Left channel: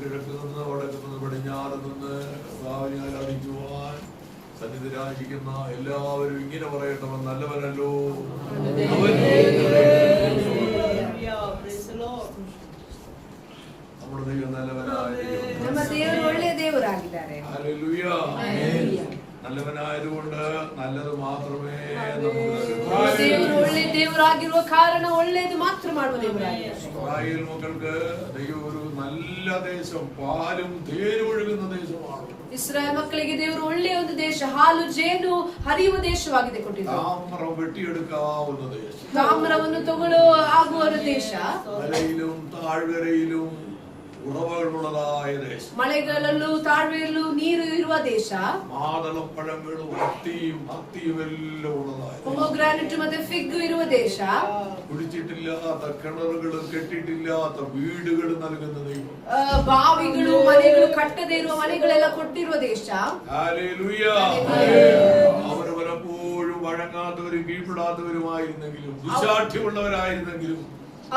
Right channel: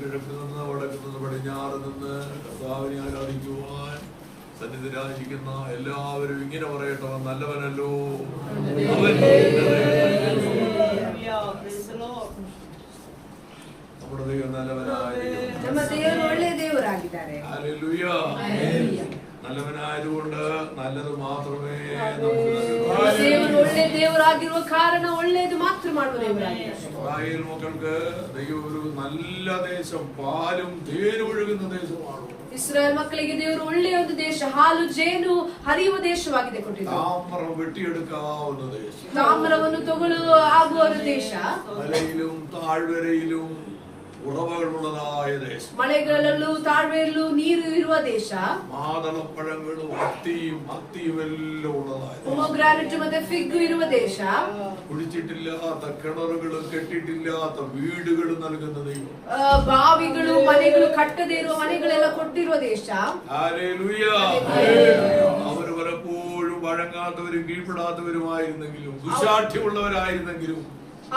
കിഴക്കുനിന്ന് വടക്കുനിന്ന് പടിഞ്ഞാറ് നിന്ന് കർത്താവിനെ ആരാധിക്കുവാൻ സന്നിധിരായിരിക്കുന്ന എല്ലാവരും ഇങ്ങനെ പറയട്ടെ, അവൻ നല്ലവനല്ലോ, അവൻ നമ്മുടെ ദൈവം നല്ലവനായിരിക്കും. നല്ലവനായതുകൊണ്ട് നല്ലത് മാത്രമേ നമുക്ക് ഇസ്രായേൽ മക്കൾക്ക് ദൈവം ഒരു നല്ല ദേശം, പാലും തേനും ഒഴുകുന്ന ദേശമാണ്. ಇಸ್ರಾಯೇಲ್ ಮಕ್ಕಳಿಗೆ ದೇವರು ಒಳ್ಳೆಯ ಒಂದು ದೇಶ, ಹಾಲು ಜೇನು ಹರಿಯುವ ದೇಶವಾಗಿದೆ ಕೊಟ್ಟಿದ್ದಾರೆ. താമ്രം വെട്ടിയെടുക്കാവുന്ന ദേശം, ತಾಮ್ರವನ್ನು ತಗೊಳ್ಳೋ ಆಗುವ ದೇಶ, മലയിലും താഴ്വരയിലും ഉറവകളുള്ളതായ ദേശം, ಮಳೆಗಳಲ್ಲೂ ತಾಳ್ವೆಯಲ್ಲೂ ನೀರು ಇರುವ ದೇಶ, മാതളപ്പഴങ്ങളും അത്തിയും എല്ലാം ഉള്ളതായ ಪೊಮೊಗ್ರಾನೇಟ್ ಮತ್ತೆ ಫಿಗ್ ಇರುವ ದೇಶ, കുടിച്ചിട്ടില്ലാത്ത കിണറുകളും കെട്ടിട്ടില്ലാത്ത വീടുകളും നൽകുന്ന ദൈവം, ಬಾವಿಗಳು ಮನೆಗಳು ಕಟ್ಟದೇ ಇರುವ ಮನೆಗಳೆಲ್ಲ ಕೊಟ್ಟಿರುವ ದೇಶ. ഹല്ലേലൂയ. അവര് പലപ്പോഴും വഴങ്ങാത്തവരും കീഴ്പ്പെടാത്തവരുമായിരുന്നെങ്കിലും ദുശാഠ്യമുള്ളവരായിരുന്നെങ്കിലും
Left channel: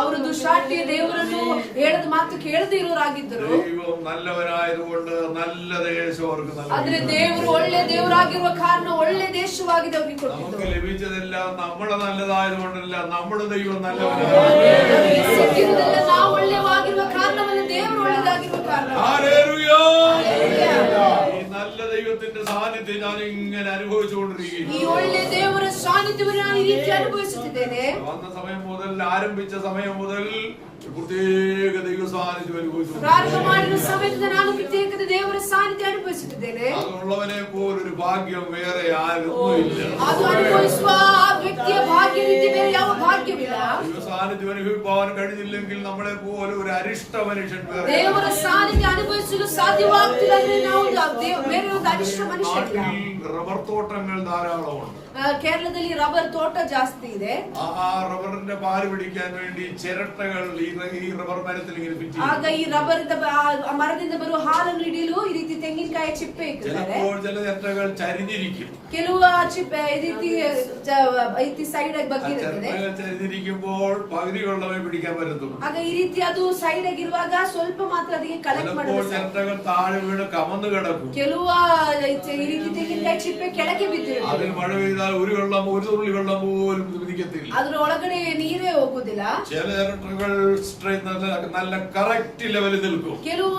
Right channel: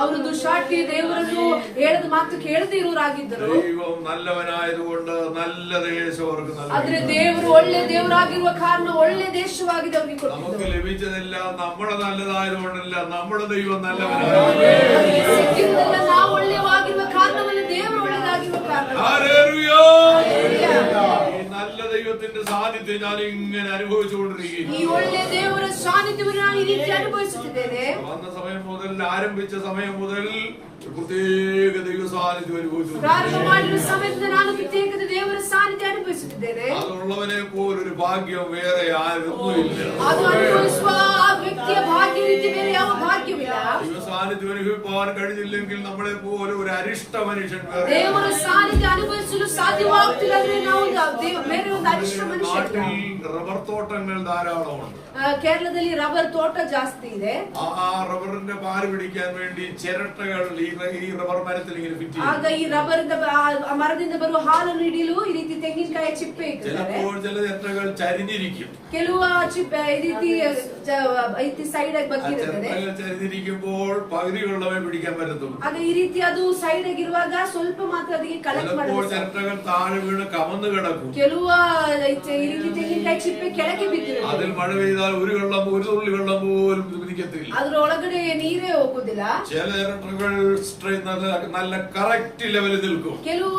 ಅವರು ದುಶ್ಶಾಠ್ಯ ದೇವರನ್ನು ಹೇಳದ ಮಾತು ಕೇಳದೇ ಇರೋರಾಗಿದ್ದರು. ദൈവം നല്ലവനായതുകൊണ്ട് നല്ല ദേശം അവർക്ക് നൽകി. ಆದ್ರೆ ದೇವರು ಒಳ್ಳೆ ದೇವರಾಗಿರುವ ಕಾರಣ ಒಳ್ಳೆ ದೇಶವಾಗಿದೆ ಅವರಿಗೆ ಕೊಟ್ಟಿದ್ದು. നമുക്ക് ലഭിച്ചതെല്ലാം നമ്മുടെ നല്ലതായതുകൊണ്ടല്ല, നമ്മുടെ ദൈവം നല്ലവനായതുകൊണ്ട്. ಸಿಕ್ಕಿದ್ದೆಲ್ಲ ನಾವು ಒಳ್ಳೆಯವಾಗಿರುವ ಕಾರಣವಲ್ಲ, ದೇವರು ಒಳ್ಳೆಯದಾಗಿರುವ ಕಾರಣ. ഹല്ലേലൂയ. ഈ നല്ല ദൈവത്തിന്റെ സാന്നിധ്യം ഞാൻ ഇങ്ങനെ അനുഭവിച്ചുകൊണ്ടിരിക്കുന്നു. ഈ ಒಳ್ಳೆ ದೇವರ ಸಾನ್ನಿಧ್ಯವನ್ನು ನಾನು ಈ ರೀತಿ ಅನುಭವಿಸುತ್ತಿದ್ದೇನೆ. വന്ന സമയം മുതൽ, ആരംഭിച്ച സമയം മുതൽ പ്രത്യേക ദൈവ സാന്നിധ്യം അനുഭവിച്ചു. ಪ್ರಾರಂಭ ಮಾಡಿದ ಸಮಯದಿಂದ ನಾನು ಪ್ರತ್ಯೇಕ ದೇವರ ಸಾನ್ನಿಧ್ಯ ಅನುಭವಿಸುತ್ತಿದ್ದೇನೆ. അതുള്ളവനെ പോലൊരു ഭാഗ്യം വേറെ ആരൊന്നുമില്ല. ಅದು ಅನುಭವಿಸುವ ಆ ವ್ಯಕ್ತಿಯ ಭಾಗ್ಯವಿದೆ, ಬೇರೆ ಯಾವ ಭಾಗ್ಯವಿಲ್ಲ. ദൈവ സാന്നിധ്യം അനുഭവിക്കാൻ കഴിഞ്ഞില്ലെങ്കിൽ നമ്മളെ പോലെ ഒരു അരിഷ്ട മനുഷ്യൻ വേറെ. ದೇವರ ಸಾನ್ನಿಧ್ಯ ಅನುಭವಿಸಲು ಸಾಧ್ಯವಾಗುತ್ತಿಲ್ಲ ಅಂದ್ರೆ ನಾವು ಬೇರೆ ಒಂದು ಅರಿಷ್ಟ ಮನುಷ್ಯ. റബ്ബർ തോട്ടങ്ങൾ ധാരാളമുണ്ട്. കേരളದಲ್ಲಿ ರಬ್ಬರ್ ತೋಟ ಜಾಸ್ತಿ ಇದೆ. ആ റബ്ബറിന്റെ പാല് പിടിക്കാൻ വേണ്ടി ചിരട്ടകൾ ഈ റബ്ബർ മരത്തിൽ ഇങ്ങനെ ഫിറ്റ് ചെയ്യും. ಆಗ ಈ ರಬ್ಬರ್ ಮರದಿಂದ ಬರುವ ಹಾಲನ್ನು ಹಿಡಿಯಲು ಈ ರೀತಿ ತೆಂಗಿನಕಾಯಿ ಚಿಪ್ಪೆ ಇಟ್ಟಿದ್ದಾರೆ. ചിലപ്പോൾ ചില ചിരട്ടകൾ ചരിഞ്ഞിരിക്കും. ಕೆಲವು ಚಿಪ್ಪೆ ಈ ರೀತಿ ಸೈಡ್ ಆಗಿ ಬಗ್ಗಿರುತ್ತದೆ. ചരിഞ്ഞിരിക്കുമ്പോൾ പകുതി വെള്ളമേ പിടിക്കാൻ പറ്റത്തുള്ളൂ. ಆಗ ಈ ರೀತಿ ಅದು ಸೈಡ್ ಆಗಿರುವಾಗ ಸ್ವಲ್ಪ ಮಾತ್ರ ಅದಕ್ಕೆ ಕಲೆಕ್ಟ್ ಮಾಡಬಹುದು. ചിരട്ടകൾ താഴെ വീണ് കമന്ന് കിടക്കും. ಕೆಲವು ಈ ರೀತಿ ತೆಂಗಿನಕಾಯಿ ಚಿಪ್ಪೆ ಕೆಳಗೆ ಬಿದ್ದಿರುತ್ತೆ. അതിൽ മഴ പെയ്താൽ ഒരു തുള്ളി വെള്ളം പോലും പിടിക്കത്തില്ല. ಅದ್ರ ಒಳಗಡೆ ನೀರೇ ಹೋಗುದಿಲ್ಲ. ചില ചിരട്ടകൾ നല്ല കറക്റ്റ് ലെവലിൽ നിൽക്കും. ಕೆಲವು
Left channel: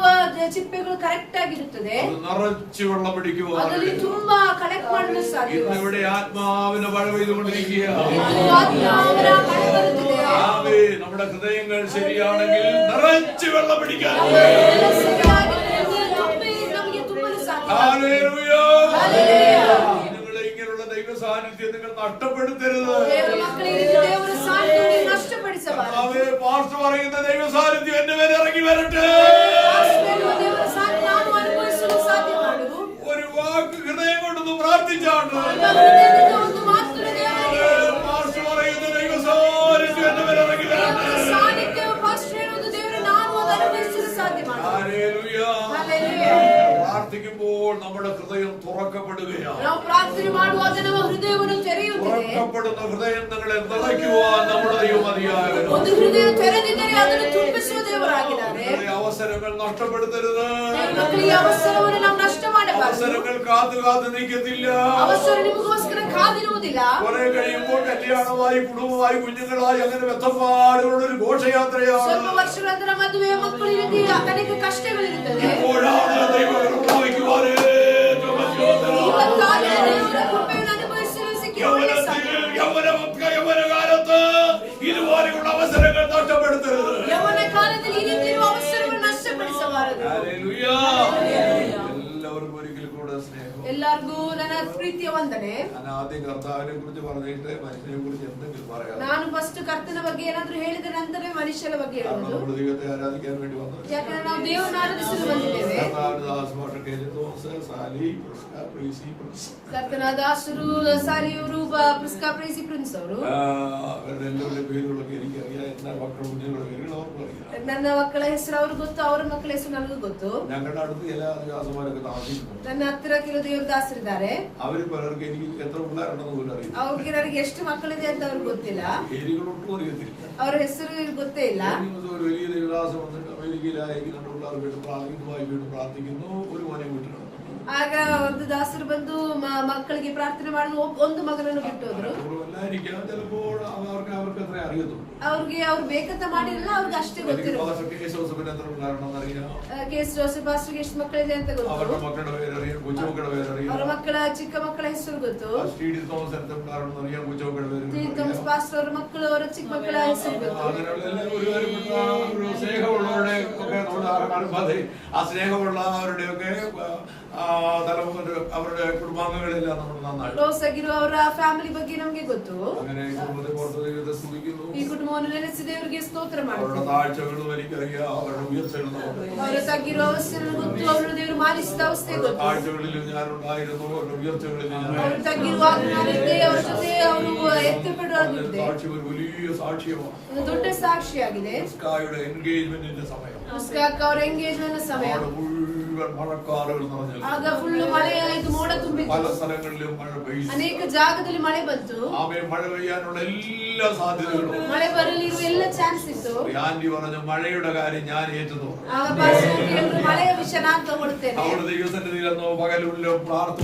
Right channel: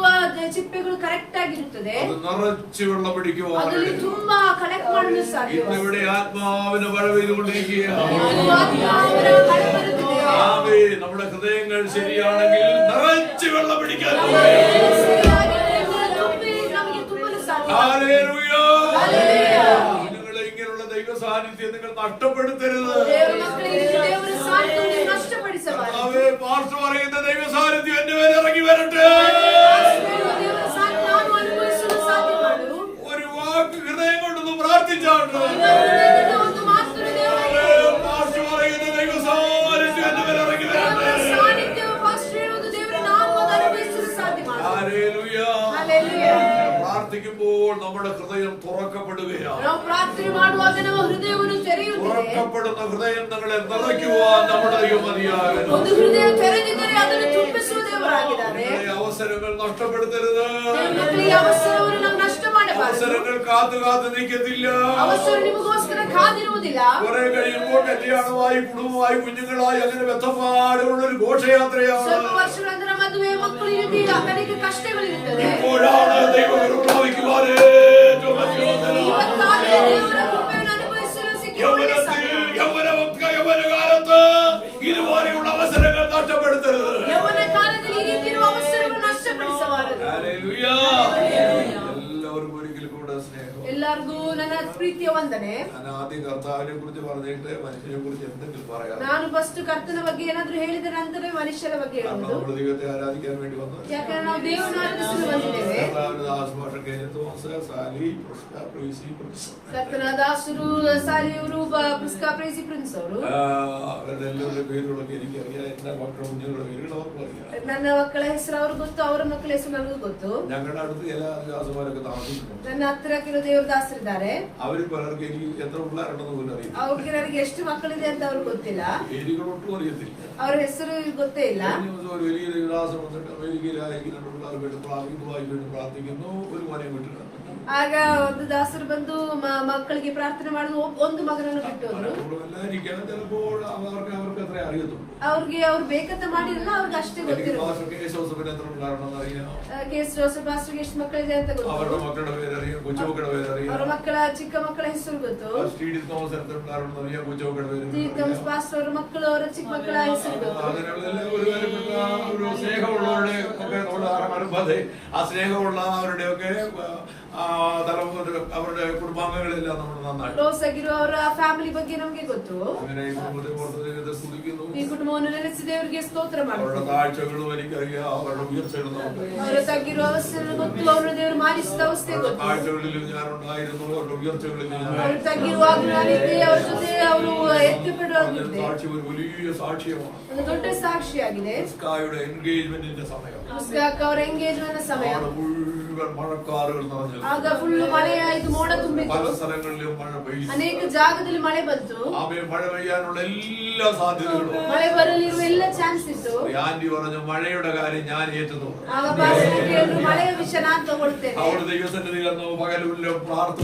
ಚಿಪ್ಪೆಗಳು ಕರೆಕ್ಟ್ ಆಗಿರುತ್ತದೆ. അത് നിറച്ച് വെള്ളം പിടിക്കുമോ? ಅದರಲ್ಲಿ ತುಂಬಾ ಕಲೆಕ್ಟ್ ಮಾಡಲು ಸಾಧ್ಯ. ഇന്നിവിടെ ആത്മാവിന് മഴ പെയ്തുകൊണ്ടിരിക്കുകയാണ്. നമ്മുടെ ഹൃദയങ്ങൾ ശരിയാണെങ്കിൽ നിറച്ച് വെള്ളം പിടിക്കാൻ നിങ്ങളെ ഇങ്ങനെയുള്ള ദൈവ സാന്നിധ്യം നിങ്ങൾ നഷ്ടപ്പെടുത്തരുത്. പാസ്റ്റർ പറയുന്ന ദൈവ സാന്നിധ്യം എന്റെ മേലെ ഇറങ്ങി വരട്ടെ. ഒരു വാക്ക് ഹൃദയം കൊണ്ടൊന്ന് പ്രാർത്ഥിച്ചാണ്ട് പാസ്റ്റർ പറയുന്ന ദൈവ സാന്നിധ്യം എന്റെ മേലെ ഇറങ്ങി വരട്ടെ. പ്രാർത്ഥിക്കുമ്പോൾ നമ്മുടെ ഹൃദയം തുറക്കപ്പെടുകയാണ്. തുറക്കപ്പെടുന്ന ഹൃദയം നിങ്ങളെ നിറയ്ക്കുവാൻ നമ്മുടെ ദൈവം മതിയാകുന്നു. അവസരങ്ങൾ നഷ്ടപ്പെടുത്തരുത്. അവസരങ്ങൾ കാത്തു നിൽക്കത്തില്ല. കുറെ കഴിയുമ്പോൾ കല്യാണമായി, കുടുംബമായി, കുഞ്ഞുങ്ങളായി, അങ്ങനെ വ്യക്തപാടുള്ള ഒരു ഘോഷയാത്രയാണ്. ഇപ്പോഴാണ് ദൈവം പ്രാപിക്കുവാൻ യൗവനകാലത്ത് ഇതുപോലെയുള്ള അവസരങ്ങൾ നഷ്ടപ്പെടുത്തരുത്. ഹല്ലേലൂയ. എല്ലാവർക്കും ഒരിക്കൽ കൂടെ സ്നേഹം. ಎಲ್ಲರಿಗೂ ನನ್ನ ಪ್ರೀತಿಯ ವಂದನೆ. ನಾನು ಆദ്യം ಕರ್ತಾವಿനെ കുറിച്ച് പറഞ്ഞിട്ട് മനുഷ്യനെ കുറിച്ച് എന്തെങ്കിലും പറയാം. ನಾನು ಫಸ್ಟ್ ಕರ್ತನ ಬಗ್ಗೆ ಏನಾದರೂ ಹೇಳಿದ ನಂತರ ಮನುಷ್ಯನ ಬಗ್ಗೆ ಹೇಳೋದು. നമ്മൾ ദൈവത്തെ ആരാധിക്കാൻ വേണ്ടി വന്നത്. ಯಾಕಂದ್ರೆ ನಾವು ದೇವರನ್ನು ಆರಾಧಿಸಲು ಬಂದಿದ್ದೇವೆ. കർത്താവിന്റെ ദാസന്മാരൊക്കെ തോമസ്, സാലി, പ്രിസ്ക, പ്രേസി, പ്രിൻസ്. ಕರ್ತನ ದಾಸರು, ಸಾಲಿಯವರು, ಪ್ರಿಸ್ಕ, ಪ್ರೇಸಿ, ಪ್ರಿನ್ಸ್ ಅವರು. അവരുടെ എല്ലാവരുടെ പേരുകളൊക്കെ എനിക്കറിയാം. എന്റെ മക്കളുടെ കുഞ്ഞുങ്ങളുടെ പേരുകൾ അവർക്കും അറിയാം. ನನ್ನ ಮಕ್ಕಳ ಹೆಸರು ಅವ್ರಿಗೆ ಗೊತ್ತು, ಅವರ ಮಕ್ಕಳ ಹೆಸರು ನನಗೂ ಗೊತ್ತು. ഞങ്ങളുടെ അടുത്ത് ചില ദാസന്മാരൊക്കെ താമസിക്കുന്നു. ನನ್ನ ಹತ್ತಿರ ಕೆಲವು ದೇವರ ದಾಸ ದಾಸರಿದ್ದಾರೆ. അവര് പലർക്ക് എനിക്ക് എത്ര പിള്ളേരുണ്ടെന്ന് പോലും അറിയില്ല. ಅವ್ರಿಗೆ ನನಗೆ ಎಷ್ಟು ಮಕ್ಕಳಿದೆ ಅಂತ ಅವ್ರಿಗೆ ಗೊತ್ತಿಲ್ಲ. പേരുകളൊട്ടും അറിയത്തില്ല. ಅವ್ರ ಹೆಸರು ಗೊತ್ತೇ ಇಲ್ಲ. ഒരു വലിയ ദേവദാസം വന്നിട്ട് അമേരിക്കയിലായി 2 പിള്ളേർ വീണ്ടും പ്രാർത്ഥിക്കുന്നു. ഒരു മോനെ വീട്ടിലാണ്. ಆಗ ಒಂದು ದಾಸರು ಬಂದು ಮಕ್ಕಳಿಗೆ ಪ್ರಾರ್ಥನೆ ಮಾಡಿದ್ರು. ಒಂದು ಮಗನನ್ನು ಬಿಟ್ಟು ಹೋದ್ರು. ചിലപ്പോൾ അവർക്ക് അത്ര അറിയത്തുള്ളൂ. ಅವ್ರಿಗೆ ಅವ್ರು ಬೇಕಂತ ಮಾಡಿರಲಿಲ್ಲ, ಅವ್ರಿಗೆ ಅಷ್ಟೇ ಗೊತ್ತಿರೋದು. ಕೇಸ್ ಜೋಸೆಫ್ ಪಾಸ್ಟರ್ಗೆ ಎಷ್ಟು ಮಕ್ಕಳಿದೆ ಅಂತ ಗೊತ್ತು. അവരുടെ മക്കളുടെ പേരറിയാം, കൊച്ചുമക്കളുടെ പേരറിയാം. ಅವರ ಮಕ್ಕಳ ಚಿಕ್ಕ ಮಕ್ಕಳ ಹೆಸರು ಗೊತ್ತು. ടി.ഡി. തോമസ് അറിയാം, കൊച്ചുമക്കളുടെ പേര്. തോമസ് പാസ്റ്റർ ಅವರ ಮಕ್ಕಳು, ಅವರ ಚಿಕ್ಕ ಮಕ್ಕಳ ಹೆಸರು ಗೊತ್ತು. അങ്ങനെയുള്ള ഒരു കാര്യപ്പെട്ട ഒരു സ്നേഹമുള്ളവരുടെ ഒക്കെ നമ്മൾ കാണുമ്പോൾ ആ സ്നേഹമുള്ള അവരുടെയൊക്കെ അവരുടെ കുടുംബാംഗങ്ങളെല്ലാം നമ്മൾ നന്നായി ಕ್ಲೋಸ್ ಆಗಿರುವ ಅವರ ಫ್ಯಾಮಿಲಿ ಬಗ್ಗೆ ನಮಗೆ ಗೊತ್ತು. അങ്ങനെ ഈ കുടുംബത്തെ ഓർത്ത് ദൈവത്തെ സ്തുതിക്കുന്നു. ಈ ಕುಟುಂಬವನ್ನು ನೆನೆಸಿ ದೇವರಿಗೆ ಸ್ತೋತ್ರ ಮಾಡುತ್ತಾರೆ. അവരുടെ താഴ്ചകളും എനിക്കറിയാം, അവരുടെ ഉയർച്ചകളും നമുക്കറിയാം. ಅವರ ತಗ್ಗಿರೋ ಅವಸ್ಥೆಯನ್ನು ಗೊತ್ತು, ಅವರ ದೇವರು ಮಾನಿಸಿದ ಅವಸ್ಥೆ ಗೊತ್ತು. താഴ്ചകളിലും ഞാനുണ്ടായിരുന്നു, അവരുടെ ഉയർച്ചകളിലും ಅವರು ತಗ್ಗಿರುವಾಗ ನಾನಿದ್ದೆ, ಅವರ ಜೊತೆ ಅವರು ಎತ್ತಲ್ಪಡುವಾಗಿದ್ದೆ. സാക്ഷി ഒരു വലിയ സാക്ഷ്യമാണ്. ಒಂದು ದೊಡ್ಡ ಸಾಕ್ಷಿಯಾಗಿದೆ. ഇസ്കായുടെ എൻഗേജ്മെന്റിന്റെ സമയം. ಇಸ್ಕಾಕ್ ಅವರ ಎಂಗೇಜ್ಮೆಂಟ್ ಸಮಯ. മുഴുവൻ മഴക്കാറുകൾ നിറഞ്ഞു. ಆಗ ಫುಲ್ ಮಳೆಯಾಯಿತು, ಮೋಡ ತುಂಬಿತು. പല സ്ഥലങ്ങളിലും മഴ പെയ്തു. ಅನೇಕ ಜಾಗದಲ್ಲಿ ಮಳೆ ಬಂತು. ആമേൻ. മഴ പെയ്യാനുള്ള എല്ലാ സാധ്യതകളും. ಮಳೆ ಬರಲಿರುವ ಎಲ್ಲ ಚಾನ್ಸ್ ಇತ್ತು. ആന്റി പറഞ്ഞു, മഴയുടെ കാര്യം ഞാൻ ഏറ്റെടുത്തു. ಆಗ ಪಾಸ್ಟರ್ ಹೇಳಿದ್ರು, ಮಳೆಯ ವಿಷಯ ನಾನು ತಗೊಳ್ತೇನೆ. ಅವರು ദൈവസന്നിധിയിലെന്നോ പകലുള്ളോ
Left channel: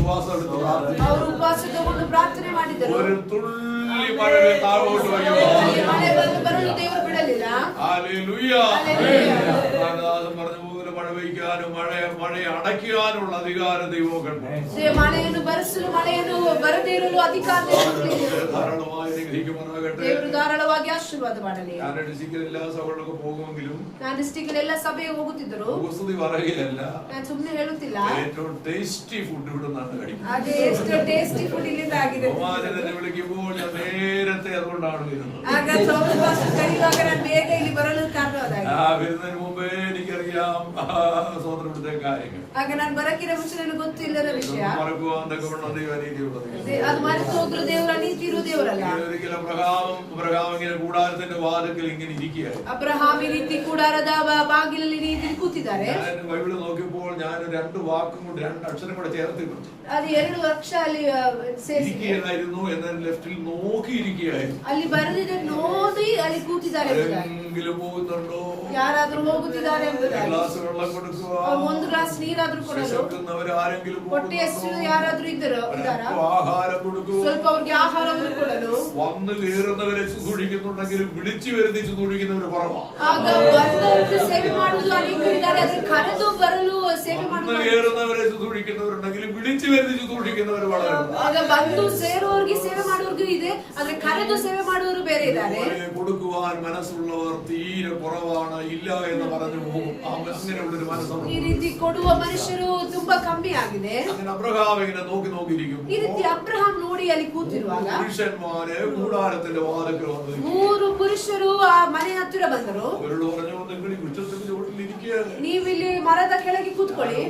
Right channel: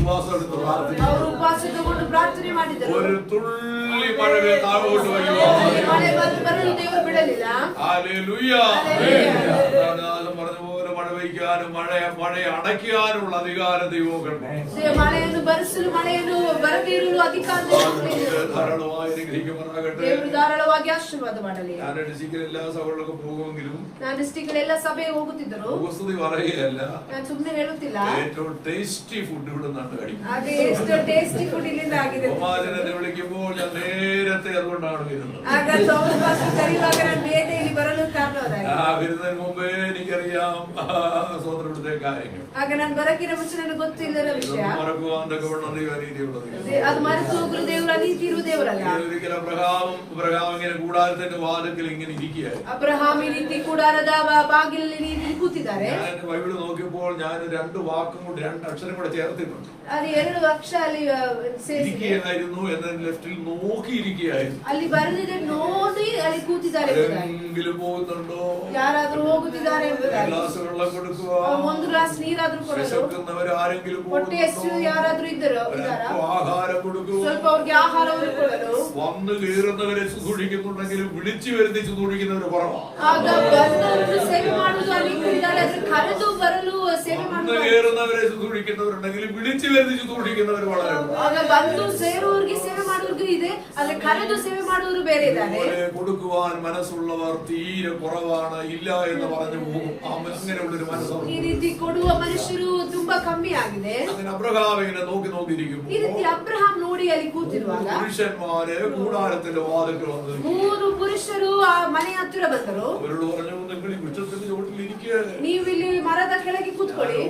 ഉപവാസം എടുത്ത് പ്രാർത്ഥിച്ചു. ಅವರು ಉಪವಾಸ ತಗೊಂಡು ಪ್ರಾರ್ಥನೆ ಮಾಡಿದರು. ഒരു തുള്ളി മഴ താഴോട്ട് വരുമോ? ಮಳೆ ಬರಲು ದೇವರು ಬಿಡಲಿಲ್ಲ. ഹല്ലേലൂയ. പറഞ്ഞ പോലെ മഴ പെയ്യാനും മഴയെ അടയ്ക്കാനുള്ള അധികാരം ദൈവമക്കൾക്ക്. ಮಳೆಯನ್ನು ಬರಿಸಲು, ಮಳೆಯನ್ನು ಬರದೇ ಇರಲು ಅಧಿಕಾರ ധാരാളമായി അനുഗ്രഹിക്കുമാറാകട്ടെ. ದೇವರು ಧಾರಾಳವಾಗಿ ಆಶೀರ್ವಾದ ಮಾಡಲಿ. ഞാൻ ഡിസ്ട്രിക്റ്റിൽ എല്ലാ സഭകളിലൊക്കെ പോകുമെങ്കിലും ನಾನು ಡಿಸ್ಟ್ರಿಕ್ಟ್ ಎಲ್ಲ ಸಭೆಗೆ ಹೋಗುತ್ತಿದ್ದರು. ഉപസ്തുതി പറയുകയല്ല, ನಾನು ಸುಮ್ಮನೆ ಹೇಳುತ್ತಿಲ್ಲ. ഏറ്റവും ടേസ്റ്റി ഫുഡ് ഇവിടെ നിന്നാണ് കഴിക്കുന്നത്. ಅದೇ ಎಷ್ಟು ಟೇಸ್ಟಿ ಫುಡ್ ಇಲ್ಲಿಂದ ಆಗಿದೆ. ഉമാജനെ വിളിക്കുമ്പോൾ ഞാൻ നേരത്തെ അതുകൊണ്ടാണ് വരുന്നത്. ಆಗ ಥೋಮಸ್ ಪಾಸ್ಟರ್ ಕರೆಯುವಾಗ ನಾನು ಬೇಗ ಇಲ್ಲಿ ಬರಲು ಕಾರಣವಾಗಿದೆ. വരുന്നതിന് മുമ്പേ എനിക്കറിയാം സ്വതന്ത്രപ്പെടുത്തിയ കാര്യങ്ങൾ. ಆಗ ನಾನು ಬರಕಿರೋ ಮುಂಚೆ ನನಗೆ ಗೊತ್ತಿಲ್ಲದ ವಿಷಯ. മറക്കുവാൻ തക്കവണ്ണം ദൈവം അനീതിയുള്ളത്. ಅದು ಮರೆತು ಹೋಗಲು ದೇವರ ನೀತಿ ಇರುವ ದೇವರಲ್ಲ. ഒരിക്കലും അബ്രഹാം ഇങ്ങനെ കൂടാരത്തിന്റെ വാതിൽക്കൽ ഇങ്ങനെ ഇരിക്കുകയായിരുന്നു. ಅಬ್ರಹಾಂ ಈ ರೀತಿ ಕೂಡಾರದ ಬಾಗಿಲಲ್ಲಿ ನೀತಿ ಕೂತಿದ್ದಾರೆ. ഞാൻ ബൈബിൾ നോക്കിയപ്പോൾ ഞാൻ 2 വാക്കും കൊണ്ട് 2 അക്ഷരം കൂടെ ചേർത്തിട്ടുണ്ട്. ಅದು 2 ಅಕ್ಷರ ಅಲ್ಲಿ ഇരിക്കുകയായിരുന്നു എന്നതിന് ലെഫ്റ്റിൽ നോക്കിയിരിക്കുകയായിരുന്നു. ಅಲ್ಲಿ ಬರೆದಿದೆ, ನೋಡಿ ಅಲ್ಲಿ ಕೂತಿದ್ದಾರೆ. എങ്കിലും പോകുന്നുണ്ടോ? ಯಾರಾದ್ರೂ ಹೋಗುತ್ತಿದ್ದಾರೆ ಎಂಬುದಾಗಿ. ഗ്ലാസ് വെള്ളം കൊടുക്കുക. ಒಂದು ಗ್ಲಾಸ್ ನೀರಾದ್ರೂ ಕೊಡಲು. വിശക്കുന്നവർ ആരെങ്കിലും ಹೊಟ್ಟೆ ಹಸಿವು ಯಾರಾದ್ರೂ ಇದ್ದಾರಾ? ആഹാരം കൊടുക്കുക. ಸ್ವಲ್ಪ ಅವ್ರಿಗೆ ಆಹಾರವನ್ನು ಕೊಡಲು. വന്നു കയറുന്നവരെ ശുശ്രൂഷിക്കുന്നുണ്ടെങ്കിലും വിളിച്ചു വരുത്തി ശുശ്രൂഷിക്കുന്നവർ കുറവാണ്. ಆಗ ಬಂದವರು ಸೇವೆ ಮಾಡುವುದು ಅನೇಕರು ಇದ್ದಾರೆ, ಆದರೆ ಕರೆದು ಬರಲು ಸೇವೆ വന്നു കയറുന്നവരെ ശുശ്രൂഷിക്കുന്നവരുണ്ടെങ്കിലും വിളിച്ചു വരുത്തി ശുശ്രൂഷിക്കുന്നവർ വളരെ ಆಗ ಬಂದು ಸೇರುವವರಿಗೆ ಸೇವೆ ಮಾಡುವವರಿಗೂ ಇದೆ, ಆದರೆ ಕರೆದು ಸೇವೆ ಮಾಡುವವರು ಬೇರೆ ಇದ್ದಾರೆ. കൊടുക്കുവാൻ മനസ്സുള്ളവർ തീരെ കുറവാണ്, ഇല്ല എന്ന് പറഞ്ഞു പോകും. അങ്ങനെയുള്ളൊരു മനസ്സുണ്ട്. ಈ ರೀತಿ ಕೊಡುವ ಮನುಷ್ಯರು ತುಂಬಾ ಕಮ್ಮಿ ಆಗಿದೆ. അങ്ങനെ അബ്രഹാം ഇങ്ങനെ നോക്കിയിരിക്കും. ಈ ರೀತಿ ಅಬ್ರಹಾಂ ನೋಡಿ ಅಲ್ಲಿ ಕೂತಿರುವಾಗ പുരുഷന്മാര് കൂടാരത്തിന്റെ വാതിൽക്കൽ വന്നു. 3 ಪುರುಷರು ಆ ಮನೆ ಹತ್ತಿರ ಬಂದರು. അവരോട് പറഞ്ഞു, നിങ്ങൾ ഈ വൃക്ഷത്തിന്റെ ചോട്ടിലിരിക്കുക, ನೀವು ಇಲ್ಲಿ ಮರದ ಕೆಳಗೆ ಕೂತ್ಕೊಳ್ಳಿ,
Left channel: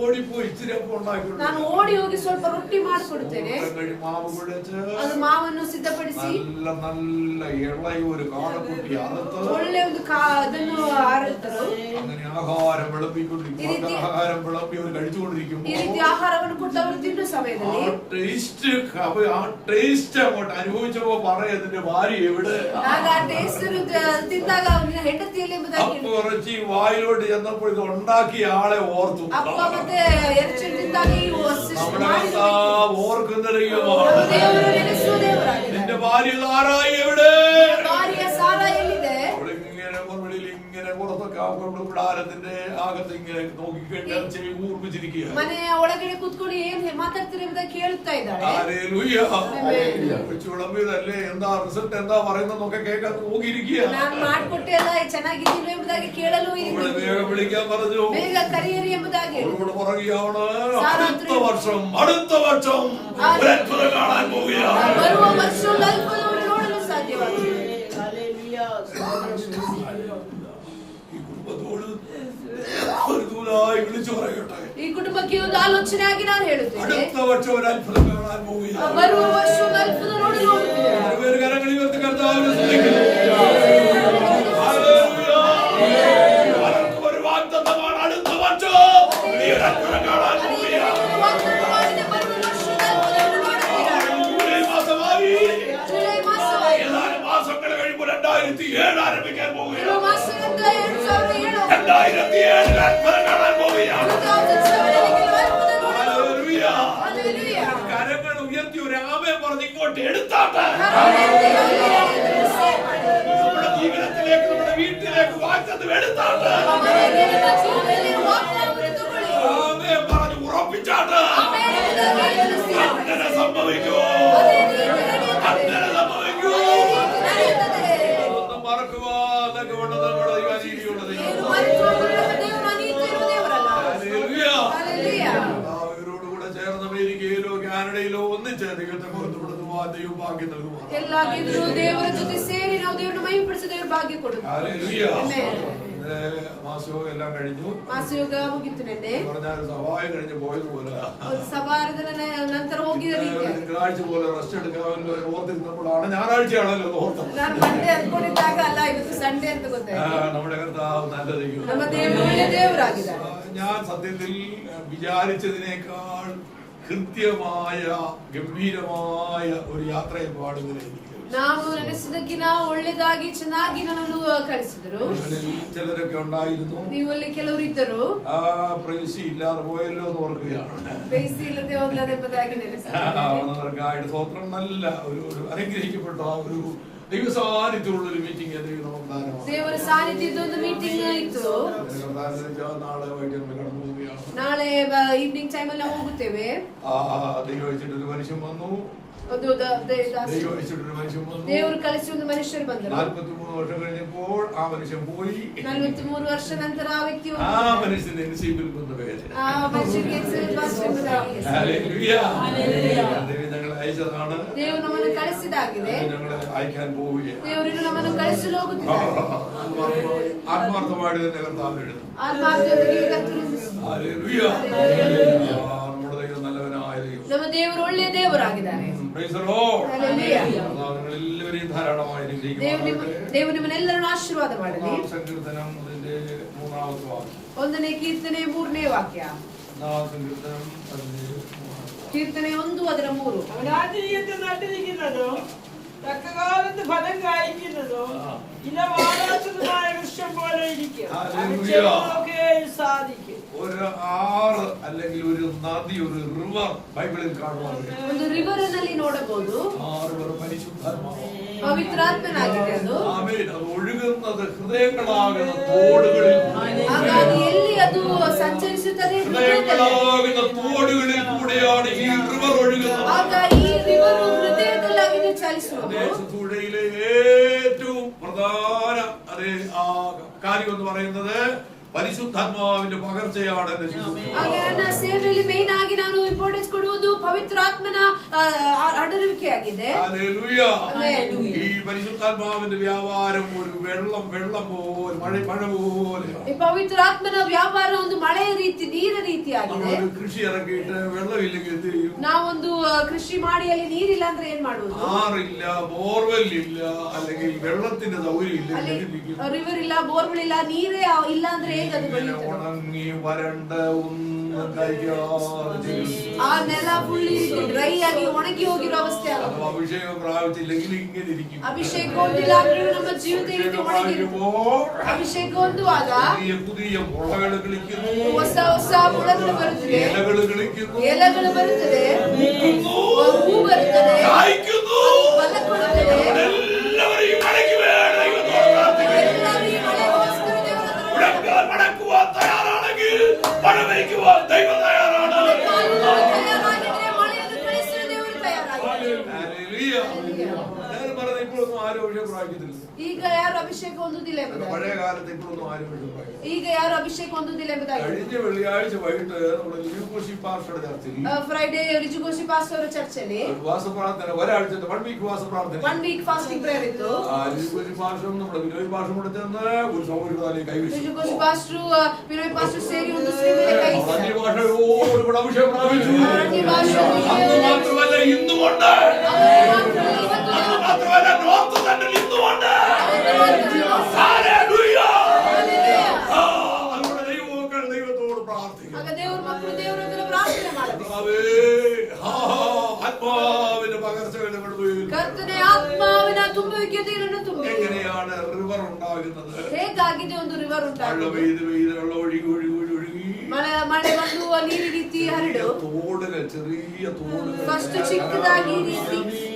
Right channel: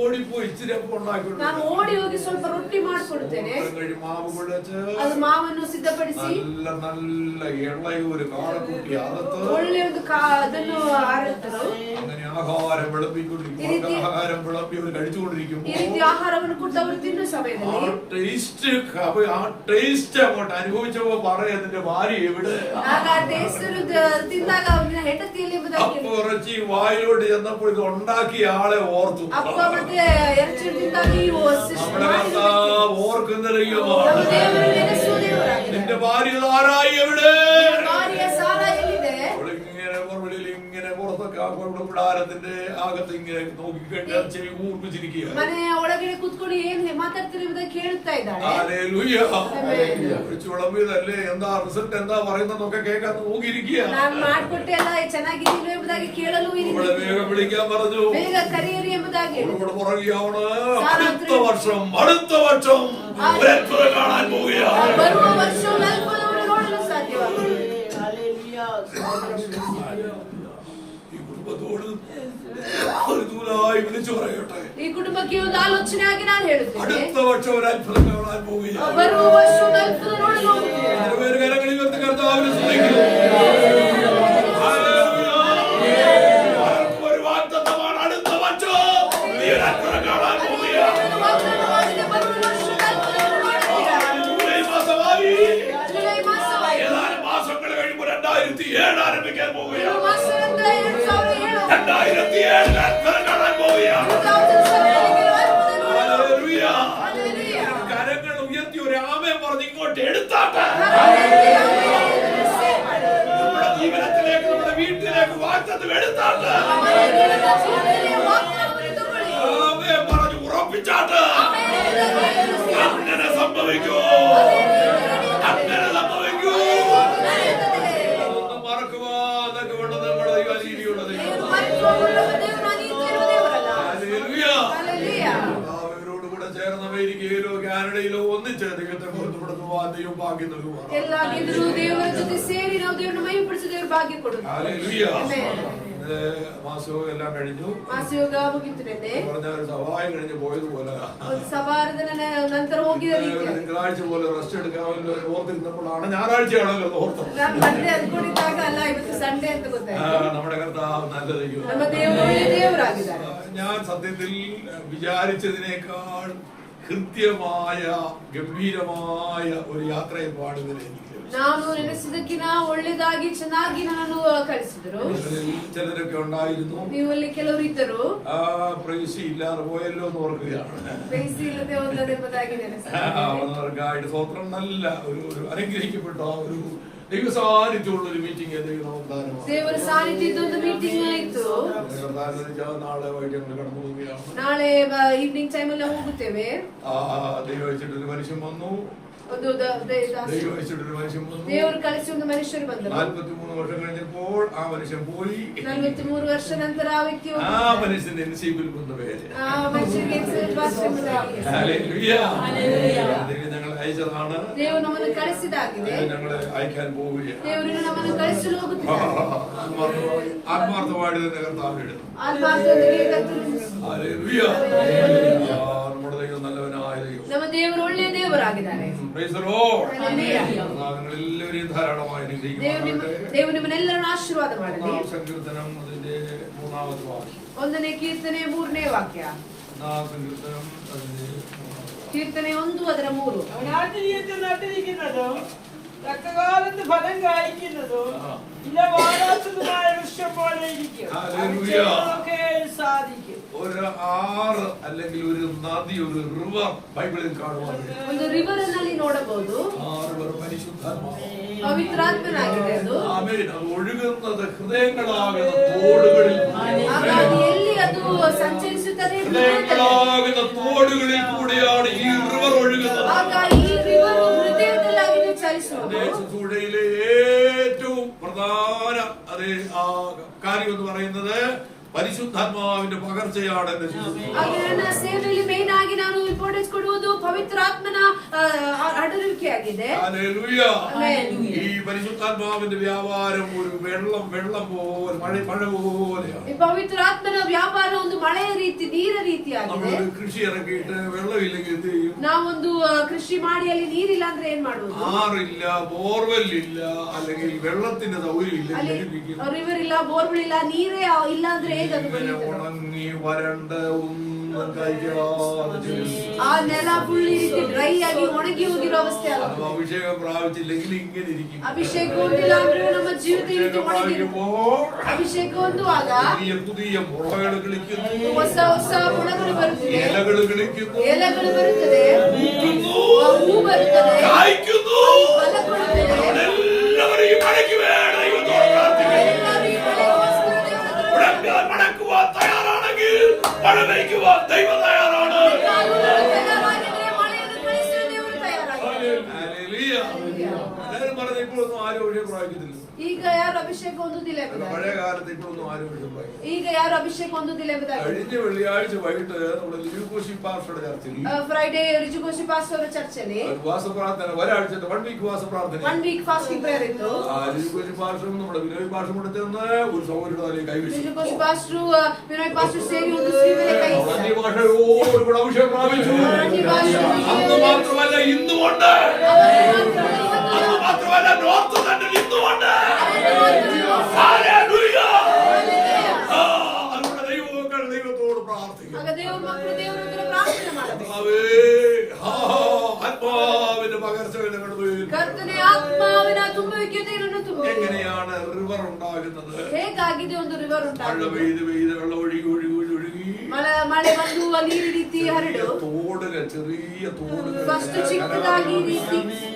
ഓടിപ്പോയി ഇച്ചിരി അപ്പം ഉണ്ടാക്കി. ನಾನು ಓಡಿ ಹೋಗಿ ಸ್ವಲ್ಪ ರೊಟ್ಟಿ ಮಾಡಿಕೊಡುತ್ತೇನೆ. മാവ് കുഴച്ച് ಅದು ಮಾವನ್ನು ಸಿದ್ಧಪಡಿಸಿ നല്ല നല്ല ഇളയ ഒരു കാടക്കുട്ടി അകത്ത് ಒಳ್ಳೆ ಒಂದು ಅದನ್ನು ಆರಿಸಿದರು. അങ്ങനെ ആഹാരം വിളമ്പിക്കൊണ്ടിരിക്കും. ആഹാരം വിളമ്പി അവർ കഴിച്ചുകൊണ്ടിരിക്കുമ്പോൾ ಈ ರೀತಿ ಆಹಾರವನ್ನು ಕೊಟ್ಟು ಅವರು ತಿನ್ನುವ ಸಮಯದಲ್ಲಿ ആ ടേസ്റ്റ് അങ്ങോട്ട് അനുഭവിച്ചപ്പോ പറയുന്നതിന്റെ ഭാര്യ എവിടെ? ಆಗ ಆ ಟೇಸ್ಟ್ ತಿಂದಾಗ ಅವನ ಹೆಂಡತಿಯಲ್ಲಿ ಎಂಬುದಾಗಿ കുറച്ച് വായിലോട്ട് ചെന്നപ്പോൾ ഇത് ഉണ്ടാക്കിയ ആളെ ഓർത്തു. ಅಪ್ಪ ಮತ್ತೆ ಎರಚು ತಿಂದಾಗ നമ്മുടെ കർത്താവ് ഓർക്കുന്ന ദൈവമാണ്. നിന്റെ ഭാര്യ സാറായി എവിടെ? ഇങ്ങനെ പുറത്തൊക്കെ കൂടാരത്തിന്റെ അകത്ത് ഇങ്ങനെ നോക്കിക്കണ്ട് ചെവി കൂർപ്പിച്ചിരിക്കുക. ಮನೆಯ ಒಳಗಡೆ ಕೂತ್ಕೊಂಡು ಏನ್ ಮಾತಾಡ್ತೀರಿ ಅಂತ ಕೇಳ್ತಾ ಇದ್ದಾರೆ. വിളമ്പിയതല്ലേ, എന്താ റിസൾട്ട് എന്താ പറയുന്നതൊക്കെ കേൾക്കാൻ നോക്കിയിരിക്കുക. ನಾನು ಮಾಡಿಕೊಟ್ಟೆ ಅಲ್ಲ ಚೆನ್ನಾಗಿದ್ದೀನಿ ಎಂಬುದಾಗಿ ಕೇಳಲು വേഗം വിളിക്കാൻ പറഞ്ഞു, ಬೇಗ ಕರೆಯಿರಿ ಎಂಬುದಾಗಿ. പുറകെയാണ്. അടുത്ത വർഷം ഒരു അത്ഭുതം കാണാൻ പോവുകയാണ്. ಬರುವ ವರ್ಷ ಅದ್ಭುತವನ್ನು ನೋಡಲು ಸಾಧ್ಯವಾಗಿದೆ. ഈ കുടുംബത്തോട് ഒരു ദൂതായി വിളിച്ചു പറയട്ടെ, ಈ ಕುಟುಂಬಕ್ಕೆ ಒಂದು ಆಲೋಚನೆಯಾಗಿ ನಾನು ಹೇಳುತ್ತೇನೆ, അടുത്ത വർഷം ഒരു അത്ഭുതം കാണാൻ പോവുകയാണ്. ಬರುವ ವರ್ಷ ಅದ್ಭುತ ನೋಡಲು പേര് കരങ്ങളിൽ ഉയർത്തി കർത്താവിനെ സ്തുതിക്കുന്നു. ഒരു വാഗ്ദത്തമാണ്, അടുത്ത വർഷം നീ ഒരു അത്ഭുതം കാണാൻ പോവുകയാണ്. 2007 ആരംഭിക്കാൻ പോവുകയാണ്. New ವರ್ಷ ಅಂತ 2007 2007 അത്ഭുതം കാണാൻ പോവുകയാണ്. 2007 ഹല്ലേലൂയ. Hallelujah. കരങ്ങൾ ഉയർത്തി ഒരു ആമേൻ പറഞ്ഞ് ഇങ്ങോട്ട് എടുത്താട്ടെ. നമ്മുടെ ജീവിതത്തിലേക്ക്, നമ്മുടെ വീട്ടിലേക്ക് വാഗ്ദത്തം എടുത്താട്ടെ. ആമേൻ പറഞ്ഞ് ഉറപ്പിച്ചാട്ടെ. അങ്ങനെ സംഭവിക്കൂ, അങ്ങനെ സംഭവിക്കൂ. അതൊന്നും മറക്കുവാതൊക്കെ വേണ്ടത് നമ്മുടെ ദൈവരീതിയുള്ളത്. അവരോടുകൂടെ ചേർന്ന് അമേരിക്കയിലോ കാനഡയിലോ ഒന്നിച്ച് ദൈവത്തെ ബോധപ്പെടുത്തുവാൻ ദൈവം ഭാഗ്യം നൽകുവാണ്. മാസവും എല്ലാം കഴിഞ്ഞു. പറഞ്ഞാൽ സഹായം കഴിഞ്ഞ് പോയതുപോലെ തിങ്കളാഴ്ച പോലെ റെസ്റ്റ് എടുക്കാമല്ലോ ഓർത്തിരുന്നപ്പോഴാണ് ഞായറാഴ്ചയാണല്ലോ ഓർത്തത്. നമ്മുടെ കർത്താവ് നല്ല ദൈവം. ഞാൻ സത്യത്തിൽ വിചാരിച്ചതിനേക്കാൾ കൃത്യമായ ഗംഭീരമായ ഒരു യാത്രയെ പാടുന്നതിന് എനിക്ക് ചിലരൊക്കെ ഉണ്ടായിരുന്നു. ഇല്ലാതെ പോയല്ലോ എന്ന് ഓർക്കുകയാണ്. സ്വത്രം നല്ല ഒരു അനുഗ്രഹിക്കപ്പെട്ട ഒരു ദൈവസാന്നിധ്യമുള്ള ഒരു മീറ്റിംഗ് നാളെ വൈകിട്ട് കടന്നു പോവുകയാണ്. ദൈവം വെച്ചിട്ടൊരു മനുഷ്യൻ വന്നു. ದೇವರು ಕಳಿಸಿ ಒಂದು ಮನುಷ್ಯರು ಬಂದರು. 43 ವರ್ಷ കഴിഞ്ഞപ്പോൾ ആ മനുഷ്യൻ പോയി. 43 ವರ್ಷ ನಂತರ ಆ ವ್ಯಕ್ತಿ ആ മനുഷ്യന്റെ നസീബിൽ വന്ന പേര്. ആ മനുഷ്യന്റെ നസീബിൽ ഹല്ലേലൂയ. ദൈവം ഞങ്ങളെ അയച്ചതാണ്. ದೇವರು ನಮ್ಮನ್ನು ಕಳಿಸಿದಾಗಿದೆ. ഞങ്ങളെ അയക്കാൻ പോവുകയാണ്. ದೇವರು ನಮ್ಮನ್ನು ಕಳಿಸಲು ಹೋಗುತ್ತಿದ್ದಾರೆ. ആത്മാർത്ഥമായിട്ട് തന്നെ കർത്താവ് എടുത്തു. ആത്മാർത്ഥതയോടെ കർത്താവ്. ഹല്ലേലൂയ. നമ്മുടെ ദൈവം നല്ലവനായ ദൈവം. ನಮ್ಮ ದೇವರು ಒಳ್ಳೆಯ ದೇವರಾಗಿದ್ದಾರೆ. Praise the lord. ഹല്ലേലൂയ. നിങ്ങളെല്ലാവരെയും ധാരാളമായി അനുഗ്രഹിക്കുമാറാകട്ടെ. ದೇವರು ನಿಮ್ಮೆಲ್ಲರನ್ನು ಆಶೀರ್ವಾದ ಮಾಡಲಿ. സങ്കീർത്തനം അതിന്റെ 3ാമത്തെ വാക്യം. 1ನೇ ಕೀರ್ತನೆ 3ನೇ ವಾಕ್ಯ. സങ്കീർത്തനം അതിന്റെ 3ാമത്തെ കീർത്തನೆ 1 ಅದರ 3. നട്ടിരിക്കുന്നതോ തക്കകാലത്ത് ഫലം കായ്ക്കുന്നതോ ഇലവാടാത്തതുമായ വൃക്ഷം പോലെ ഇരിക്കും. സാധിക്കും. ഒരു ആറ് അല്ലെങ്കിൽ ഒരു നദി, ഒരു റിവർ ബൈബിളിൽ കാണുവാൻ ಒಂದು ರಿವರ್ ನಲ್ಲಿ ನೋಡಬಹುದು. ആ റിവർ പരിശുദ്ധാത്മാവ്, പവിത്രാത്മനാಗಿದೆ. ആമേൻ. അത് ഒഴുകുന്നത് ഹൃദയങ്ങളാകുന്ന തോടുകളിൽ, എಲ್ಲಿ ಅದು ಸಂಚರಿಸುತ್ತದೆ. ഹൃദയങ്ങളാകുന്ന തോടുകളിൽ കൂടെയാണ് ഈ റിവർ ഒഴുകുന്നത്. ಆಗ ಈ ರಿವರ್ ಹೃದಯದಲ್ಲಾಗಿ ಚಲಿಸುವುದು. ദേശത്തുടയിലെ ഏറ്റവും പ്രധാന അതേ ആ കാര്യം എന്ന് പറയുന്നത് പരിശുദ്ധാത്മാവിന്റെ പകർച്ചയാണ്. ನನ್ನ ಸೇವೆಯಲ್ಲಿ ಮೇನ್ ಆಗಿ ನಾನು ಇಂಪಾರ್ಟೆನ್ಸ್ ಕೊಡುವುದು ಪವಿತ್ರಾತ್ಮನ ಅಡರುವಿಕೆಯಾಗಿದೆ. ഹല്ലേലൂയ. ഈ പരിശുദ്ധാത്മാവിന്റെ വ്യാപാരം ഒരു വെള്ളം പോലെ മഴ പോലെയാണ്. ಈ ಪವಿತ್ರಾತ್ಮನ ವ್ಯಾಪಾರ ಒಂದು ಮಳೆಯ ರೀತಿ, ನೀರ ರೀತಿಯಾಗಿದೆ. നമ്മളൊരു കൃഷി ഇറക്കിയിട്ട് വെള്ളമില്ലെങ്കിൽ എന്ത് ചെയ്യും? ನಾವೊಂದು ಕೃಷಿ ಮಾಡಿ ಅಲ್ಲಿ ನೀರಿಲ್ಲ ಅಂದ್ರೆ ಏನ್ ಮಾಡುವುದು? ആറില്ല, ബോർവെൽ ഇല്ല, അല്ലെങ്കിൽ വെള്ളത്തിന്റെ സൗകര്യം ഇല്ല, ರಿವರ್ ಇಲ್ಲ, ಬೋರ್ವೆಲ್ ಇಲ್ಲ, ನೀರೇ ಇಲ್ಲ ಅಂದ್ರೆ ഇങ്ങനെ ഉണങ്ങി വരണ്ട ഒന്നും കഴിക്കാതെ ಆ ನೆಲ ಫುಲ್ ಡ್ರೈ ಆಗಿ ಒಣಗಿ ಹೋಗಿರೋ ಅವಸ್ಥೆ. അഭിഷേകം പ്രാപിച്ചില്ലെങ്കിൽ ഇങ്ങനെ ഇരിക്കും. ಅಭಿಷೇಕ ಹೊಂದಿಲ್ಲ ಅಂದ್ರೆ ನಮ್ಮ ಜೀವಿತ ಅಭಿಷೇಕ ಹೊಂದುವಾಗ പുതിയ മുളകൾ കളിക്കുന്നു, ಹೊಸ ಹೊಸ ಮುಳಗಳು ಬರುತ್ತದೆ, ഇലകൾ കളിക്കുന്നു, ಎಲೆಗಳು ಬರುತ್ತದೆ, ಹೂ ಬರುತ್ತದೆ, കായ്ക്കുന്നു. എല്ലാവരെയും മടക്കി വേണം ദൈവത്തോട് പ്രാർത്ഥിക്കുന്നു. മടക്കുവാൻ തയ്യാറാണെങ്കിൽ മഴ വയ്ക്കുവാൻ ദൈവം തയ്യാറാണ്. എല്ലാവരും പറഞ്ഞ ഇപ്പോഴൊന്നും ആരും അഭിഷേകം പ്രാപിക്കത്തില്ല. ಈಗ ಯಾರು ಅಭಿಷೇಕ ಹೊಂದುವುದಿಲ್ಲ. പഴയ കാലത്ത് ഇപ്പോഴൊന്നും ആരും അഭിഷേകം പ്രാപിക്കില്ല. ಈಗ ಯಾರು ಅಭಿಷೇಕ ಹೊಂದುವುದಿಲ್ಲ ಎಂಬುದಾಗಿ കഴിഞ്ഞ വെള്ളിയാഴ്ച വൈകിട്ട് നമ്മുടെ ലിജുകോശി പാസ്റ്ററുടെ ചർച്ചയിൽ ಫ್ರೈಡೇ ರಿಜುಗೋಶಿ ಪಾಸ್ಟರ್ ಚರ್ಚಲ್ಲಿ ഉപവാസ പ്രാർത്ഥന, ഒരാഴ്ചത്തെ 1 വീക്ക് ഉപവാസ പ്രാർത്ഥന, 1 വീക്ക് ഫാസ്റ്റിംഗ് പ്രേയർ ഇತ್ತು. ലിജുകോശി പാസ്റ്ററും നമ്മുടെ വിനോയ് പാസ്റ്ററും കൂടെ ചേർന്ന് ഒരു സൗകര്യത്തിലേക്ക് കൈവച്ചു. ರಿಜುಗೋಶಿ ಪಾಸ್ಟರ್ ವಿನೋಯ್ ಪಾಸ್ಟರ್ ಸೇರಿ ಒಂದು ಸ್ತ್ರೀ ಮೇಲೆ ಕೈ അന്യ ഭാഷയോടുകൂടെ അഭിഷേകം പ്രാപിച്ചു. അന്ന് മാത്രമല്ല ഇന്നുമുണ്ട്. അന്ന് മാത്രമല്ല നോർത്ത് സെൻട്രൽ ഇന്നുമുണ്ട്. ഹല്ലേലൂയ. നമ്മുടെ ദൈവമക്കൾ ദൈവത്തോട് പ്രാർത്ഥിക്കും. ಆಗ ದೇವರ ಮಕ್ಕಳು ದೇವರೊಂದಿಗೆ ಪ್ರಾರ್ಥನೆ ಮಾಡಬೇಕು. ആത്മാവിന്റെ പകർച്ച ಕರ್ತನೇ ಆತ್ಮಾವಿನ ತುಂಬುವಿಕೆ ನೀರನ್ನು ತುಂಬಿ എങ്ങനെയാണ് റിവർ ഉണ്ടാകുന്നത്? ಹೇಗಾಗಿದೆ ಒಂದು ರಿವರ್ മഴ ಉಂಟಾಗಿದೆ. പെയ്ത് പെയ്ത് വെള്ളം ഒഴുകി ഒഴുകി ഒഴുകി ಮಳೆ ಬಂದು ನೀರು ರೀತಿ ಹರಡು. തോടുകൾ, ചെറിയ തോടുകൾ, ಫಸ್ಟ್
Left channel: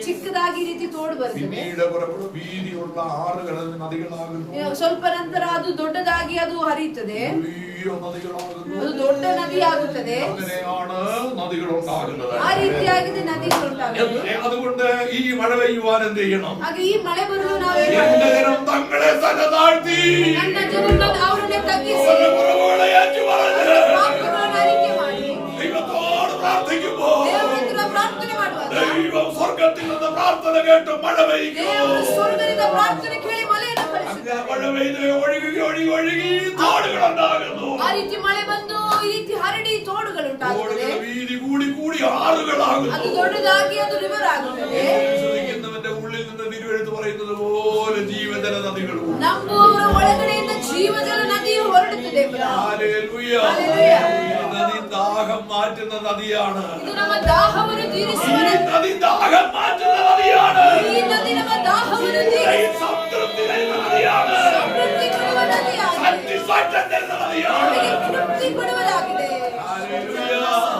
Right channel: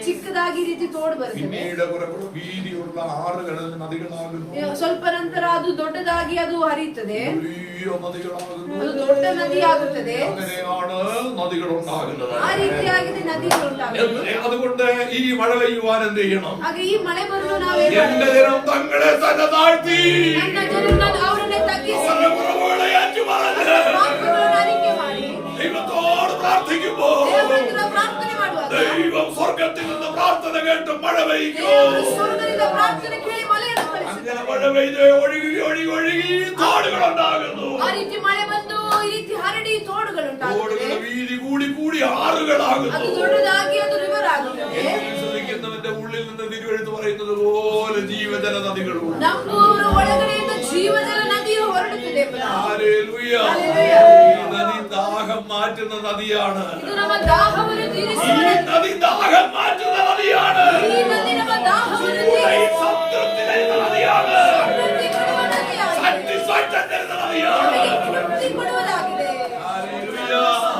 ಚಿಕ್ಕದಾಗಿ ರೀತಿ ತೋಡು ಬರ್ತದೆ. പിന്നീട് കുറെ വീതിയുള്ള ആറുകൾ നദികളാകുന്നു. ಸ್ವಲ್ಪ ನಂತರ ಅದು ದೊಡ್ಡದಾಗಿ ಅದು ಹರಿಯುತ್ತದೆ, വലിയ നദികളാകുന്നു. ಅದು ದೊಡ್ಡ ನದಿ ಆಗುತ್ತದೆ. അങ്ങനെയാണ് നദികൾ ഉണ്ടാകുന്നത്. ಆ ರೀತಿಯಾಗಿದೆ ನದಿಗಳು ಉಂಟಾಗುತ್ತದೆ. അതുകൊണ്ട് ഈ മഴ പെയ്യുവാൻ എന്ത് ചെയ്യണം? ಹಾಗೆ ಈ ಮಳೆ ಬರಲು ನಾವು എന്റെ ജനം തങ്ങളെ തന്നെ താഴ്ത്തി ನನ್ನ ಜನರನ್ನು ಅವರನ್ನೇ ತಗ್ಗಿಸಿ അവരുടെ കുറവുകളെ ഏറ്റുപറഞ്ഞ് ಪಾಪಗಳನ್ನು ಅರಿಕೆ ಮಾಡಿ ദൈവത്തോട് പ്രാർത്ഥിക്കുമ്പോൾ ದೇವರ ಹತ್ರ ಪ್ರಾರ್ಥನೆ ಮಾಡುವಾಗ ദൈവം സ്വർഗത്തിൽ നിന്ന് പ്രാർത്ഥന കേട്ട് മഴ പെയ്യും. ದೇವರು ಸ್ವರ್ಗದಿಂದ ಪ್ರಾರ್ಥನೆ ಕೇಳಿ ಮಳೆಯನ್ನು ಕಳಿಸುತ್ತಾನೆ. അങ്ങനെ മഴ പെയ്ത് ഒഴുകി ഒഴുകി ഒഴുകി തോടുകൾ ഉണ്ടാകുന്നു. ಆ ರೀತಿ ಮಳೆ ಬಂದು ಈ ರೀತಿ ಹರಡಿ തോടുಗಳು ಉಂಟಾಗುತ್ತದೆ. തോടുകളുടെ വീതി കൂടി കൂടി ആറുകളാകുന്നു. ಅದು ದೊಡ್ಡದಾಗಿ ಅದು ರಿವರ್ ಆಗುತ್ತದೆ. വിശ്വസിക്കുന്നവന്റെ ഉള്ളിൽ നിന്ന് തിരുവെഴുത്ത് പറയുന്നത് പോലെ ജീവജല നദികളും ನಮ್ಮೂರ ಒಳಗಡೆಯಿಂದ ಜೀವಜಲ ನದಿಯು ಹೊರಡುತ್ತದೆ. ഹല്ലേലൂയ. ഹല്ലേലൂയ. ഈ നദി ദാഹം മാറ്റുന്ന നദിയാണ്. ಇದು ನಮ್ಮ ದಾಹವನ್ನು ഈ ತೀರಿಸುವ നദി ദാഹം മാറ്റുന്ന നദിയാണ്. ಈ ನದಿ ನಮ್ಮ ದಾಹವನ್ನು ഈ സംതൃപ്തി തരുന്ന നദിയാണ്. ತೃಪ್ತಿ ಕೊಡುವ ನದಿಯಾಗಿದೆ. സാറ്റിസ്ഫാക്ഷൻ തരുന്ന നദിയാണ്. ತೃಪ್ತಿ ಕೊಡುವುದಾಗಿದೆ. ഹല്ലേലൂയ.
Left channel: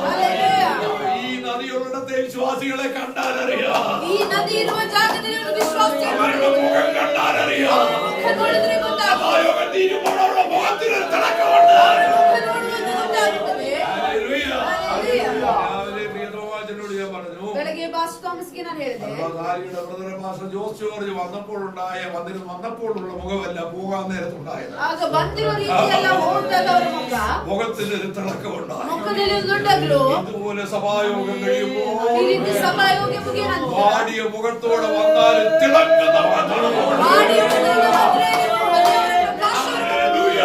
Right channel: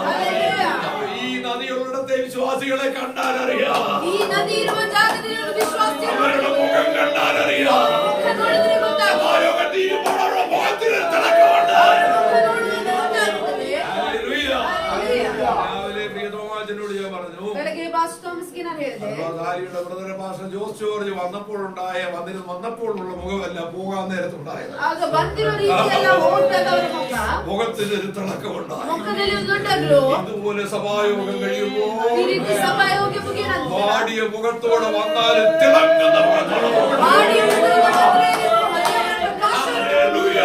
ഹല്ലേലൂയ. ഈ നദിയുള്ളിടത്തെ വിശ്വാസികളെ കണ്ടാലറിയാം. ಈ ನದಿ ಇರುವ ಜಾಗದಲ್ಲಿ ಒಂದು ವಿಶ್ವಾಸಿ അവരുടെ മുഖം കണ്ടാലറിയാം. ಮುಖ ನೋಡಿದ್ರೆ ಗೊತ್ತಾಗುತ್ತದೆ. സഭായോഗം തീരുമ്പോൾ അവരുടെ മുഖത്തിനൊരു തിളക്കമുണ്ട്. ಮುಖ ನೋಡುವಾಗ ಗೊತ್ತಾಗುತ್ತದೆ. ഹല്ലേലൂയ. ഹല്ലേലൂയ. രാവിലെ പ്രിയതോമാച്ചനോട് ഞാൻ പറഞ്ഞു, ಬೆಳಗ್ಗೆ ಪಾಸ್ ಥಾಮಸ್ಗೆ ನಾನು ಹೇಳಿದೆ, സർവകാലിയുടെ ബ്രദർ പാസ്റ്റർ ജോസ് ജോർജ് വന്നപ്പോഴുള്ള മുഖമല്ല പോകാൻ നേരത്തുണ്ടായത്. ಆಗ ಬಂದಿರೋ ರೀತಿ ಎಲ್ಲ ಹೋಗ್ದಾಗ ಅವರ ಮುಖ മുഖത്തിനൊരു തിളക്കമുണ്ടായി. ಮುಖದಲ್ಲಿ ಒಂದು ದೊಡ್ಡ ಗ್ಲೋ. ഇതുപോലെ സഭായോഗം കഴിയുമ്പോൾ ಈ ರೀತಿ ಸಭಾಯೋಗ್ಯ ಮುಗಿಯ ನಂತರ വാടിയ മുഖത്തോടെ വന്നാലും തിളങ്ങുന്ന മുഖത്തോടെ പോകണം. ഹല്ലേലൂയ.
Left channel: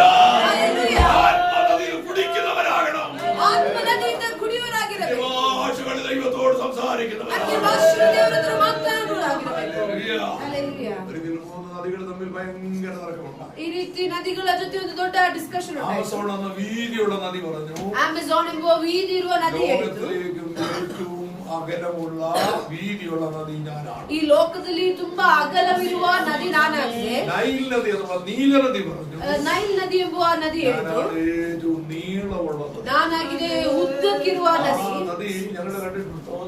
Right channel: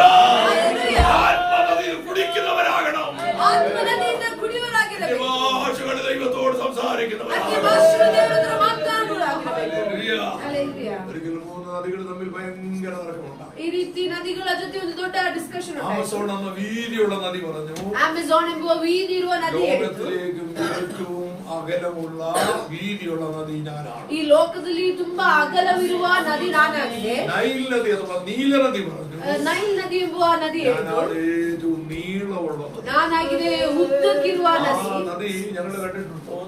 ആത്മനദിയിൽ കുടിക്കുന്നവരാകണം. ಆತ್ಮನದಿಯಿಂದ ಕುಡಿಯುವರಾಗಿರಬೇಕು. ഭാഷകളിൽ ദൈവത്തോട് സംസാരിക്കുന്നവരാകണം. ದೇವರ ಹತ್ರ ಮಾತನಾಡುವರಾಗಿರಬೇಕು. ഹല്ലേലൂയ. ഹല്ലേലൂയ. ഒരിക്കൽ മൂന്ന് നദികൾ തമ്മിൽ ഭയങ്കര തർക്കമുണ്ടായി. ಈ ರೀತಿ ನದಿಗಳ ಜೊತೆ ಒಂದು ದೊಡ್ಡ ಡಿಸ್ಕಷನ್ ആമസോൺ എന്ന വീതിയുള്ള നദി പറഞ്ഞു, ಆಮೆಜಾನ್ ಎಂಬುವ വീതി ಇರುವ ನದಿ ಹೇಳಿತು, ലോകത്തിലേക്കും ഏറ്റവും അകലമുള്ള വീതിയുള്ള നദി ഞാനാണ്. ಈ ಲೋಕದಲ್ಲಿ ತುಂಬಾ ಅಗಲವಿರುವ ನದಿ ನಾನಾಗಿದೆ. നൈൽ നദി അഥവാ നീല നദി പറഞ്ഞു, ನೈಲ್ ನದಿ ಎಂಬುವ ನದಿ ಹೇಳಿತು, ഞാനാണ് ഏറ്റവും നീളമുള്ള നദി. ನಾನಾಗಿದೆ ಉದ್ದಕ್ಕಿರುವ ആ ನದಿ. നദി ഞങ്ങൾ കണ്ടിട്ടുണ്ടോ?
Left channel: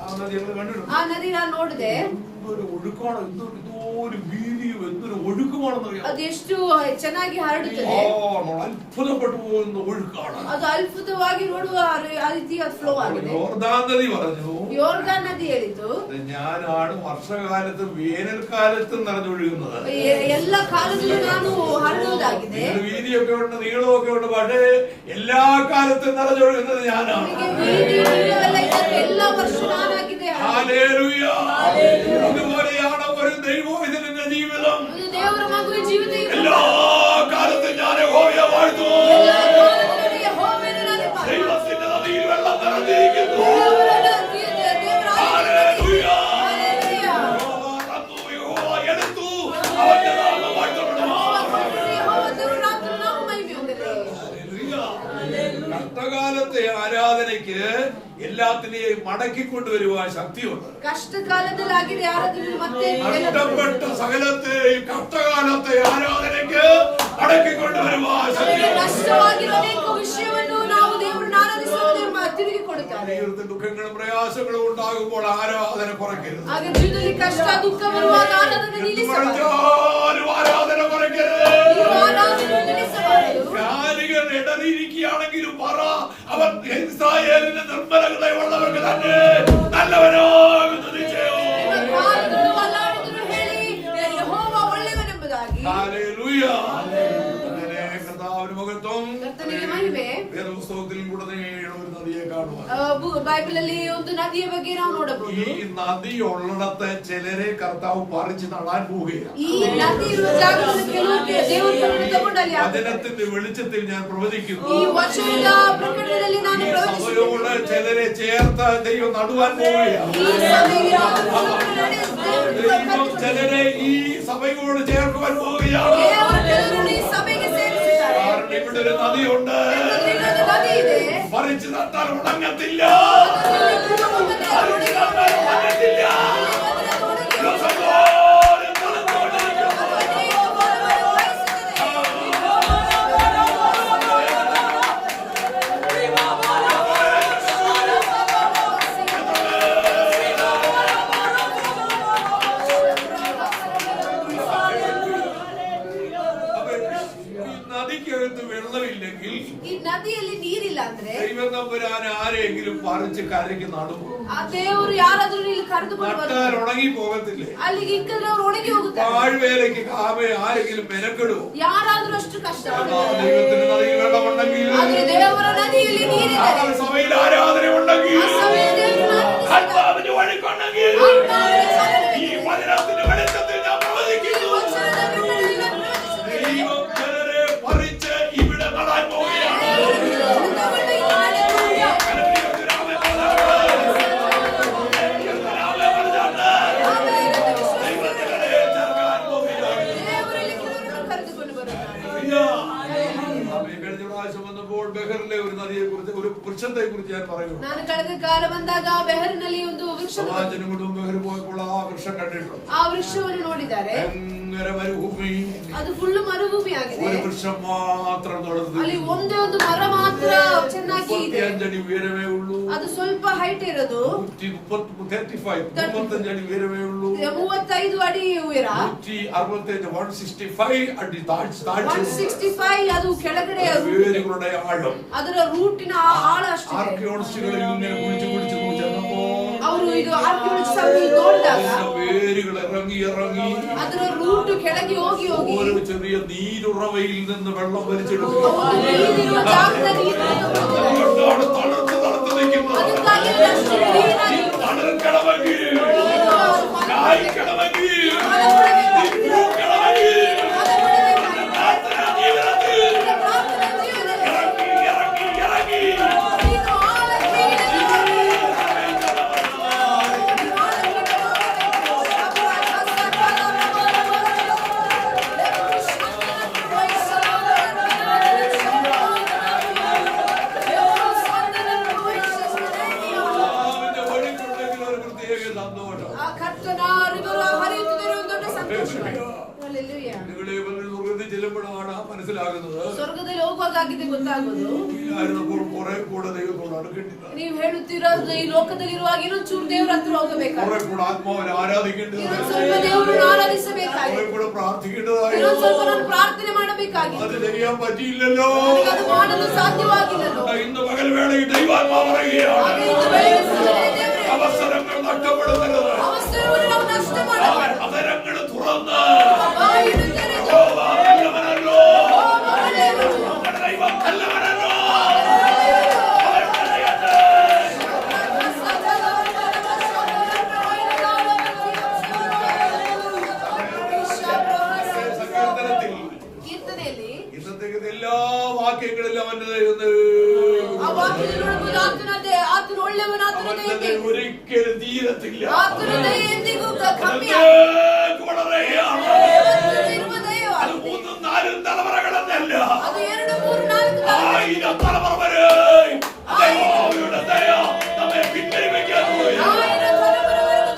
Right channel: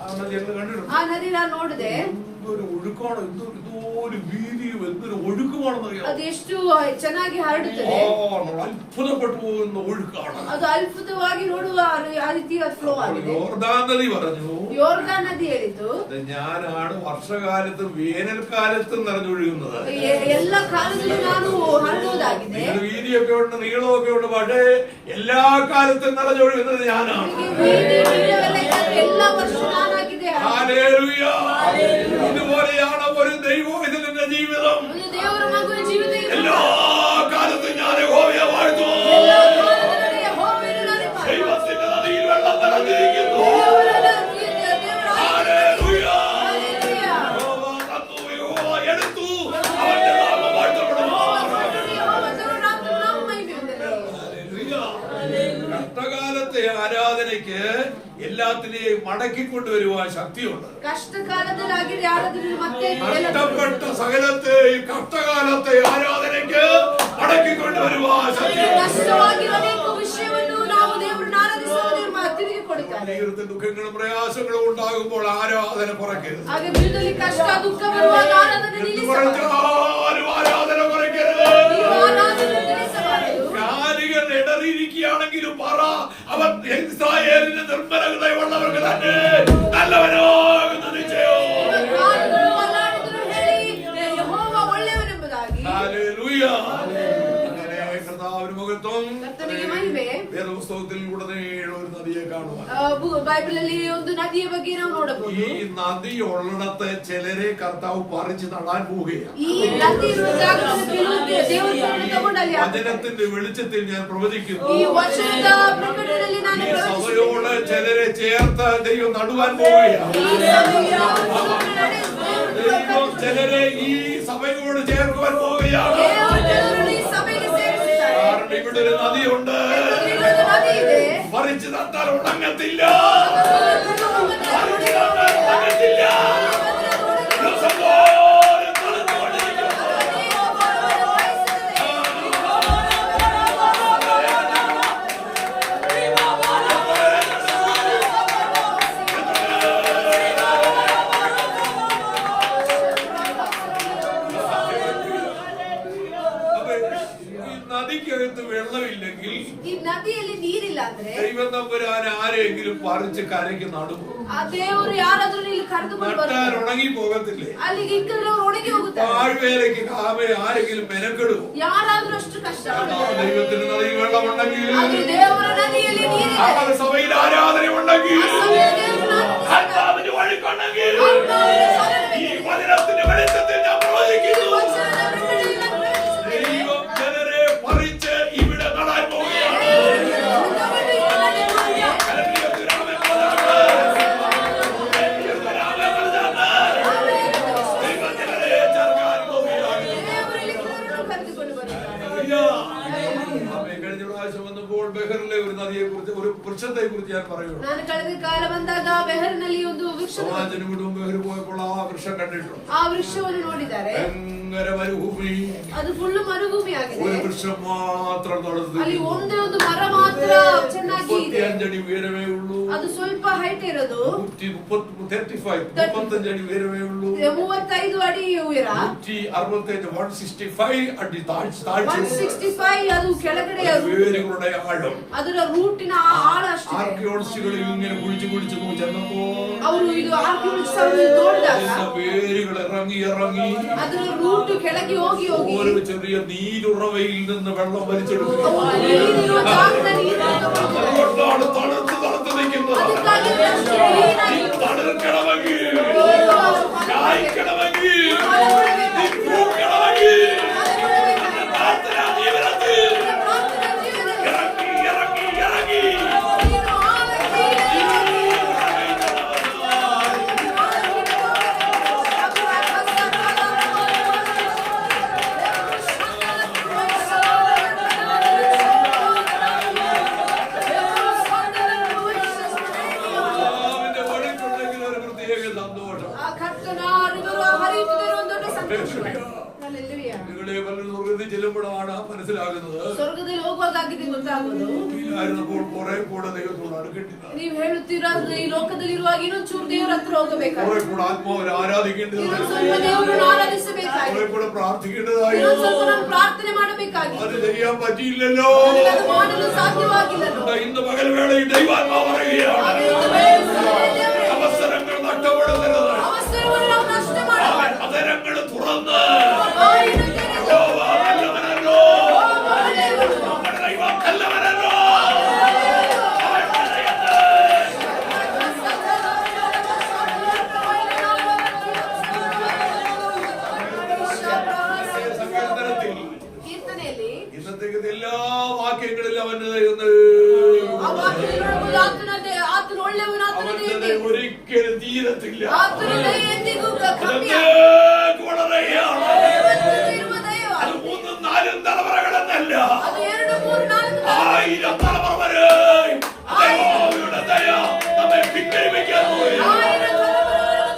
ആ നദി ഞങ്ങൾ കണ്ടിട്ടുണ്ട്. ಆ ನದಿ ನಾನು ನೋಡಿದೆ. എന്തൊരു ഒഴുക്കാണ്, എന്തോരു വീതിയും എന്തൊരു ഒഴുക്കുമാണെന്ന് അറിയാം. ಅದು ಎಷ್ಟು ಚೆನ್ನಾಗಿ ಹರಡುತ್ತದೆ. നമ്മൾ അത്ഭുതപ്പെട്ടു പോകുന്ന ഒഴുക്കാണ്. ಅದು ಅದ್ಭುತವಾಗಿ ನೋಡುವ ಆ ರೀತಿಯ ಫ್ಲೋ ಆಗಿದೆ. യോർദാൻ നദി പറഞ്ഞു, ಯೋರ್ದಾನ್ ನದಿ ಹೇಳಿದ್ದು, ഞാനാണ് വർഷകാലത്തും വേനൽക്കാലത്തും നിറഞ്ഞൊഴുകുന്നത്. ಎಲ್ಲ ಕಾಲದಲ್ಲೂ ನಾನು ಹರಡುವುದಾಗಿದೆ. നിങ്ങൾ വീതിയൊക്കെ ഉണ്ട്, നീളമൊക്കെ ഉണ്ട്, പക്ഷേ എല്ലാ കാലത്തും നിറഞ്ഞൊഴുകുന്നത് ഞാനാണ്. ಎಲ್ಲ ವರ್ಷ ನಾನಾಗಿದೆ. ഹല്ലേലൂയ. ഇതുപോലെയാണ് ഒരു ദൈവത്തിന്റെ ജീവിതം. ಇದು ದೇವರ ಮಗುವಿನ ಜೀವಿತ ಇದೆ. എല്ലാ കാലത്തും ഞാൻ യഹോവയെ വാഴ്ത്തുന്നു. ಎಲ್ಲ ಕಾಲದಲ್ಲೂ ಯೆಹೋವನ ನಾಮದಲ್ಲಿ ദൈവത്തിന്റെ നദിയിൽ വെള്ളം നിറഞ്ഞിരിക്കുന്നു. ದೇವರ ഹല്ലേലൂയ. ഹല്ലേലൂയ. യഹോവ തന്നു, യഹോവ എടുത്തു, അവന്റെ നാമം വാഴ്ത്തപ്പെടുമാറാകട്ടെ. ಯೆಹೋವನ ನಾಮ ಮಹಿಮೆ ಹೊಂದಲಿ. ഹല്ലേലൂയ. കഷ്ടകാലത്തെ ആരാധനയ്ക്ക് എല്ലാത്തിനെയും മടക്കിക്കൊണ്ടുവരുവാൻ ശക്തിയുണ്ട്. കഷ്ടകാലത്തിൽ ആകിയ ആരാധന ಮತ್ತೆ നഷ്ടപ്പെട്ട സകലത്തെയും കഷ്ടകാലത്തെ ആരാധനയ്ക്ക് മടക്കിക്കൊണ്ടുവരുവാൻ ശക്തിയുണ്ട്. നഷ്ടವಾಗಿರುವ ಅನೇಕ ವಿಷಯವನ್ನು ನಾವು ದೇವರನ್ನು ಆರಾಧಿಸುವುದನ್ನು ತಿರುಗಿ ಕೊಡುತ್ತಾರೆ. ജീവിതത്തിൽ ദുഃഖങ്ങളും പ്രയാസങ്ങളും ഉണ്ടാകുമ്പോൾ ആരാധന കുറയ്ക്കരുത്. ಹಾಗೆ ಜೀವಿತದಲ್ಲಿ ಕಷ್ಟ ದುಃಖ ಬರುವಾಗ ಆರಾಧನೆ എന്ന് ನಿಲ್ಲಿಸಬಾರದು. പറഞ്ഞാലും ആരാധന കുറയ്ക്കരുത്. ನೀವು ಆರಾಧನೆ ನಿಲ್ಲಿಸಬಾರದು. കാലുകൾ ഇടറിയിരിക്കുകയാണെങ്കിലും പറ, അവൻ ഇസ്രായേലിന്റെ നിർമ്മലതയുള്ളവർക്ക് തന്നെ നല്ലവനാകുന്ന നിശ്ചയം. ಕಾಲುಗಳು ಅಲ್ಲಾಡಿದರೂ ಹೇಳಿ ಯೆಹೋವ ಒಳ್ಳೆಯವನೆಂಬುದಾಗಿ. ഹല്ലേലൂയ. അങ്ങനെ കർത്താവിന് മഹത്വം. ಕರ್ತನಿಗೆ ಮಹಿಮೆ. വേദപുസ്തകത്തിൽ ഉടനീളം ഒരു നദിയെ കാണുവാൻ. ಬೈಬಲ್ ಅಲ್ಲಿ ಒಂದು ನದಿಯ ಬಗ್ಗೆ ನಾವು ನೋಡಬಹುದು. ഈ നദി ഉള്ളിടത്ത് ചിലരെ കർത്താവ് പറിച്ചു നടാൻ പോവുകയാണ്. ಈ ನದಿ ಇರುವ ಜಾಗದಲ್ಲಿ ಕೆಲವು ದೇವರು ತಗೊಂಡು ಅಲ್ಲಿ വചനത്തിന്റെ വെളിച്ചത്തിൽ ഞാൻ പ്രവചിക്കുന്നു. ಈ ವಚನದ ಪ್ರಕಟಣೆಯಲ್ಲಿ ನಾನು ഈ സഭയോട് ചിലരെ ചേർത്ത് ദൈവം നടുവാൻ പോവുകയാണ്. ദൈവം ചിലരെ ഈ സഭയോട് ചേർക്കുവാൻ പോവുകയാണ്. കാരണം ഇവിടെ ഒരു നദിയുണ്ട്. പറിച്ചു നട്ടാൽ ഉണങ്ങത്തില്ല. പറിച്ചു നട്ടാൽ ഉണങ്ങത്തില്ല. ദിവസം തോറും തണുത്തുകൊണ്ടിരിക്കുന്നു. ನದಿಯಲ್ಲಿ ನೀರಿಲ್ಲ ಅಂದ್ರೆ ദൈവം തമ്പുരാൻ ആരെങ്കിലും പറിച്ച് കരയ്ക്ക് നടുമോ? ಆ ದೇವರು ಯಾರಾದ್ರೂ ಇಲ್ಲಿ ಕರೆದುಕೊಂಡು നട്ടാൽ ഉണങ്ങി പോകത്തില്ലേ? ಅಲ್ಲಿಗೆ ಇಕ್ಕದ್ರೆ ಅವ್ರು ಒಣಗಿ ಹೋಗುತ್ತಾರೆ. പാഴ്വേലയ്ക്ക് ആരെങ്കിലും മെനക്കെടുമോ? ಯಾರಾದ್ರೂ ಅಷ್ಟು ಕಷ್ಟ. ദൈവത്തിന് നദിയിൽ വെള്ളമുണ്ടെങ്കിൽ, ಆದ್ರೆ ದೇವರ ನದಿಯಲ್ಲಿ ನೀರಿದೆ, സഭയിൽ ആരാധന ഉണ്ടെങ്കിൽ, ആത്മാവിന്റെ ഒഴുക്കുണ്ടെങ്കിൽ, ഈ വചനത്തിന്റെ വെളിച്ചത്തിൽ ഞാൻ പ്രവചിക്കുന്നു, ദൈവം ജനരെ പറിച്ച് ഇവിടെ നടാൻ പോവുകയാണ്. കഴിഞ്ഞ പ്രാവശ്യം വന്നപ്പോൾ ബെഹറിലെ ഒരു നദിയെ കുറിച്ച്, ഒരു വൃക്ഷത്തെ കുറിച്ച് ഞാൻ പറയുന്നു. ನಾನು ಕಳೆದ ಕಾಲ ಬಂದಾಗ ಬೆಹರಿನಲ್ಲಿ ಒಂದು ವೃಕ್ಷ, സമാജനും കുടുംബം ബെഹർ പോയപ്പോൾ ആ വൃക്ഷം കണ്ടിട്ടുണ്ട്. ಆ ವೃಕ್ಷವನ್ನು ನೋಡಿದ್ದಾರೆ. ഭയങ്കര മരുഭൂമി, ಅದು ಫುಲ್ ಮರುಭೂಮಿ ಆಗಿದೆ. ഒരു വൃക്ഷം മാത്രം നടന്നു. ಅಲ್ಲಿ ಒಂದೇ ಒಂದು ಮರ ಮಾತ್ರ ಚೆನ್ನಾಗಿ ಇದೆ. 35 അടി ഉയരമേ ഉള്ളൂ. ಅದು ಸ್ವಲ್ಪ ಹೈಟ್ ಇರೋದು. 35 അടി ഉയരമേ ഉള്ളൂ. 35 ಅಡಿ ಉಯರ. 165 ಅಡಿ താഴ്ച. 165 ಅದು ಕೆಳಗಡೆ വേരുകളുടെ ആഴം. ಅದರ ರೂಟಿನ ಆಳ ಅಷ್ಟೇ. ആർക്കിയോളജിസ്റ്റുകൾ ഇങ്ങനെ കുഴിച്ചു ചെന്നപ്പോൾ ಅವರು ಇದು ಆರ್ಕಿಯಾಲಜಿಸ್ಟ್ ಅವರು ನೋಡಿದಾಗ വേരുകൾ ഇറങ്ങി ಅದರ ರೂಟ್ ಕೆಳಗೆ ಹೋಗಿ ഒരു ചെറിയ നീരുറവയിൽ നിന്ന് വെള്ളം വലിച്ചെടുക്കുക. തണുത്ത് നിൽക്കുന്നത്. തണുക്കണമെങ്കിൽ, കായ്ക്കണമെങ്കിൽ, പൂക്കണമെങ്കിൽ പ്രാർത്ഥനാ ജീവിതത്തിൽ ഇറങ്ങി നിങ്ങളെ പലരും സ്വർഗത്തിൽ ചെല്ലുമ്പോഴാണ് മനസ്സിലാകുന്നത്. ಸ್ವರ್ಗದಲ್ಲಿ ಹೋಗುವಾಗಿದೆ ಗೊತ್ತಾಗೋದು. ഭൂമിയിലായിരുന്നപ്പോൾ കുറെ കൂടെ ദൈവത്തോട് അടുക്കേണ്ടില്ല. ನೀವು ಹೇಳುತ್ತೀರಾ ಈ ಲೋಕದಲ್ಲಿರುವಾಗ ಇನ್ನೊಂದು ಚೂರು ದೇವರ ಹತ್ರ ಹೋಗಬೇಕಾಗಿ, കുറെ കൂടെ ആത്മാവിനെ ആരാധിക്കേണ്ടതായി, ಸ್ವಲ್ಪ ದೇವರನ್ನು ಆರಾಧಿಸಬೇಕಾಗಿ, കുറെ കൂടെ പ്രാർത്ഥിക്കേണ്ടതായി. ಸ್ವಲ್ಪ ನಾವು ಪ್ರಾರ್ಥನೆ ಮಾಡಬೇಕಾಗಿ. അത് ചെയ്യാൻ പറ്റിയില്ലല്ലോ. ಅದು ಮಾಡಲು സാധ്യವಾಗಿല്ലല്ലോ. ഇന്ന് പകൽവേളയിൽ ദൈവാത്മാവ് പറയുകയാണ്, അവസരങ്ങൾ നഷ്ടപ്പെടുത്തരുത്. ಅವಸರವನ್ನು ನಾವು ನಷ್ಟ ಮಾಡಬಾರದು. അവസരങ്ങൾ തുറന്ന് ಬಾಯನ್ನು ತೆರೆದು യഹോവ നല്ലവനല്ലോ, നമ്മുടെ ദൈവം നല്ലവനല്ലോ, അവന്റെ ദയത്തെ സങ്കീർത്തനത്തിൽ ಕೀರ್ತನೆಯಲ್ಲಿ ഇന്നത്തേക്ക് എല്ലാ വാക്യങ്ങളിലും അവന്റെ ദയ ಆ ವಾಕ್ಯದೊಳಗೆ ಆತನು ಒಳ್ಳೆಯವನು, ಆತನ അവന്റെ ದಯೆ ദയ ഒരിക്കലും തീരത്തില്ല. ಆತನ ದಯೆ ಎಂದಿಗೂ ಕಮ್ಮಿ അതൊക്കെ വളരെയാണ്. ಇರುವ ದಯವ. അത് 3-4 തലമുറകളെന്നല്ല, ಅದು 2, 3, 4 1000 തലമുറ വരെ ദൈവത്തിന്റെ ദയ നമ്മെ പിൻവലിക്കാൻ പോവുകയാണ്.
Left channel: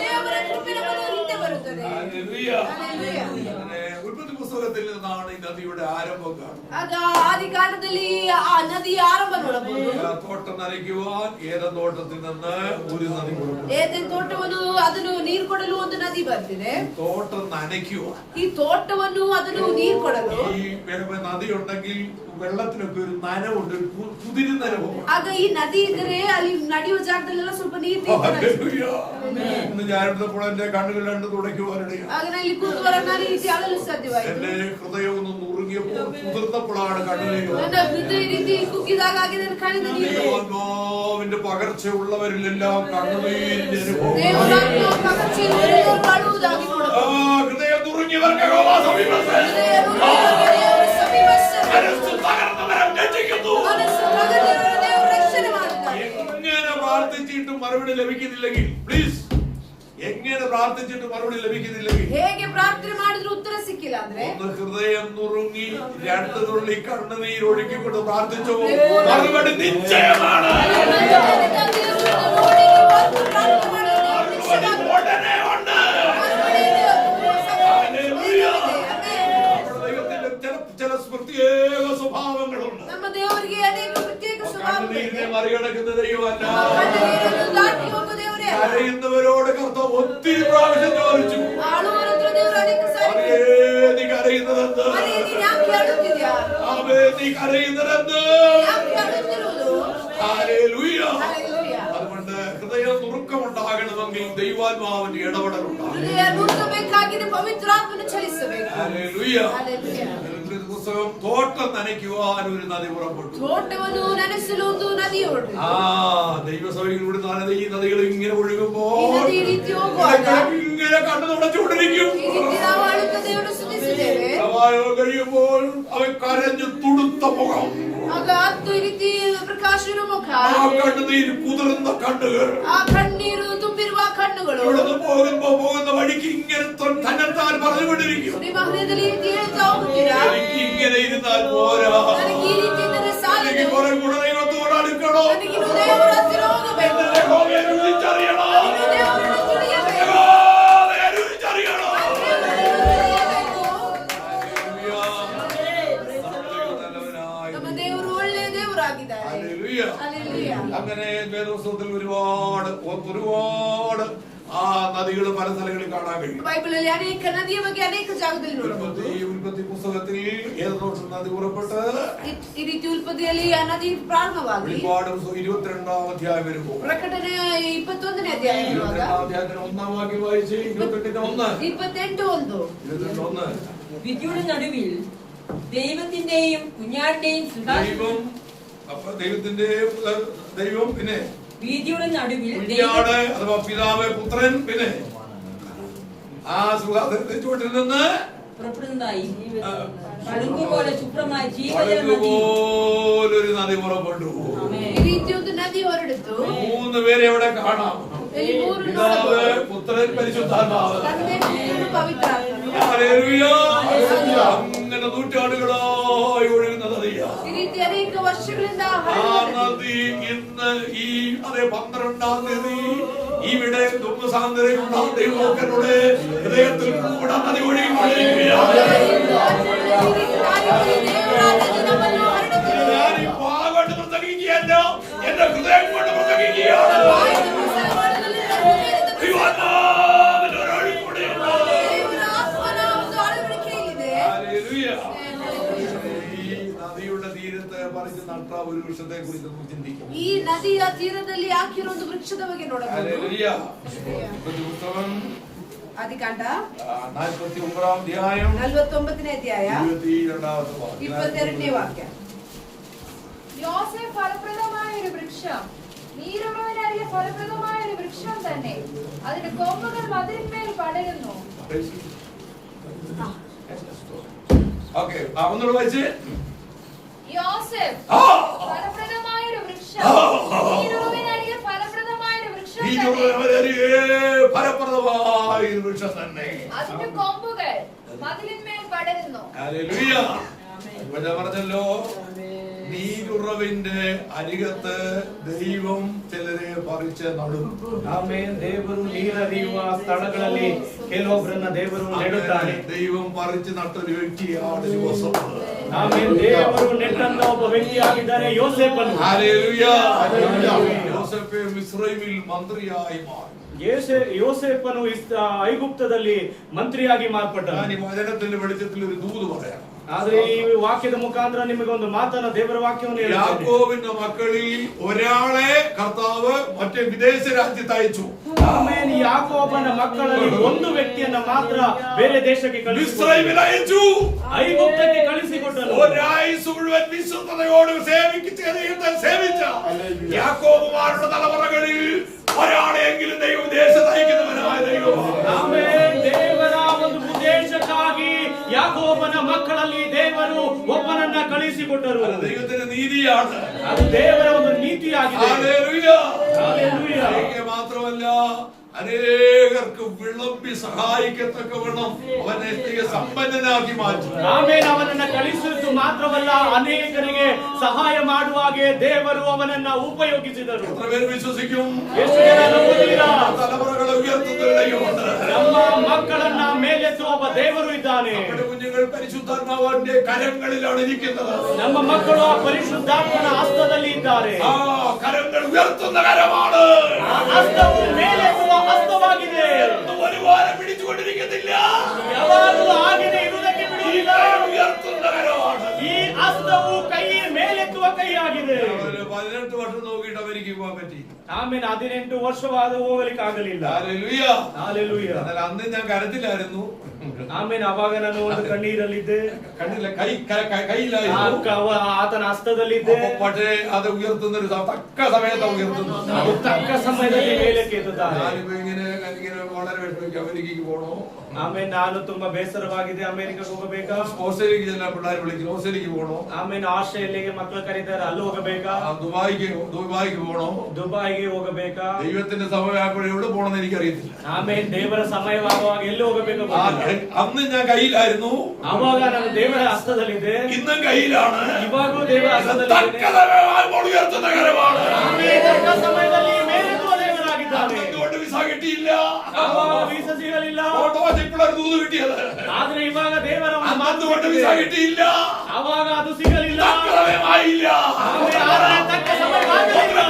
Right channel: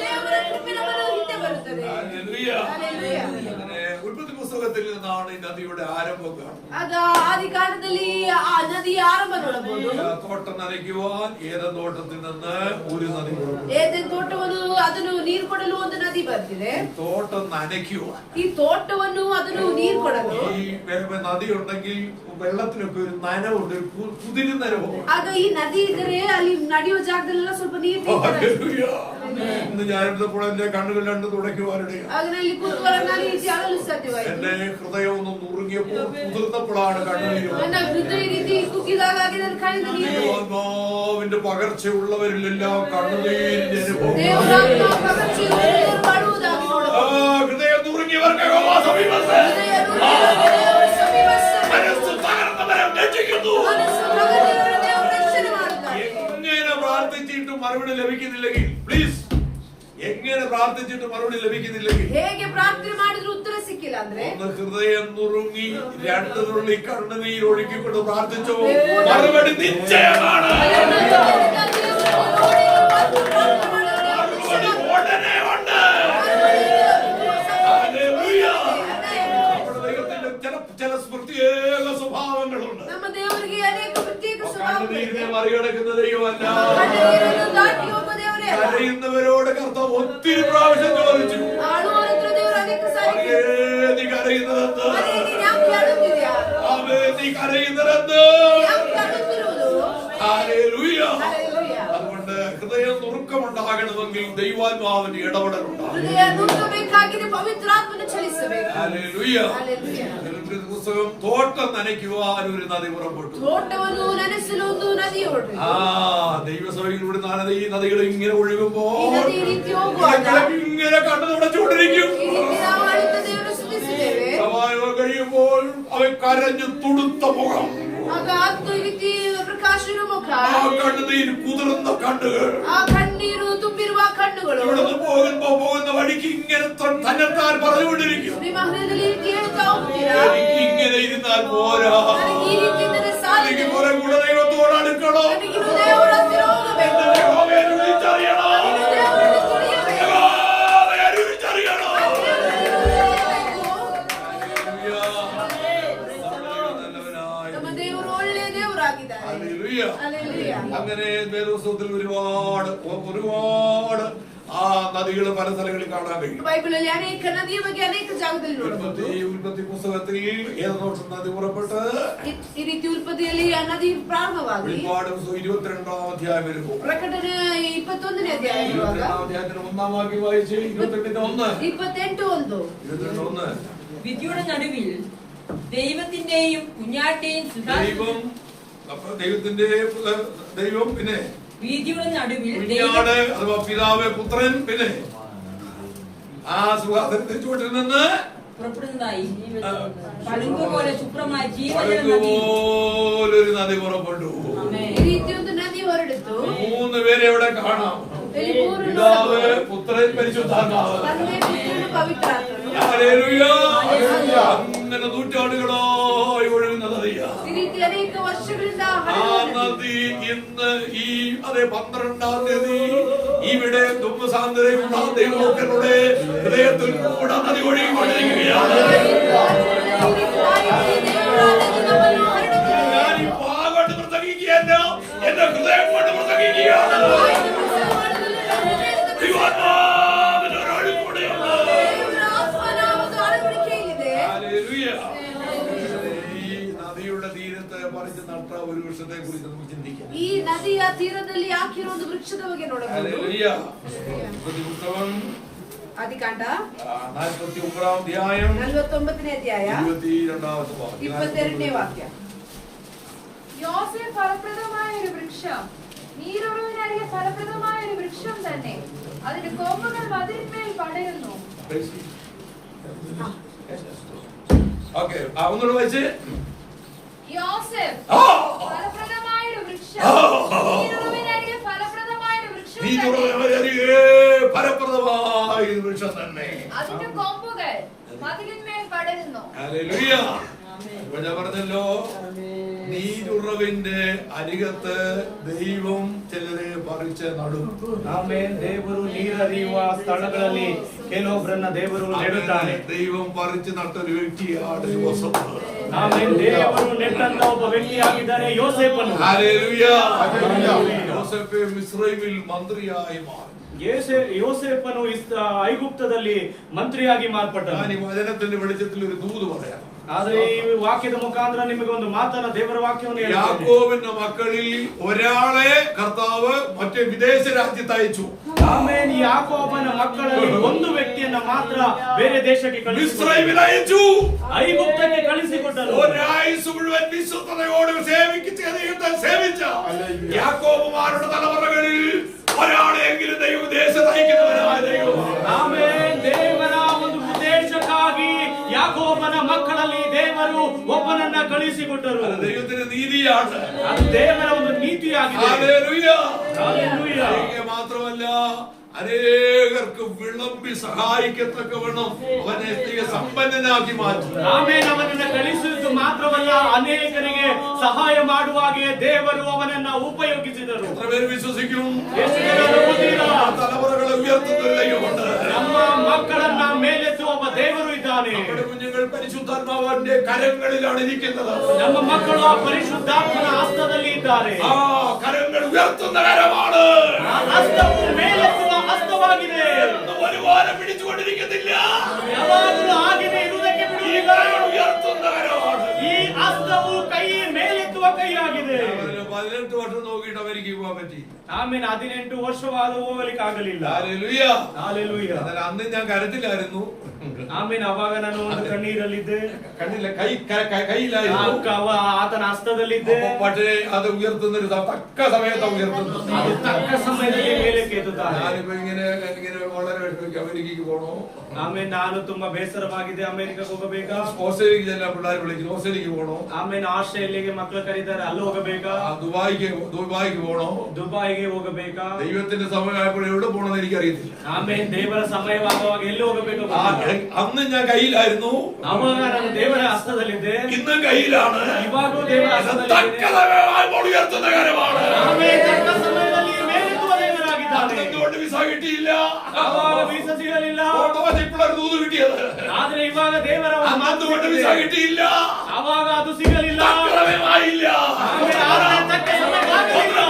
ದೇವರ ಕೃಪೆ ನಮ್ಮನ್ನು ಹಿಂದೆ ಬರುತ್ತದೆ. ഹല്ലേലൂയ. അങ്ങനെ ഉൽപ്പത്തി പുസ്തകത്തിൽ നിന്നാണ് ഈ നദിയുടെ ആരംഭം കാണുന്നത്. ಆಗ ಆದಿ ಕಾಲದಲ್ಲಿ ಆ ನದಿಯ ಆರಂಭ ನೋಡಬಹುದು. തോട്ടം നനയ്ക്കുവാൻ ഏദൻ തോട്ടത്തിൽ നിന്ന് ഒരു നദി കൊടുക്കും. ಏದೆನ್ ತೋಟವನ್ನು ಅದನ್ನು ನೀರು ಕೊಡಲು ಒಂದು ನದಿ ಬರ್ತಿದೆ. തോട്ടം നനയ്ക്കുവാൻ ಈ ತೋಟವನ್ನು ಅದನ್ನು ನೀರು ಕೊಡಲು ഈ നദി ഉണ്ടെങ്കിൽ വെള്ളത്തിനൊക്കെ ഒരു നനവുണ്ട്, കുതിരുന്ന അനുഭവം. ಆಗ ಈ ನದಿ ಇದ್ದರೆ ಅಲ್ಲಿ ನಡೆಯುವ ಜಾಗದಲ್ಲೆಲ್ಲ ಸ್ವಲ್ಪ ನೀರು ഇന്ന് ഞാനിരുന്നപ്പോൾ എന്റെ കണ്ണുകൾ രണ്ട് തുടയ്ക്കുവാനിടയാണ്. ಆಗ ನಾನು ಇಲ್ಲಿ ಕೂತ್ಕೊಳ್ಳೋಕೆ ನಾನು ಈ ಜಾಗದಲ್ಲಿ ಸಾಧ್ಯವಾಯಿತು. എന്റെ ഹൃദയം ഒന്ന് നുറുങ്ങിയപ്പോൾ കുതിർത്തപ്പോഴാണ് കണ്ണുനീര്. ನನ್ನ ಹೃದಯ ರೀತಿ ಕುಗ್ಗಿದಾಗ ಆಗಿದೆ ನನ್ನ ಕಣ್ಣಿನ ನೀರು. ദൈവാത്മാവിന്റെ പകർച്ചയുള്ളവരിലെല്ലാം കണ്ണുനീരിന്റെ അനുഭവം. ದೇವರಾತ್ಮ ಪಗರ್ಚಿಯುಳ್ಳವರು ಮಾಡುವುದಾಗಿ ನೋಡಬಹುದು. ഹൃദയം നുറുങ്ങിയവർക്ക് യഹോവ സമീപസ്ഥൻ. ದೇವರ ಸಮೀಪಸ್ಥರು. മനസ്സ് തകർന്നവരെ രക്ഷിക്കുന്നു. ಮನಸ್ಸು ತಗಲಿರುವವರ ದೇವರು ರಕ್ಷಣೆ ಮಾಡುತ್ತಾರೆ. എങ്ങനെ പ്രാർത്ഥിച്ചിട്ടും മറുപടി ലഭിക്കുന്നില്ലെങ്കിൽ, പ്ലീസ്, എങ്ങനെ പ്രാർത്ഥിച്ചിട്ടും മറുപടി ലഭിക്കുന്നില്ലെങ്കിൽ, ಹೇಗೆ ಪ್ರಾರ್ಥನೆ ಮಾಡಿದ್ರು ಉತ್ತರ ಸಿಕ್ಕಿಲ್ಲ ಅಂದ್ರೆ, ഒന്ന് ഹൃദയം നുറുങ്ങി 2 തുള്ളി കണ്ണുനീർ ഒഴുക്കിക്കൊണ്ട് പ്രാർത്ഥിച്ചോ, മറുപടി നിശ്ചയമാണ്. മറുപടി ഉടനെ ഉണ്ട്. ഹല്ലേലൂയ. നമ്മുടെ ദൈവത്തിന്റെ ചില പ്രത്യേക സ്വഭാവങ്ങളുണ്ട്. ನಮ್ಮ ದೇವರಿಗೆ ಅನೇಕ ಪ್ರತ್ಯೇಕ കണ്ണുനീരിനെ ಸ್ವಭಾವಗಳಿವೆ. മറികടക്കുന്ന ദൈവമല്ല. ಕಣ್ಣೀರನ್ನು ದಾಟಿ ಹೋಗುವ ದೇವರೇ. കരയുന്നവരോട് കർത്താവ് ഒത്തിരി പ്രാവശ്യം ചോദിച്ചു, ಆಳುವವರ ಹತ್ರ ದೇವರು ಅನೇಕ ಸಾರಿ മറിയേ, നീ കരയുന്നതെന്ത്? ನೀನು ಯಾಕೆ ಅಳುತ್ತಿದ್ಯಾ? ആവേ, നീ കരയുന്നതെന്ത്? ಯಾಕೆ ಅಳುತ್ತಿದ್ಯಾ? ആകണമെങ്കിൽ ദൈവാത്മാവിന്റെ ഇടപെടലുണ്ടാകും. ಹೃದಯ ನುಗ್ಗಬೇಕಾಗಿದೆ, ಪವಿತ್ರಾತ್ಮನ ಚಲಿಸಬೇಕು. ഹല്ലേലൂയ. അതിലൊരു പുസ്തകം തോട്ടം നനയ്ക്കുവാൻ ഒരു നദി പുറപ്പെട്ടു. ತೋಟವನ್ನು ನೆನೆಸಲು ಒಂದು ನದಿ ಹೊರಟು. ദൈവസഭയിലൂടെ ഈ നദികൾ ഇങ്ങനെ ഒഴുകുമ്പോൾ ಈ ನದಿ ಈ ರೀತಿ ಹೋಗುವಾಗ ഇങ്ങനെ കണ്ണു തുടച്ചുകൊണ്ടിരിക്കും. ಈ ರೀತಿ ನಾವು ಆಳುತ್ತಾ ದೇವರನ್ನು ಸ್ತುತಿಸುತ್ತೇವೆ. സഭായോഗം കഴിയുമ്പോൾ അവൻ കരഞ്ഞു തുടുത്ത മുഖം, ಆಗ ಹತ್ತು ಈ ರೀತಿ ಪ್ರಕಾಶನ ಮುಖ, ആ കണ്ണുനീര് കുതിർന്ന കണ്ണുകൾ, ಆ ಕಣ್ಣೀರು ತುಂಬಿರುವ ಕಣ್ಣುಗಳು ഇവിടുന്ന് പോകുന്ന വഴിക്ക് ഇങ്ങനെ തന്നെത്താൻ പറഞ്ഞുകൊണ്ടിരിക്കും. ನಿಮ್ಮ ಹೃದಯದಲ್ಲಿ ಈ ರೀತಿ ಹೇಳ್ತಾ ಹೋಗ್ತೀರಾ, എനിക്ക് ഇങ്ങനെ ഇരുന്നാൽ പോരാ, ನನಗೆ ಈ ರೀತಿ ಇದ್ದರೆ ಸಾಲದು, എനിക്ക് കുറെ കൂടെ ദൈവത്തോട് അടുക്കണം, ನನಗಿನ್ನು ದೇವರ ಹತ್ತಿರ ಹೋಗಬೇಕು, എന്റെ യഹോവയെ രുചിച്ചറിയണം, ಇನ್ನು ದೇವರನ್ನು ತಿಳಿಯಬೇಕು, യഹോവയെ രുചിച്ചറിയണം. ತಿಳಿಯಬೇಕು. ഹല്ലേലൂയ. നമ്മുടെ ദൈവം നല്ലവനായ ನಮ್ಮ ದೇವರು ಒಳ್ಳೆಯ ದೇವರಾಗಿದ್ದಾರೆ. ഹല്ലേലൂയ. ഹല്ലേലൂയ. അങ്ങനെ വേദപുസ്തകത്തിൽ ഒരുപാട് ആ നദികൾ പല സ്ഥലങ്ങളിൽ കാണാൻ കഴിയും. ബൈബിളിലെ അനേക നദിಯ ಬಗ್ಗೆ ಅನೇಕ ಜಾಗದಲ್ಲಿ ನೋಡಬಹುದು. ഉൽപ്പത്തി പുസ്തകത്തിൽ ഏതൊരു നദി പുറപ്പെട്ട് ಈ ರೀತಿ ಉಲ್ಪತ್ತಿಯಲ್ಲಿ ಆ ನದಿ ಪ್ರಾರಂಭವಾಗಿ വെളിപ്പാട് 22-ാം അധ്യായം വരുമ്പോൾ ಪ್ರಕಟಣೆ 21ನೇ ಅಧ್ಯಾಯ 22-ാം അധ്യായത്തിന് 1-ാം വാക്യം വായിച്ച് 28-1 28:1 വിധിയുടെ നടുവിൽ ദൈവത്തിന്റെയും കുഞ്ഞാട്ടിന്റെയും ദൈവം, അപ്പൊ ദൈവം പിന്നെ വീതിയുടെ നടുവിൽ കുഞ്ഞാട് അഥവാ പിതാവ് പുത്രൻ പിന്നെ ആ സുഖാസനത്തിന്റെ ചുവട്ടിൽ നിന്ന് പുറപ്പെടുന്നതായി പളുങ്കുപോലെ ശുഭ്രമായ പളുങ്കുപോലൊരു നദി പുറപ്പെട്ടു. ಈ ರೀತಿ ಒಂದು ನದಿ ಹೊರಡಿತು. 3 പേരെ ഇവിടെ കാണാം, പിതാവ് പുത്രൻ പരിശുദ്ധാത്മാവ്. ತಂದೆ ಪುತ್ರನು ಪವಿತ್ರಾತ್ಮ. ഹല്ലേലൂയ. അങ്ങനെ നൂറ്റാണ്ടുകളായി ഒഴുകുന്ന നദിയാ. ಈ ರೀತಿ ಅನೇಕ ವರ್ಷಗಳಿಂದ ആ നദി ഇന്ന് ഈ 12-ാം തീയതി ഇവിടെ ദുഃഖസാന്ദ്രയുള്ള ദൈവമക്കളുടെ ഹൃദയത്തിൽ കൂടെ നദി ഒഴുകിക്കൊണ്ടിരിക്കുകയാണ്. ഞാൻ ഈ വാഗോട്ട് പ്രസംഗിക്കുകയല്ല, എന്റെ ഹൃദയം കൊണ്ട് പ്രസംഗിക്കുകയാണ്. ദൈവാത്മാവിന്റെ ഒരൊഴുക്ക് കൂടെയുണ്ട്. ഹല്ലേലൂയ. ഈ നദിയുടെ തീരത്ത് പറിച്ച് നട്ട ഒരു വൃക്ഷത്തെ കുറിച്ച് നമുക്ക് ചിന്തിക്കാം. ಈ ನದಿಯ ತೀರದಲ್ಲಿ ಹಾಕಿರೋ ಒಂದು ವೃಕ್ಷದ ಬಗ್ಗೆ ನೋಡಬಹುದು. ഹല്ലേലൂയ. പുസ്തകം ಆದಿಕಾಂಡ 49-ാം അധ്യായം 49ನೇ ಅಧ್ಯಾಯ 22-ാമത്തെ വാക്യം. 22ನೇ ವಾಕ್ಯ. യോസേഫ് ഫലപ്രദമായ ഒരു വൃക്ഷം, നീരുറവിനരികെ ഫലപ്രദമായ ഒരു വൃക്ഷം തന്നെ. അതിന്റെ കൊമ്പുകൾ മതിലിന്മേൽ പടരുന്നു. ഓക്കേ, ഒന്നുകൂടെ വായിച്ച്. യോസേഫ് ഫലപ്രദമായ ഒരു വൃക്ഷം, നീരുറവിനരികെ ഫലപ്രദമായ ഒരു വൃക്ഷം തന്നെ. ഫലപ്രദമായ ഒരു വൃക്ഷം തന്നെ. അതിന്റെ കൊമ്പുകൾ മതിലിന്മേൽ പടരുന്നു. ഹല്ലേലൂയ. ഇവിടെ പറഞ്ഞല്ലോ, ನೀರುರವಿಂದೆ ಅರಿಗತ್ತ ದೈವಂ ಚಿಲರೆ ಪರಿಚ ನಡು. ಆಮೆನ್. ದೇವರು ನೀರರಿಯುವ ಸ್ಥಳಗಳಲ್ಲಿ ಕೆಲವೊಬ್ಬರನ್ನ ದೇವರು ನೆಡುತ್ತಾನೆ. ದೈವಂ ಪರಿಚ ನಟ್ಟೊരു ವ್ಯಕ್ತಿയാണ് യോസേഫ്. ಆಮೆನ್. ದೇವರು ನೆಟ್ಟಂತ ಒಬ್ಬ ವ್ಯಕ್ತಿಯಾಗಿದ್ದಾನೆ ಯೋಸೇಫನು. ഹല്ലേലൂയ. യോസേഫ് മിസ്രൈമിൽ മന്ത്രിയായി മാറി. യോസೇಫನು ಐಗುಪ್ತದಲ್ಲಿ ಮಂತ್ರಿಯಾಗಿ ಮಾರ್ಪಟ್ಟ. ഞാൻ ഈ വചനത്തിന്റെ വെളിച്ചത്തിൽ ഒരു ദൂത് പറയാം. ಆದ್ರೆ ಈ ವಾಕ್ಯದ ಮುಖಾಂತರ ನಿಮಗೆ ಒಂದು ಮಾತನ್ನ ದೇವರ ವಾಕ್ಯವನ್ನು ಹೇಳ್ತೇನೆ. യാക്കോബിന്റെ മക്കളിൽ ഒരാളെ കർത്താവ് മറ്റേ വിദേശ രാജ്യത്ത് അയച്ചു. ಆಮೇಲೆ ಯಾಕೋಬನ ಮಕ್ಕಳಲ್ಲಿ ಒಂದು ವ್ಯಕ್ತಿಯನ್ನ ಮಾತ್ರ ಬೇರೆ ದೇಶಕ್ಕೆ മിസ്രൈമിൽ അയച്ചു. ಐಗುಪ್ತಕ್ಕೆ ಕಳಿಸಿಕೊಟ್ಟನು. ഒരായുസ് മുഴുവൻ വിശുദ്ധതയോട് സേവിച്ച യാക്കോബുമാരുടെ തലമുറകളിൽ ഒരാളെങ്കിലും ദൈവം ദേശത്ത് അയക്കുന്നവനായ ദൈവമാണ്. ಆಮೇಲೆ ದೇವರ ಒಂದು ಉದ್ದೇಶಕ್ಕಾಗಿ ಯಾಕೋಬನ ಮಕ್ಕಳಲ್ಲಿ ದೇವರು ಒಬ್ಬನನ್ನ ಕಳಿಸಿಕೊಟ್ಟರು. അത് ദൈവത്തിന്റെ നീതിയാണ്. ಅದು ದೇವರ ಒಂದು ನೀತಿಯಾಗಿದೆ. ഹല്ലേലൂയ. ഹല്ലേലൂയ. മാത്രമല്ല, അനേകർക്ക് വിളമ്പി സഹായിക്കത്തക്കവണ്ണം അവനെ സമ്പന്നനാക്കി മാറ്റി. ಆಮೇಲೆ ಅವನನ್ನ ಕಳಿಸಿದ್ದು ಮಾತ್ರವಲ್ಲ, ಅನೇಕರಿಗೆ ಸಹಾಯ ಮಾಡುವಾಗೆ ದೇವರು ಅವನನ್ನ ಉಪಯೋಗಿಸಿದರು. എത്ര പേര് വിശ്വസിക്കും? ಎಷ್ಟು ಜನ ನಂಬುತ್ತೀರಾ? തലമുറകളെ ഉയർത്തുന്ന ദൈവമുണ്ട്. ನಮ್ಮ ಮಕ್ಕಳನ್ನ ಮೇಲೆತ್ತುವ ಒಬ್ಬ ದೇವರು ಇದ್ದಾನೆ. നമ്മുടെ കുഞ്ഞുങ്ങൾ പരിശുദ്ധാത്മാവിന്റെ കരങ്ങളിലാണ് ഇരിക്കുന്നത്. ನಮ್ಮ ಮಕ್ಕಳು ಆ ಪರಿಶುದ್ಧಾತ್ಮನ ಹಸ್ತದಲ್ಲಿ ಇದ್ದಾರೆ. ആ കരങ്ങൾ ഉയർത്തുന്ന കരമാണ്. ಆ ಹಸ್ತವು ಮೇಲೆತ್ತುವ ಹಸ್ತವಾಗಿದೆ. ഒരു വാരം പിടിച്ചുകൊണ്ടിരിക്കുന്നില്ല. ಯಾವಾಗಲೂ ಹಾಗೆಯೇ ಇರುವುದಕ್ಕೆ ಬಿಡುವುದಿಲ್ಲ. ഉയർത്തുന്ന കരമാണ്. ಈ ಹಸ್ತವು ಕೈ ಮೇಲೆತ್ತುವ ಕೈಯಾಗಿದೆ. 18 ವರ್ಷ ನೋಗಿಟ್ಟು ಅಮೆರಿಕಗೆ ಹೋಗಕ್ಕೆ പറ്റിയില്ല. ಆಮೇಲೆ 18 ವರ್ಷವಾದ ಹೋಗಲಿಕ್ಕೆ ಆಗಲಿಲ್ಲ. ഹല്ലേലൂയ. ಹಾಲೆಲೂಯ. എന്നാൽ അന്ന് ഞാൻ കരത്തിലായിരുന്നു. ಆಮೇಲೆ ಅವಾಗ ನಾನು ಒಂದು ಕಣ್ಣೀರಲ್ಲಿದ್ದೆ. കണ്ണില്ല, കൈയിലായിരുന്നു. ಆತನ ಹಸ್ತದಲ್ಲಿದ್ದೆ. പക്ഷേ അത് ഉയർത്തുന്ന ഒരു തക്ക സമയത്ത് ഉയർത്തുന്നു. ಅದು ತಕ್ಕ ಸಮಯದಲ್ಲಿ ಮೇಲಕ್ಕೆ ಎತ್ತುತ್ತಾನೆ. ഞാനിപ്പോ ഇങ്ങനെ വളരെ വിഷമിക്കും, അമേരിക്കക്ക് പോകണോ. ಆಮೇಲೆ ನಾನು ತುಂಬಾ ಬೇಸರವಾಗಿದೆ, ಅಮೆರಿಕಕ್ಕೆ ಹೋಗಬೇಕಾ, ഓസ്ട്രേലിയക്ക് ചെല്ലാൻ പിള്ളേർ വിളിക്കുന്നു, ഓസ്ട്രേലിയക്ക് പോകണോ. ಆಮೇಲೆ ಆಸ್ಟ್ರೇಲಿಯಾಗೆ ಮಕ್ಕಳು ಕರೀತಾರೆ, ಅಲ್ಲಿ ಹೋಗಬೇಕಾ, ദുബായിക്ക് പോകണോ, ದುಬೈಗೆ ಹೋಗಬೇಕಾ. ദൈവത്തിന്റെ സമയമായപ്പോൾ എവിടെ പോകണമെന്ന് എനിക്ക് അറിയത്തില്ല. ಆಮೇಲೆ ದೇವರ ಸಮಯವಾಗುವಾಗ ಎಲ್ಲಿ ಹೋಗಬೇಕು. അന്ന് ഞാൻ കയ്യിലായിരുന്നു, ಅವಾಗ ನಾನು ದೇವರ ಹಸ್ತದಲ್ಲಿದ್ದೆ. ഇന്നും കയ്യിലാണ്. ಇವಾಗೂ ದೇವರ ಹಸ್ತದಲ್ಲಿದೆ. തക്ക സമയമായപ്പോൾ ഉയർത്തുന്ന കാര്യമാണ്. ಆಮೇಲೆ ತಕ್ಕ ಸಮಯದಲ್ಲಿ ಮೇಲೆತ್ತುವ ದೇವರಾಗಿದ್ದಾನೆ. എന്തുകൊണ്ട് വിസ കിട്ടിയില്ല? ಅವಾಗ ವೀಸಾ ಸಿಗಲಿಲ್ಲ. ഇപ്പോഴാണ് ദൂത് കിട്ടിയത്. ಆದ್ರೆ ಇವಾಗ ದೇವರ ಒಂದು ಮಾತು എന്തുകൊണ്ട് വിസ കിട്ടിയില്ല? ಅವಾಗ ಅದು ಸಿಗಲಿಲ್ಲ. തക്ക സമയമായില്ല. ಆಮೇಲೆ ಆತನ ತಕ್ಕ ಸಮಯವಾಗಲಿಲ್ಲ.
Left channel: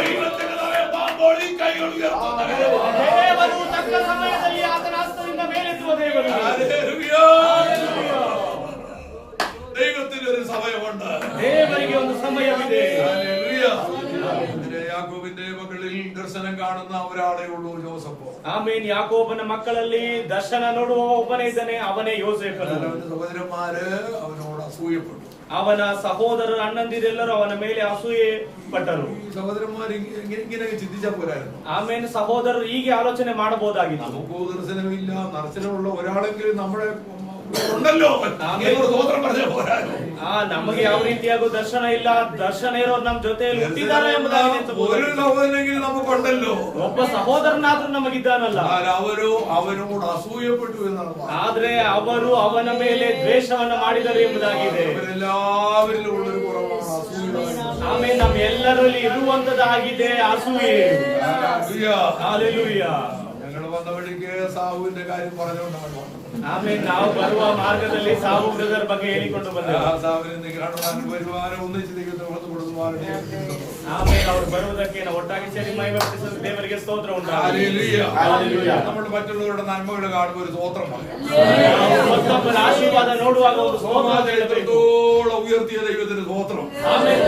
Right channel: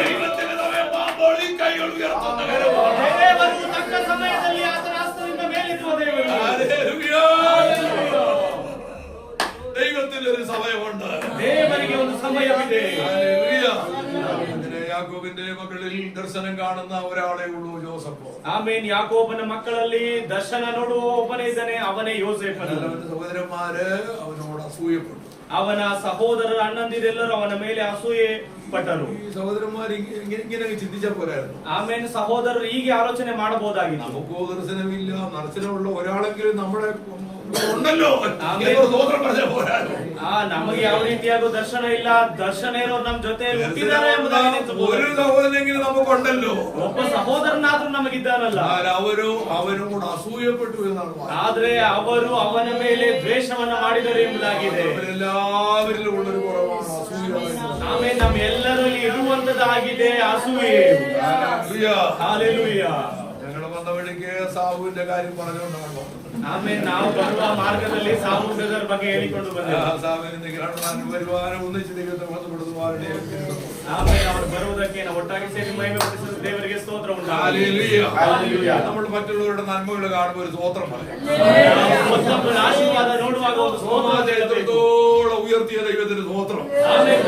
ദൈവത്തിന്റെ സമയമാകുമ്പോൾ ഈ കൈകൾ ഉയർത്തുന്ന കാര്യമാണ്. ದೇವರು ತಕ್ಕ ಸಮಯದಲ್ಲಿ ಆತನ ಹಸ್ತದಿಂದ ಮೇಲೆತ್ತುವ ದೇವರು. ഹല്ലേലൂയ. ദൈവത്തിന് ഒരു സമയമുണ്ട്. ದೇವರಿಗೆ ಒಂದು ಸಮಯವಿದೆ. ഹല്ലേലൂയ. അങ്ങനെ യാക്കോബിന്റെ മക്കളിൽ ദർശനം കാണുന്ന ഒരാളെ ഉള്ളൂ, ജോസഫ്. ಆಮೇಲೆ ಯಾಕೋಬನ ಮಕ್ಕಳಲ್ಲಿ ದರ್ಶನ ನೋಡುವ ಒಬ್ಬನೇ ಇದ್ದಾನೆ, ಅವನೇ ಯೋಸೇಫನು. അവന്റെ സഹോദരന്മാര് അവനോട് അസൂയപ്പെട്ടു. ಅವನ ಸಹೋದರರು ಅಣ್ಣಂದಿರೆಲ್ಲರೂ ಅವನ ಮೇಲೆ ಅಸೂಯೆ ಪಟ್ಟರು. ഈ സഹോദരന്മാർ ഇങ്ങനെ ചിന്തിച്ചാൽ പോരായിരുന്നു. ಆಮೇಲೆ ಸಹೋದರರು ಹೀಗೆ ಆಲೋಚನೆ ಮಾಡಬಹುದಾಗಿತ್ತು. നമുക്കോ ദർശനമില്ല, ദർശനമുള്ള ഒരാളെങ്കിലും നമ്മുടെ ഉണ്ടല്ലോ, സ്വതന്ത്രം പറഞ്ഞാൽ പോരായിരുന്നു. ನಮಗೆ ಯಾವ ರೀತಿಯಾಗೂ ದರ್ಶನ ಇಲ್ಲ, ದರ್ಶನ ಇರೋರು ನಮ್ಮ ಜೊತೆಯಲ್ಲಿ ಹುಟ್ಟಿದ್ದಾರೆ ಎಂಬುದಾಗಿ ഒരു സഹോദരനെങ്കിലും നമുക്കുണ്ടല്ലോ. ಒಬ್ಬ ಸಹೋದರನಾದ್ರೂ ನಮಗಿದ್ದಾನಲ್ಲ. അവനോട് അസൂയപ്പെട്ടു എന്നാണ് പറയുന്നത്. ಆದ್ರೆ ಅವರು ಅವನ ಮೇಲೆ ದ್ವೇಷವನ್ನ ಮಾಡಿದರು ಎಂಬುದಾಗಿದೆ. എല്ലാവരിലും ഉള്ളൊരു കുറവാണ് അസൂയ. ಆಮೇಲೆ ನಮ್ಮ ಎಲ್ಲರಲ್ಲಿ ಇರುವಂತದ್ದಾಗಿದೆ ಅಸೂಯೆ. ഹല്ലേലൂയ. ഞങ്ങൾ വന്ന വഴിക്ക് സാവുവിന്റെ കാര്യം പറഞ്ഞുകൊണ്ടാണ് വന്നത്. ಆಮೇಲೆ ನಾವು ಬರುವ ಮಾರ್ಗದಲ್ಲಿ ಸಾವು ಬ್ರದರ್ ಬಗ್ಗೆ ಹೇಳಿಕೊಂಡು ಬಂದೆವು. സാവിന് കാണുവാനും വരുവാനും ഒന്നിച്ച് ദൈവത്തെ മഹത്വപ്പെടുത്തുവാനും. ಆಮೇಲೆ ಅವರು ಬರುವುದಕ್ಕೆ ನಾವು ಒಟ್ಟಾಗಿ ಸೇರಿ ಮಹಿಮೆ ಪಡಿಸಲು ದೇವರಿಗೆ ಸ್ತೋತ್ರ ಉಂಟು. ഹല്ലേലൂയ. നമ്മൾ മറ്റുള്ളവരുടെ നന്മകൾ കാണുമ്പോൾ ഒരു സ്തോത്രം പറയാം. ಮತ್ತೊಬ್ಬರ ಆಶೀರ್ವಾದ ನೋಡುವಾಗ ಒಂದು ಸ್ತೋತ್ರ ಹೇಳಬೇಕು. ഉയർത്തിയ ദൈവത്തിന് സ്തോത്രം. ಆಮೇಲೆ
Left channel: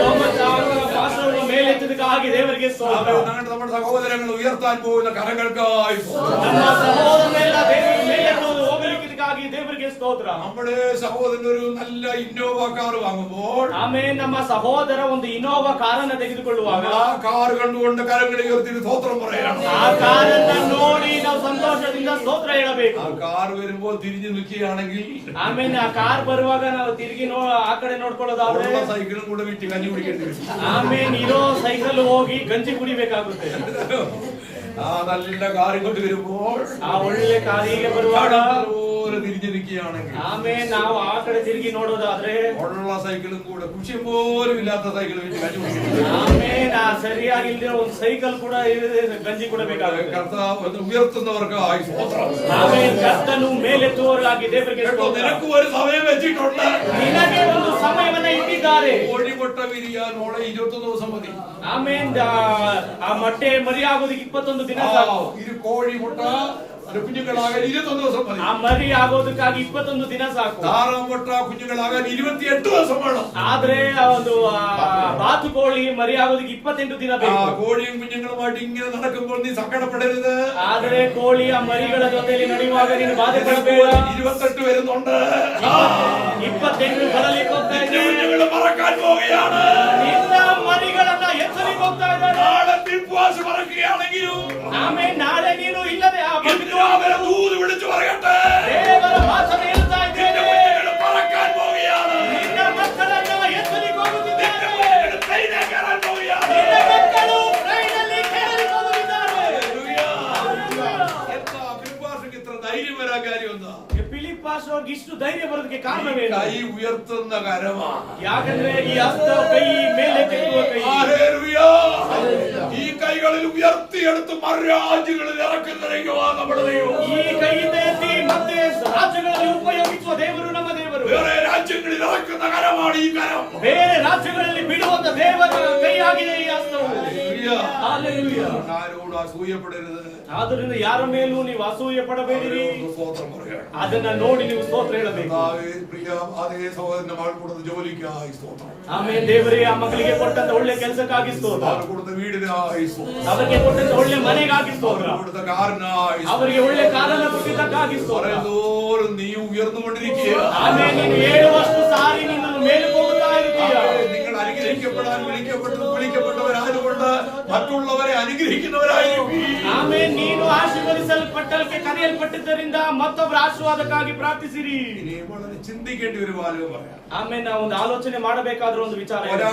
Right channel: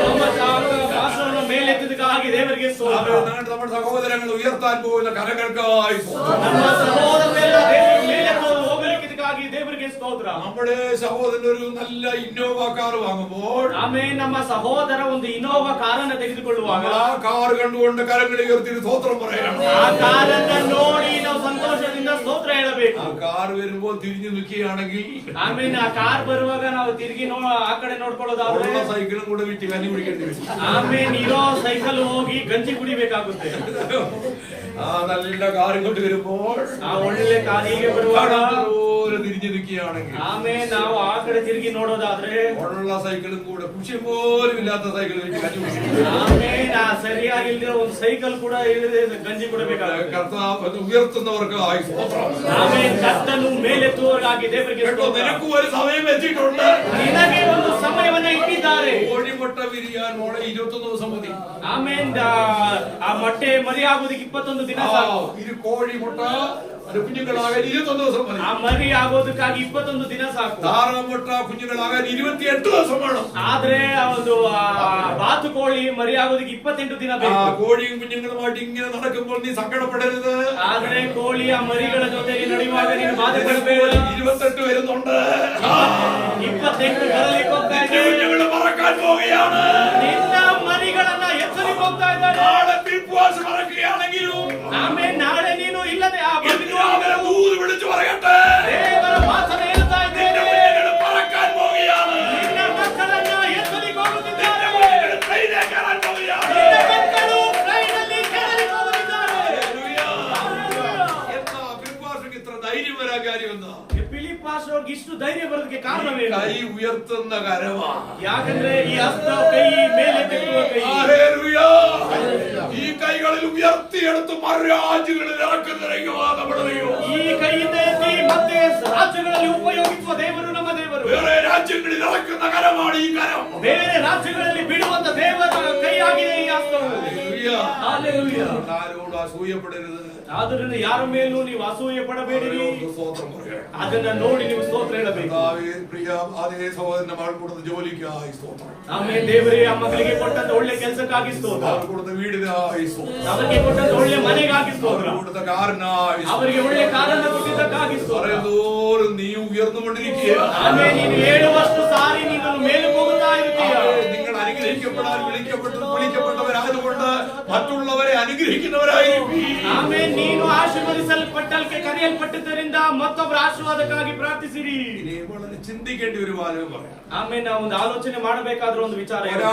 ದಾಸವನ್ನು ಮೇಲೆತ್ತದಕ್ಕಾಗಿ ದೇವರಿಗೆ ಸ್ತೋತ್ರ. നമ്മുടെ സഹോദരങ്ങൾ ഉയർത്താൻ പോകുന്ന കരങ്ങൾക്കായി ನಮ್ಮ ಸಹೋದರರೆಲ್ಲ ದೇವರ ಮೇಲೆತ್ತುವುದು ಹೋಗಲಿಕ್ಕಿದಕ್ಕಾಗಿ ದೇವರಿಗೆ ಸ್ತೋತ್ರ. നമ്മുടെ സഹോദരൻ ഒരു നല്ല ഇന്നോവ കാർ വാങ്ങുമ്പോൾ ಆಮೇಲೆ ನಮ್ಮ ಸಹೋದರ ಒಂದು ಇನೋವಾ ಕಾರನ್ನು ತೆಗೆದುಕೊಳ್ಳುವಾಗ ആ കാർ കണ്ടുകൊണ്ട് കരങ്ങൾ ഉയർത്തി സ്തോത്രം പറയണം. ಆ ಕಾರನ್ನ ನೋಡಿ ನಾವು ಸಂತೋಷದಿಂದ ಸ್ತೋತ್ರ ಹೇಳಬೇಕು. ആ കാർ വരുമ്പോൾ തിരിഞ്ഞു നിൽക്കുകയാണെങ്കിൽ ಆಮೇಲೆ ಆ ಕಾರ್ ಬರುವಾಗ ನಾವು ತಿರುಗಿ ಆ ಕಡೆ ನೋಡ್ಕೊಳ್ಳೋದಾದ್ರೆ ഉള്ള സൈക്കിളും കൂടെ വിറ്റ് കഞ്ഞി കുടിക്കേണ്ടി വരും. ಆಮೇಲೆ ಇರೋ ಸೈಕಲ್ ಹೋಗಿ ಗಂಜಿ ಕುಡಿಬೇಕಾಗುತ್ತೆ. ആ നല്ല കാർ ഇങ്ങോട്ട് വരുമ്പോൾ ಆ ಒಳ್ಳೆ ಕಾರಿಗೆ ಬರುವಾಗ തിരിഞ്ഞു നിൽക്കുകയാണെങ്കിൽ ಆಮೇಲೆ ನಾವು ಆ ಕಡೆ ತಿರುಗಿ ನೋಡೋದಾದ್ರೆ ഉള്ള സൈക്കിളും കൂടെ കുഷ്യം പോലും ഇല്ലാത്ത സൈക്കിൾ വെച്ച് കഞ്ഞി കുടിക്കേണ്ടി വരും. ಆಮೇಲೆ ಸರಿಯಾಗಿಲ್ಲದೆ ಒಂದು ಸೈಕಲ್ ಕೂಡ ಗಂಜಿ ಕೊಡಬೇಕಾಗುತ್ತೆ. കർത്താവ് ഉയർത്തുന്നവർക്കായി സ്തോത്രം. ಆಮೇಲೆ ಕರ್ತನು ಮೇಲೆತ್ತುವವರಿಗಾಗಿ ದೇವರಿಗೆ കേട്ടോ, ಸ್ತೋತ್ರ. നിനക്കും ഒരു സമയം വെച്ചിട്ടുണ്ട്. ನಿನಗೆ ಒಂದು ಸಮಯವನ್ನ ಇಟ್ಟಿದ್ದಾರೆ. കോഴിമുട്ട വിരിയാൻ മോളെ 21 ദിവസം മതി. ಆಮೇಲೆ ಆ ಮೊಟ್ಟೆ ಮರಿ ಆಗೋದಕ್ಕೆ 21 ದಿನ ಸಾಕು. ഇത് കോഴിമുട്ട അത് കുഞ്ഞുങ്ങളാകാൻ 21 ദിവസം മതി. ಆ ಮರಿ ಆಗೋದಕ್ಕಾಗಿ 21 ದಿನ ಸಾಕು. താറാമുട്ട കുഞ്ഞുങ്ങളാകാൻ 28 ദിവസം വേണം. ಆದ್ರೆ ಒಂದು ಬಾತುಕೋಳಿ ಮರಿ ಆಗೋದಕ್ಕೆ 28 ದಿನ ಬೇಕು. കോഴിയും കുഞ്ഞുങ്ങളുമായിട്ട് ഇങ്ങനെ നടക്കുമ്പോൾ നീ സങ്കടപ്പെടരുത്. ಆದ್ರೆ ಕೋಳಿ ಆ ಮರಿಗಳ ಜೊತೆಲಿ ನಡೆಯುವಾಗ ನೀನು ಬಾಧೆ ಪಡಬೇಡ. 28 വരുന്നുണ്ട്. 28 ಬರಲಿಕ್ಕೆ ಹೋಗ್ತಾ ಇದೆ. കുഞ്ഞുങ്ങൾ പറക്കാൻ പോവുകയാണ്. ನಿನ್ನ ಮರಿಗಳನ್ನ ಎತ್ತಲಿಕ್ಕೆ ಹೋಗ್ತಾ ಇದ್ದಾನೆ. നാളെ പിൽപ്വാസ് പറക്കുകയാണെങ്കിലും ಆಮೇಲೆ ನಾಳೆ ನೀನು ಇಲ್ಲದೆ ಆ ദൂത് വിളിച്ചു പറയട്ടെ. ದೇವರ ಮಾತನ್ನು ಹೇಳ್ತಾ ಇದ್ದೇನೆ. കുഞ്ഞുങ്ങൾ പറക്കാൻ പോവുകയാണ്. ನಿನ್ನ ಮಕ್ಕಳನ್ನ ಎತ್ತಲಿಕ್ಕೆ ಹೋಗುತ್ತಿದ್ದಾರೆ. കുഞ്ഞുങ്ങൾ ട്രെയിനിൽ കയറാൻ പോവുകയാണ്. ನಿನ್ನ ಮಕ್ಕಳು ಟ್ರೈನಲ್ಲಿ ಕೇಳಲಿಕ್ಕೆ ಹೋಗುತ್ತಿದ್ದಾರೆ. എന്താ പിൽപ്വാസിക്ക് ഇത്ര ധൈര്യം വരാൻ കാര്യം എന്താ? ಫಿಲಿಪ್ ಪಾಸ್ಟರ್ಗೆ ಇಷ್ಟು ಧೈರ್ಯ ಬರೋದಕ್ಕೆ ಕಾರಣವೇನು? കൈ ഉയർത്തുന്ന കരമാണ്. ಯಾಕಂದ್ರೆ ಈ ಹಸ್ತ ಕೈ ಮೇಲೆ ಕೆತ್ತುವ ಕೈ. ഹല്ലേലൂയ. ഈ കൈകളിൽ ഉയർത്തിയെടുത്ത് മറുരാജ്യങ്ങളിൽ ഇറക്കുന്ന ദൈവമാണ് നമ്മുടെ ദൈവം. ಈ ಕೈಯಿಂದ ಎತ್ತಿ ಮತ್ತೆ ರಾಜ್ಯಗಳಲ್ಲಿ ಉಪಯೋಗಿಸುವ ದೇವರು ನಮ್ಮ ದೇವರು. വേറെ രാജ്യങ്ങളിൽ ഇറക്കുന്ന കരമാണ് ഈ കരം. ಬೇರೆ ರಾಜ್ಯಗಳಲ್ಲಿ ಬಿಡುವಂತ ದೇವರ ಕೈ ಆಗಿದೆ ಈ ಹಸ್ತವು. ഹല്ലേലൂയ. Hallelujah. ആരോടും അസൂയപ്പെടരുത്. ಆದ್ದರಿಂದ ಯಾರ ಮೇಲೂ ನೀವು ಅಸೂಯೆ ಪಡಬೇಡಿರಿ. അവരോട് സ്തോത്രം പറയണം. ಅದನ್ನ ನೋಡಿ ನೀವು ಸ್ತೋತ್ರ ಹೇಳಬೇಕು. കർത്താവേ, പ്രിയ അതേ സഹോദരന്റെ മകൾ കൊടുത്ത ജോലിക്കായി സ്തോത്രം. ಆಮೇಲೆ ದೇವರೇ ಆ ಮಕ್ಕಳಿಗೆ ಕೊಟ್ಟಂತ ಒಳ್ಳೆ ಕೆಲಸಕ್ಕಾಗಿ ಸ್ತೋತ್ರ. അവർ കൊടുത്ത വീടിനായി സ്തോത്രം. ಅವರಿಗೆ ಕೊಟ್ಟಂತ ಒಳ್ಳೆ ಮನೆಗಾಗಿ ಸ್ತೋತ್ರ. അവർ കൊടുത്ത കാറിനായി സ്തോത്രം. ಅವರಿಗೆ ಒಳ್ಳೆ ಕಾರನ್ನು ಕೊಟ್ಟಿದ್ದಕ್ಕಾಗಿ ಸ್ತೋತ್ರ. പറയുന്തോറും നീ ഉയർന്നുകൊണ്ടിരിക്കുക. ಆಮೇಲೆ ನೀನು ಹೇಳುವಷ್ಟು ಸಾರಿ ನೀನು ಮೇಲೆ ಹೋಗುತ್ತಾ ಇರುತ್ತೀಯ. നിങ്ങൾ അനുഗ്രഹിക്കപ്പെടാൻ വിളിക്കപ്പെട്ടവരായതുകൊണ്ട് മറ്റുള്ളവരെ അനുഗ്രഹിക്കുന്നവരായിരിക്കും. ಆಮೇಲೆ ನೀನು ಆಶೀರ್ವದಿಸಲ್ಪಟ್ಟಲ್ಕೆ ಕರೆಯಲ್ಪಟ್ಟಿದ್ದರಿಂದ ಮತ್ತೊಬ್ಬರ ಆಶೀರ್ವಾದಕ್ಕಾಗಿ ಪ್ರಾರ್ಥಿಸಿರಿ. ഇനി വളരെ ചിന്തിക്കേണ്ട ഒരു വാചകം പറയാം. ಆಮೇಲೆ ನಾವು ಒಂದು ಆಲೋಚನೆ ಮಾಡಬೇಕಾದ್ರೂ ಒಂದು ವಿಚಾರ ಇದೆ.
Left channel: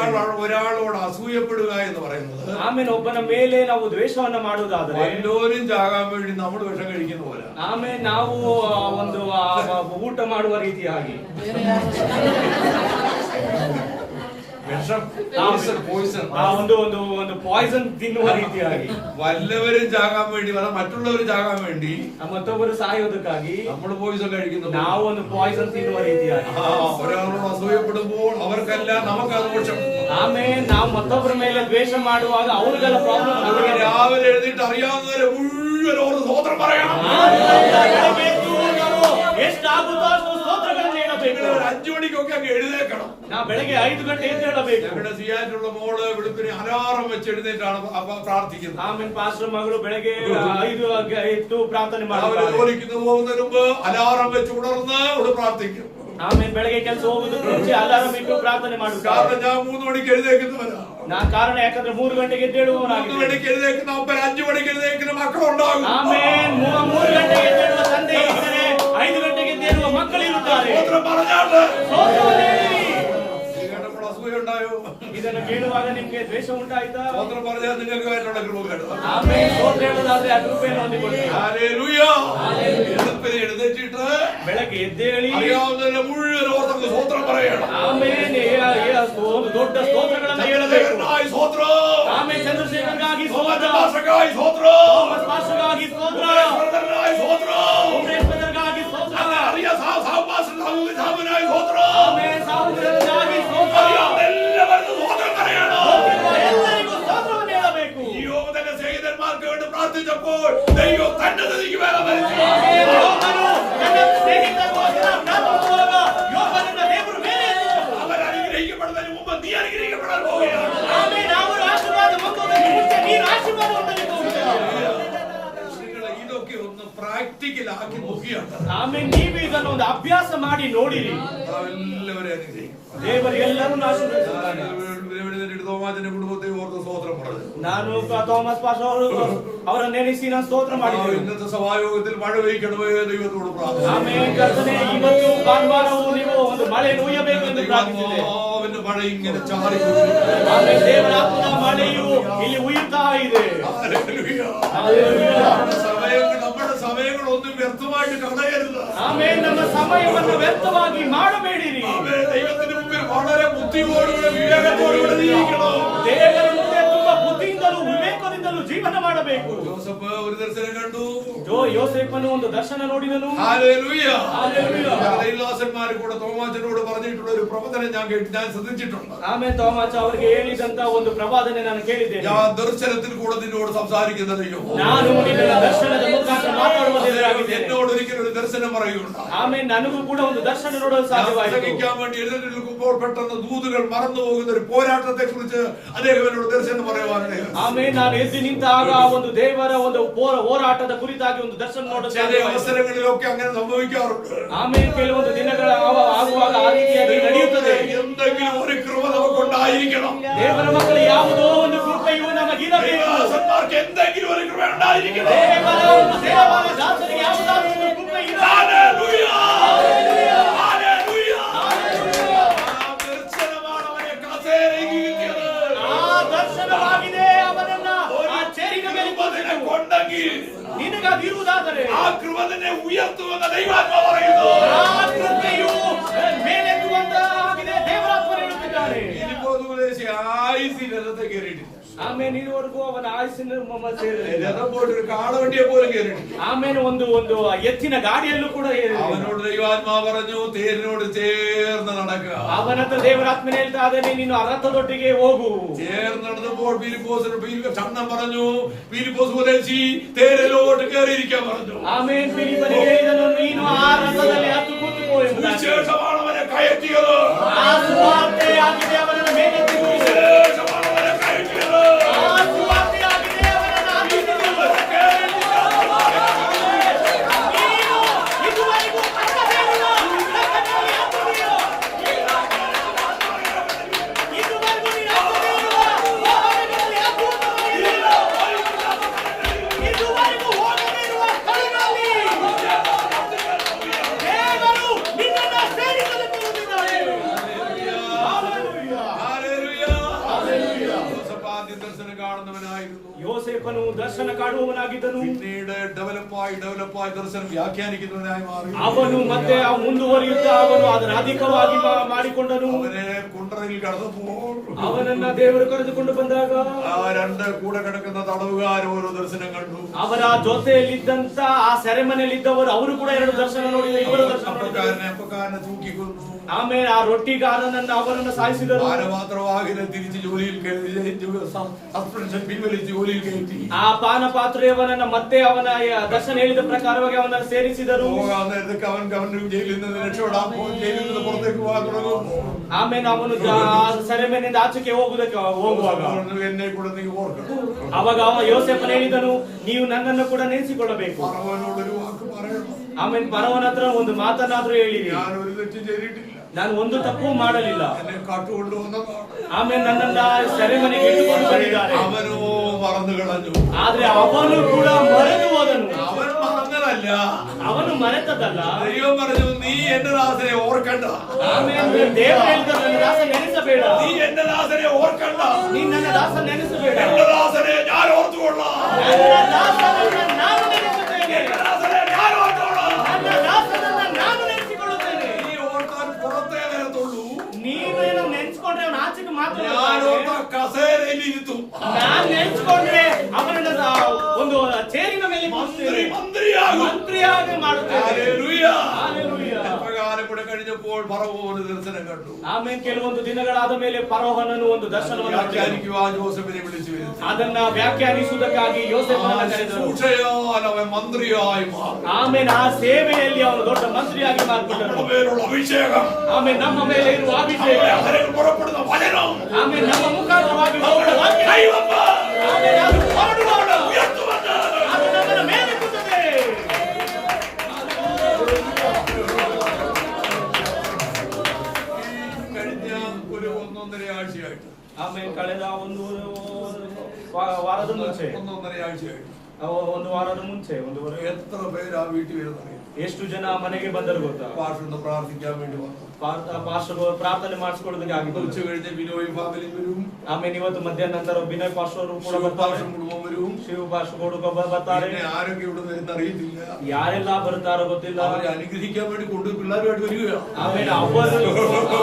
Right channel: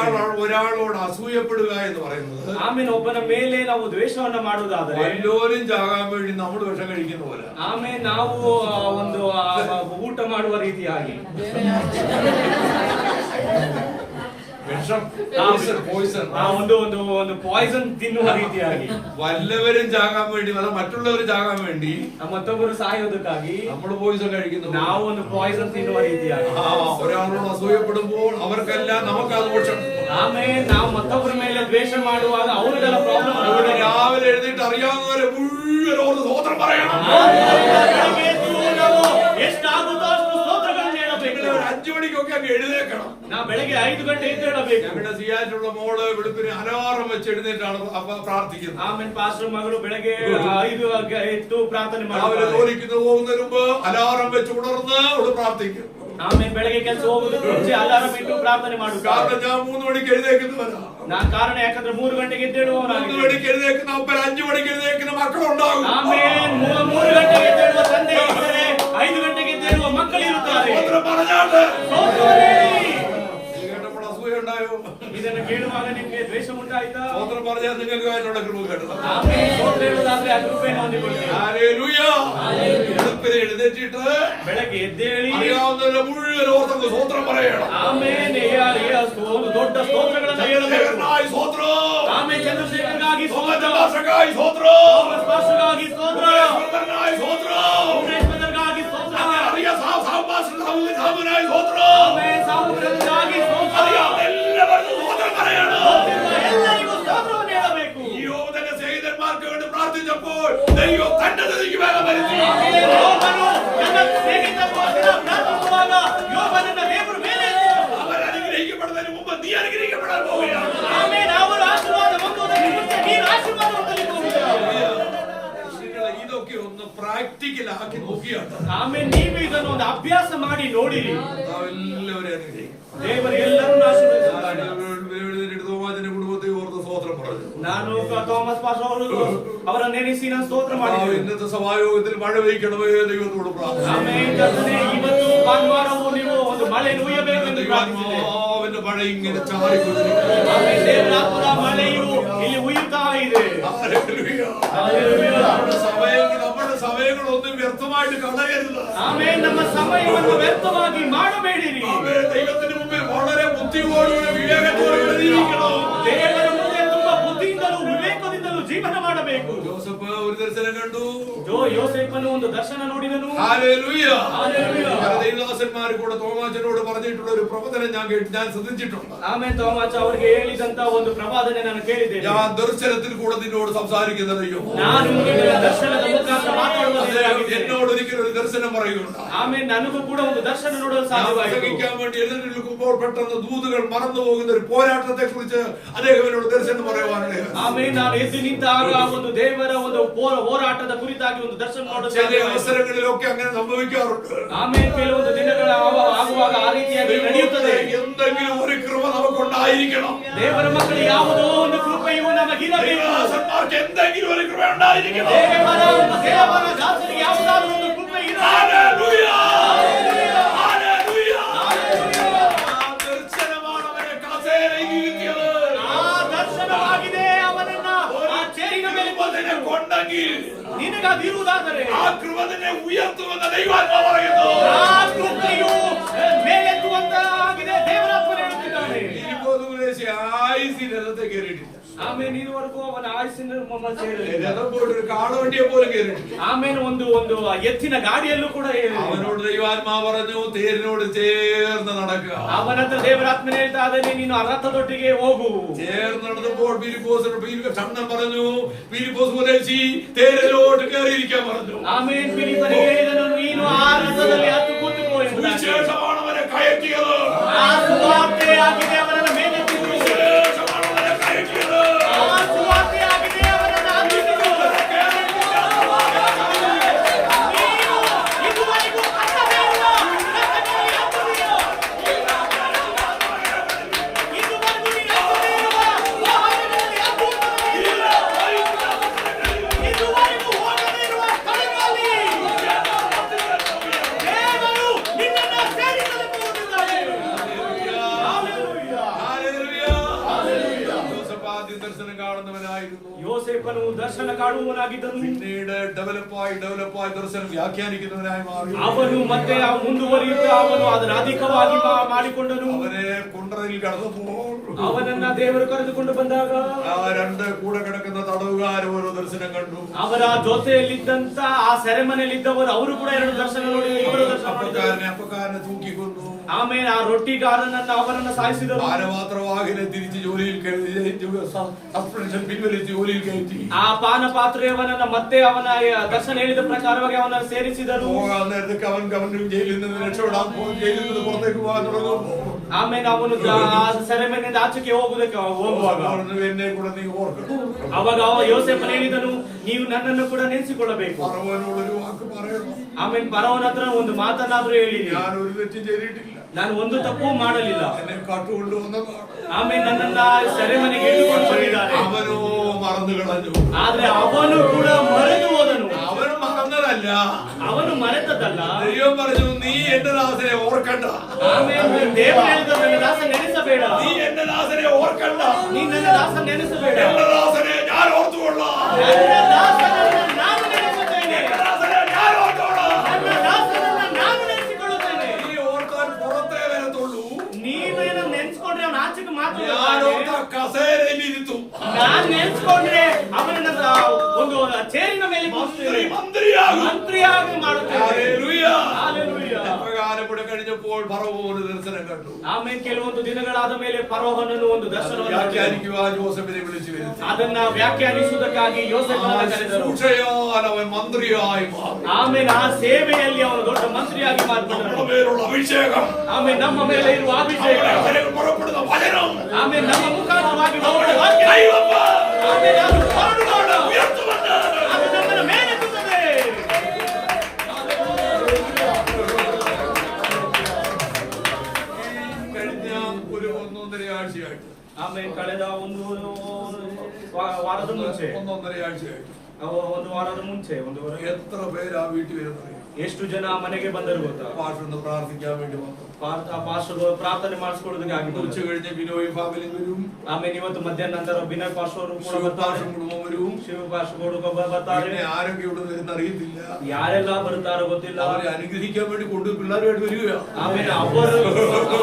ഒരാളോട് അസൂയപ്പെടുക എന്ന് പറയുന്നത് ಆಮೇಲೆ ಒಬ್ಬನ ಮೇಲೆ ನಾವು ದ್ವೇಷವನ್ನ ಮಾಡುವುದಾದರೆ വല്ലോരും ചാകാൻ വേണ്ടി നമ്മൾ വിഷം കഴിക്കുന്ന പോലെ. ಆಮೇಲೆ ನಾವು ಒಂದು ಊಟ ಮಾಡುವ ರೀತಿಯಾಗಿ വിഷം പോയിസൺ ಒಂದು ಪಾಯ್ಸನ್ ತಿನ್ನುವ ರೀತಿಯಾಗಿ വല്ലവരും ചാകാൻ വേണ്ടി അല്ല മറ്റുള്ളവർ ചാകാൻ വേണ്ടി ಮತ್ತೊಬ್ಬರು ಸಾಯೋದಕ್ಕಾಗಿ നമ്മൾ പോയിസൺ കഴിക്കുന്നു. ನಾವು ಒಂದು ಪಾಯ್ಸನ್ ತಿನ್ನುವ ರೀತಿಯಾಗಿ ഒരാളോട് അസൂയപ്പെടുമ്പോൾ അവർക്കെല്ലാം നമുക്കത് ദോഷം. ಆಮೇಲೆ ನಾವು ಮತ್ತೊಬ್ಬರ ಮೇಲೆ ದ್ವೇಷ ಮಾಡುವಾಗ ಅವ್ರಿಗೆಲ್ಲ ಪ್ರಾಬ್ಲಮ್. അതുകൊണ്ട് രാവിലെ എഴുന്നേറ്റ് അറിയാവുന്നവരെ മുഴുവൻ ഓർത്ത് സ്തോത്രം പറയണം. ಎಷ್ಟಾಗುತ್ತೋ ಅಷ್ಟು ಸ್ತೋತ್ರಗಳನ್ನು ಹೇಳಬೇಕು. 5 മണിക്കൊക്കെ അങ്ങ് എഴുന്നേക്കണം. ನಾವು ಬೆಳಗ್ಗೆ 5 ಗಂಟೆ ಎದ್ದೇಳಬೇಕು. ഞങ്ങളുടെ സിയാറ്റുള്ള മോള് വെളുപ്പിന് അലാറം വെച്ച് എഴുന്നേറ്റാണ് പ്രാർത്ഥിക്കുന്നത്. ಆಮೇಲೆ ಪಾಸ್ಟರ್ ಮಗಳು ಬೆಳಗ್ಗೆ 5 ಎದ್ದು ಪ್ರಾರ್ಥನೆ അവര് ಮಾಡುತ್ತಾರೆ. ജോലിക്ക് പോകുന്നതിന് മുമ്പ് അലാറം വെച്ച് ഉണർന്ന് അവള് പ്രാർത്ഥിക്കും. ಆಮೇಲೆ ಬೆಳಗ್ಗೆ ಕೆಲಸ ಹೋಗುದಕ್ಕೆ ಮುಂಚೆ ಅಲಾರಂ ಇಟ್ಟು ಪ್ರಾರ್ಥನೆ ಮಾಡುತ್ತಾರೆ. കാരണം ഞാൻ 3 മണിക്ക് എഴുന്നേക്കുന്നവരാ. ನಾನು ಕಾರಣ ಯಾಕಂದ್ರೆ 3 ಗಂಟೆಗೆ ಎದ್ದೇಳುವವನಾಗಿದ್ದೇನೆ. 3 മണിക്ക് എഴുന്നേക്കുന്ന അപ്പൻ 5 മണിക്ക് എഴുന്നേക്കുന്ന മക്കളുണ്ടാകും. ಆಮೇಲೆ 3 ಗಂಟೆಗೆ ಎದ್ದೇಳುವ ತಂದೆ ಇದ್ದರೆ 5 ಗಂಟೆಗೆ ಎದ್ದೇಳುವ ಮಕ್ಕಳಿರುತ್ತಾರೆ. സ്തോത്രം പറഞ്ഞാട്ട് ಸ್ತೋತ್ರವನ್ನು ಹೇಳಿ. ഇത് കേട്ടപ്പോൾ അസൂയ ഉണ്ടായോ? ಇದನ್ನು ಕೇಳುವಾಗ ನಿಮಗೆ ದ್ವೇಷ ಉಂಟಾಯ್ತಾ? സ്തോത്രം പറഞ്ഞാൽ നിങ്ങൾക്ക് ആയിട്ടുള്ള കൃപ കേട്ടത്. ಆಮೇಲೆ ಸ್ತೋತ್ರ ಹೇಳುವುದಾದ್ರೆ ಆ ಕೃಪೆಯನ್ನು ಹೊಂದಿಕೊಳ್ಳಿ. ഹല്ലേലൂയ. വെളുപ്പിന് എഴുന്നേറ്റിട്ട് ಬೆಳಗ್ಗೆ ಎದ್ದೇಳಿ അറിയാവുന്നവരെ മുഴുവൻ ഓർത്തങ്ങ് സ്തോത്രം പറയണം. ಆಮೇಲೆ ಒಂದು ದೊಡ್ಡ ಸ್ತೋತ್ರಗಳನ್ನು ಹೇಳಬೇಕು. ചന്ദ്രശേഖരനായി സ്തോത്രം. ಆಮೇಲೆ ಚಂದ್ರಶೇಖರ್ಗಾಗಿ ಸ್ತೋತ್ರ, തോമസ് സ്തോത്രം. ಥೋಮಸ್ ಪಾಸ್ಟರ್ಗಾಗಿ ಸ್ತೋತ್ರ, യേശുവർദ്ധനായി സ്തോത്രം. ವೆಂಕಟೇಶ್ವರಗಾಗಿ ಸ್ತೋತ್ರ, അറിയ സാഹുനായി സ്തോത്രം. ಆಮೇಲೆ ಸಾಹುಗಾಗಿ ಸ್ತೋತ್ರ. അറിയാവുന്ന എല്ലാവർക്കും സ്തോത്രം പറയണം. ಎಲ್ಲರಿಗೂ ಸ್ತೋತ್ರವನ್ನು ಹೇಳಬೇಕು. യോബ് തന്റെ സ്നേഹിതന്മാർക്ക് വേണ്ടി പ്രാർത്ഥിച്ചപ്പോൾ ദൈവം തന്റെ സ്ഥിതിക്ക് വേഗം വരുത്തി. ಯೋಬನು ತನ್ನ ಸ್ನೇಹಿತರಿಗೋಸ್ಕರ ಪ್ರಾರ್ಥಿಸುವಾಗ ಯೋಬನನ್ನ ದೇವರು ಮೇಲೆ ಎತ್ತಿದನು. അവർ അനുഗ്രഹിക്കപ്പെടുന്നതിന് മുമ്പ് നീ അനുഗ്രഹിക്കപ്പെടാൻ പോവുകയാണ്. ಆಮೇಲೆ ಅವರು ಆಶೀರ್ವಾದ ಹೊಂದುವುದಕ್ಕೆ ಮುಂಚೆ ನೀನು ಆಶೀರ್ವಾದ ಹೊಂದಲಿಕ್ಕೆ ಹೋಗುತ್ತೀಯ. നിങ്ങൾ ഇതൊക്കെ ഒന്ന് പ്രാക്ടിക്കൽ ആക്കി നോക്കിയാണ് ಆಮೇಲೆ ನೀವು ಇದನ್ನು ಒಂದು ಅಭ್ಯಾಸ ಮಾಡಿ ನೋಡಿರಿ. എല്ലാവരും അനുഗ്രഹിക്കും. ದೇವರು ಎಲ್ಲರನ್ನೂ ಆಶೀರ್ವದಿಸುತ್ತಾನೆ. തോമാച്ചന്റെ കുടുംബത്തെ ഓർത്ത് സ്തോത്രം പറഞ്ഞു. ನಾನು ಥೋಮಸ್ ಪಾಸ್ಟರ್ ಅವರ ನೆನೆಸಿ ನಾನು ಸ್ತೋತ್ರ ಮಾಡಿದ್ದೇನೆ. ഇന്നത്തെ സഭായോഗത്തിൽ മഴ പെയ്ക്കണമേ ദൈവത്തോട് പ്രാർത്ഥിച്ചു. ಆಮೇಲೆ ಕರ್ತನೇ ಇವತ್ತು ಭಾನುವಾರವೂ ನೀವು ಒಂದು ಮಳೆ ನುಯ್ಯಬೇಕು ಎಂದು ಪ್ರಾರ್ಥಿಸಿದೆ. ദൈവാത്മാവിന്റെ മഴ ഇങ്ങനെ ചാറിക്കൊണ്ടിരിക്കുന്നു. ಆಮೇಲೆ ದೇವರ ಆತ್ಮದ ಮಳೆಯು ಇಲ್ಲಿ ಉಯ್ಯುತ್ತಾ ಇದೆ. ഹല്ലേലൂയ. ಹಲ್ಲೆಲೂಯಾ. നമ്മുടെ സമയങ്ങളൊന്നും വ്യർത്ഥമായിട്ട് കളയരുത്. ಆಮೇಲೆ ನಮ್ಮ ಸಮಯವನ್ನು ವ್ಯರ್ಥವಾಗಿ ಮಾಡಬೇಡಿರಿ. ദൈവത്തിന് മുമ്പിൽ വളരെ ബുദ്ധിയോടുകൂടെ വിവേകത്തോടുകൂടെ ജീവിക്കണം. ದೇವರ ಮುಂದೆ ತುಂಬಾ ಬುದ್ಧಿಯಿಂದಲೂ ವಿವೇಕದಿಂದಲೂ ಜೀವನ ಮಾಡಬೇಕು. ജോസഫ് ഒരു ദർശനം കണ്ടു. ಯೋಸೇಫನು ಒಂದು ದರ್ಶನ ನೋಡಿದನು. ഹല്ലേലൂയ. ಹಲ್ಲೆಲೂಯಾ. പല ദൈവദാസന്മാർ കൂടെ തോമാച്ചനോട് പറഞ്ഞിട്ടുള്ള ഒരു പ്രവചനം ഞാൻ ശ്രദ്ധിച്ചിട്ടുണ്ട്. ಆಮೇಲೆ ಥೋಮಸ್ ಅವರಿಗೆ ಹೇಳಿದಂತ ಒಂದು ಪ್ರವಾದನೆ ನಾನು ಕೇಳಿದ್ದೇನೆ. ഞാൻ ദർശനത്തിൽ കൂടെ നിന്നോട് സംസാരിക്കുന്ന ദൈവം. ನಾನು ನಿನ್ನ ದರ್ಶನದ ಮುಖಾಂತರ ಮಾತಾಡುವ ದೇವರಾಗಿದ್ದೇನೆ. എന്നോട് ഒരിക്കലും ഒരു ദർശനം പറയുകയുണ്ടായി. ಆಮೇಲೆ ನನಗೂ ಕೂಡ ಒಂದು ದರ್ಶನ ನೋಡಲು ಸಾಧ್ಯವಾಯಿತು. പ്രസംഗിക്കാൻ വേണ്ടി എഴുന്നേറ്റ് നിൽക്കുമ്പോൾ പെട്ടെന്ന് ദൂതുകൾ മറന്നു പോകുന്ന ഒരു പോരാട്ടത്തെ കുറിച്ച് അദ്ദേഹം എന്നോട് ദർശനം പറയുവാനാണ്. ಆಮೇಲೆ ನಾನು ಎದ್ದು ನಿಂತಾಗ ಒಂದು ದೇವರ ಒಂದು ಹೋರಾಟದ ಕುರಿತಾಗಿ ಒಂದು ದರ್ಶನ ನೋಡಲು ചില അവസരങ്ങളിലൊക്കെ അങ്ങനെ സംഭവിക്കാറുണ്ട്. ಆಮೇಲೆ ಕೆಲವೊಂದು ದಿನಗಳ ಆಗುವಾಗ ಆ ರೀತಿಯಾಗಿ ನಡೆಯುತ್ತದೆ. എന്തെങ്കിലും ഒരു കൃപ നമുക്കുണ്ടായിരിക്കണം. ದೇವರ ಮಕ್ಕಳು ಯಾವುದೋ ಒಂದು ಕೃಪೆಯು ನಮಗಿರಬೇಕು. ദാസന്മാർക്ക് എന്തെങ്കിലും ഒരു കൃപ ഉണ്ടായിരിക്കണം. ದೇವರ ದಾಸರಿಗೆ ಯಾವುದಾದರೂ ಒಂದು ಕೃಪೆ ಇರಬೇಕು. ഹല്ലേലൂയ. ഹല്ലേലൂയ. ആ ദർശനമാണ് അവനെ കസേരയിൽ ഇരുത്തിയത്. ಆ ದರ್ಶನವಾಗಿದೆ ಅವನನ್ನ ಆ ಚೇರಿನ ಮೇಲೆ കൃപതിനെ കൊണ്ടെങ്കിൽ ನಿನಗದಿರುವುದಾದರೆ ആ കൃപ നിന്നെ ഉയർത്തുമെന്ന് ദൈവാത്മാ പറയുന്നു. ಆ ಕೃಪೆಯು ಮೇಲೆತ್ತುವಂತಾಗಿದೆ ದೇವರಾತ್ಮನು ಹೇಳುತ್ತಿದ್ದಾನೆ. ഫിലിപ്പോസ് ഉപദേശി ആയുസ്സിന്റെ രഥത്തെ കയറിയിട്ടില്ല. ಆಮೇಲೆ ಇದುವರೆಗೂ ಅವನ ಆಯುಸ್ಸಿನ ಸೇರಲಿಲ್ಲ. രഥം പോയിട്ട് ഒരു കാളവണ്ടിയെ പോലും കയറിയിട്ടില്ല. ಆಮೇಲೆ ಒಂದು ಎತ್ತಿನ ಗಾಡಿಯಲ್ಲೂ ಕೂಡ ಏರಿಲ್ಲ. അവനോട് ദൈവാത്മാവ് പറഞ്ഞു, തേരിനോട് ചേർന്ന് നടക്കുക. ಅವನ ಹತ್ರ ದೇವರಾತ್ಮನೆ ಹೇಳ್ತಾ ಇದ್ದಾನೆ, ನೀನು ಆ ರಥದೊಟ್ಟಿಗೆ ಹೋಗು. ചേർന്ന് നടന്നപ്പോൾ ഫിലിപ്പോസിനോട് ചന്നം പറഞ്ഞു, ഫിലിപ്പോസ് ഉപദേശി തേരിലോട്ട് കയറിയിരിക്കാൻ പറഞ്ഞു. ಆಮೇಲೆ ಫಿಲಿಪ್ಪನಿಗೆ ಹೇಳಿದನು, ನೀನು ಆ ರಥದಲ್ಲಿ ಹತ್ತು ಕೂತುಕೋ ಎಂಬುದಾಗಿ. സുവിശേഷമാണ് അവനെ കയറ്റിയത്. ಆ ಸುವಾರ್ತೆ ಆಗಿದೆ ಅವನನ್ನು ಮೇಲೆತ್ತಿದ್ದು. സുവിശേഷമാണ് അവനെ കയറ്റിയത്. ಆ ಸುವಾರ್ತೆ ಆಗಿದೆ ಅವನನ್ನು ಹಾಕಿದ್ದು. ನೀನು ಇದುವರೆಗೂ ಕಟ್ಟಬೇಡಿಲ್ಲ, ಕಟ್ಟಬೇಡಿ ಹತ್ತುತ್ತೀಯೋ? ಇದುವರೆಗೂ ನೀನು ಹತ್ತಬೇಡಿಲ್ಲ, ವಾಹನಗಳಲ್ಲಿ ಹತ್ತುವುದಿಲ್ಲ. ಇದುವರೆಗೂ ಹೋಗದೇ ಇರುವ ಸ್ಥಳಗಳಲ್ಲಿ ದೇವರು ನಿನ್ನನ್ನು ಸೇರಿಸಲು ಹೋಗುತ್ತಿದ್ದಾರೆ. ജോസഫ് ആദ്യം ദർശനം കാണുന്നവനായിരുന്നു. യോസേഫನು ದರ್ಶನ ಕಾಣುವವನಾಗಿದ್ದನು. പിന്നീട് ഡെവലപ്പായി ദർശനം വ്യാഖ്യാനിക്കുന്നവനായി മാറി. ಅವನು ಮತ್ತೆ ಮುಂದುವರಿಯುತ್ತಾ ಅವನು ಅದನ್ನು ಅಧಿಕವಾಗಿ ಮಾಡಿಕೊಂಡನು. അവനെ കുണ്ടറയിൽ കടന്നപ്പോൾ ಅವನನ್ನ ದೇವರು ಕರೆದುಕೊಂಡು ಬಂದಾಗ ആ രണ്ട് കൂടെ കിടക്കുന്ന തടവുകാർ ഓരോ ദർശനം കണ്ടു. ಅವರ ಜೊತೆಯಲ್ಲಿದ್ದಂತ ಆ ಸೆರೆಮನೆಯಲ್ಲಿದ್ದವರು ಅವರು ಕೂಡ ಎರಡು ದರ್ಶನ ನೋಡಿ, ಇಬ್ಬರು ದರ್ಶನ ನೋಡಿದರು. അപ്പക്കാരനെ തൂക്കിക്കൊന്നു. ಆಮೇಲೆ ಆ ರೊಟ್ಟಿಗಾರನನ್ನ ಅವರನ್ನ ಸಾಯಿಸಿದರು. പാനപാത്രവാഹിനെ തിരിച്ച് ജോലിയിൽ സസ്പെൻഷൻ പിൻവലിച്ച് ജോലിയിൽ കയറ്റി. ಆ ಪಾನ ಪಾತ್ರೆಯವನನ್ನ ಮತ್ತೆ ಅವನ ದರ್ಶನ ಹೇಳಿದ ಪ್ರಕಾರವಾಗಿ ಅವನನ್ನು ಸೇರಿಸಿದರು. പോകാൻ നേരത്തേക്ക് അവൻ ജയിലിൽ നിന്ന് രക്ഷപ്പെടാൻ പോകും. ജയിലിൽ നിന്ന് പുറത്തേക്ക് പോകാൻ തുടങ്ങും. ಆಮೇಲೆ ಅವನು ಸೆರೆಮನೆಯಿಂದ ಆಚೆಗೆ ಹೋಗುವಾಗ എന്നെ കൂടെ നീ ഓർക്കണം. ಅವಾಗ ಯೋಸೇಫನು ಹೇಳಿದನು, ನೀವು ನನ್ನನ್ನು ಕೂಡ ನೆನೆಸಿಕೊಳ್ಳಬೇಕು. ഫറവോനോടൊരു വാക്ക് പറയണം. ಆಮೇಲೆ ಫರೋಹನ ಹತ್ರ ಒಂದು ಮಾತನಾದ್ರೂ ಹೇಳಿ, ഞാൻ ഒരു തെറ്റും ചെയ്തിട്ടില്ല, ನಾನು ಒಂದು ತಪ್ಪು ಮಾಡಲಿಲ್ಲ. എന്നെ കാട്ടുകൊണ്ടുവന്നതാണ്. ಆಮೇಲೆ ನನ್ನನ್ನ ಸೆರೆಮನೆಗೆ ಇಟ್ಟುಕೊಂಡು ಬಂದಿದ್ದಾರೆ. അവനോ മറന്നു കളഞ്ഞു. ಆದ್ರೆ ಅವನು ಕೂಡ ಮರೆತು ಹೋದನು. അവൻ മറന്നതല്ല, ಅವನು ಮರೆತದಲ್ಲ. ദൈവം പറഞ്ഞു, നീ എന്റെ ദാസനെ ഓർക്കണ്ട. ಆಮೇಲೆ ದೇವರು ಹೇಳಿದ, ನನ್ನ ದಾಸ ನೆನೆಸಬೇಡ. നീ എന്റെ ദാസനെ ഓർക്കണ്ട. ನೀ ನನ್ನ ದಾಸ ನೆನೆಸಬೇಡ. എന്റെ ദാസനെ ഞാൻ ഓർത്തുകൊള്ളാം. ನನ್ನ ದಾಸನನ್ನ ನಾನು ನೆನೆಸುತ್ತೇನೆ. എന്റെ ദാസനെ ഞാൻ ഓർത്തോളാം. ನನ್ನ ದಾಸನನ್ನ ನಾನು ನೆನೆಸಿಕೊಳ್ಳುತ್ತೇನೆ. നീ ഓർക്കാൻ പുറത്തേ വരത്തുള്ളൂ. ನೀವೇನು ನೆನ್ಸ್ಕೊಂಡ್ರೆ ಅವನ ಆಚೆಗೆ ಮಾತ್ರ ഞാൻ ഓർത്ത കസേരയിൽ ഇരുത്തും. ನಾನ್ ನೆನ್ಸ್ಕೊಂಡ್ರೆ ಅವನನ್ನ ಒಂದು ಚೇರಿನ ಮೇಲೆ മന്ത്രിയാകും. ಮಂತ್ರಿಯಾಗಿ ಮಾಡುತ್ತೇನೆ. ഹല്ലേലൂയ. ಹಲ್ಲೆಲೂಯ. പ്രകാരം കൂടെ കഴിഞ്ഞപ്പോൾ ഫറവോന് ദർശനം കണ്ടു. ಆಮೇಲೆ ಕೆಲವೊಂದು ದಿನಗಳಾದ ಮೇಲೆ ಫರೋಹನನು ಒಂದು ದರ್ಶನವನ್ನು വ്യാഖ്യാനിക്കുവാൻ ജോസഫിനെ വിളിച്ചു വരുത്തി. ಅದನ್ನ ವ್ಯಾಖ್ಯಾನಿಸುವುದಕ್ಕಾಗಿ ಯೋಸೇಫನನ್ನು ಕರೆದರು. ശുശ്രൂഷയാൽ അവൻ മന്ത്രിയായി മാറി. ಆಮೇಲೆ ಆ ಸೇವೆಯಲ್ಲಿ ಅವನು ದೊಡ್ಡ ಮಂತ್ರಿಯಾಗಿ ಮಾರ್ಪಟ್ಟನು. നമ്മുടെ മേലുള്ള അഭിഷേകം, ಆಮೇಲೆ ನಮ್ಮ ಮೇಲೆ ಇರುವ ಅಭಿಷೇಕ, നമ്മുടെ അധരങ്ങൾ പുറപ്പെടുന്ന വചനം, ಆಮೇಲೆ ನಮ್ಮ ಮುಖಾಂತರವಾಗಿ നമ്മുടെ ಹೊರಡುವ ವಾಕ್ಯ, ദൈവം ಆಮೇಲೆ ಅದು ಹೊರಡುವ ഉയർത്തുമെന്ന് ಅದು ನಮ್ಮನ್ನು ಮೇಲೆತ್ತುತ್ತದೆ. കഴിഞ്ഞ ഒരു 1.5 ആഴ്ചയായിട്ട്, ಆಮೇಲೆ ಕಳೆದ ಒಂದು ವಾರದ ಮುಂಚೆ ಒಂದು ವಾರದ ಮುಂಚೆ എത്ര പേര് ആ വീട്ടിൽ വരുന്നറിയാം? ಎಷ್ಟು ಜನ ಮನೆಗೆ ಬಂದರು ಗೊತ್ತಾ? പാഷൊന്ന് പ്രാർത്ഥിക്കാൻ വേണ്ടി വന്നു. ಪಾಸ್ಟರ್ ಪ್ರಾರ್ಥನೆ ಮಾಡಿಸ್ಕೊಳ್ಳೋದಕ್ಕಾಗಿ ഉച്ച കഴിഞ്ഞ് ബിനോയും ഫാമിലിയും വരും. ಆಮೇಲೆ ಇವತ್ತು ಮಧ್ಯಾಹ್ನ ನಂತರ ಬಿನಯ್ ಪಾಸ್ಟರ್ ಕೂಡ ಬರ್ತಾರೆ. ശിവപാഷം കുടുംബം വരും. ಶಿವ ಪಾಸ್ಟರ್ ಕೂಡ ಬರ್ತಾರೆ. പിന്നെ ആരൊക്കെ ഇവിടെ വരുന്ന അറിയത്തില്ല. ಯಾರೆಲ್ಲ ಬರ್ತಾರೋ ಗೊತ್ತಿಲ್ಲ. അവരെ അനുഗ്രഹിക്കാൻ വേണ്ടി കൊണ്ട് പിള്ളേരുമായിട്ട് വരിക. ಆಮೇಲೆ ಅವರು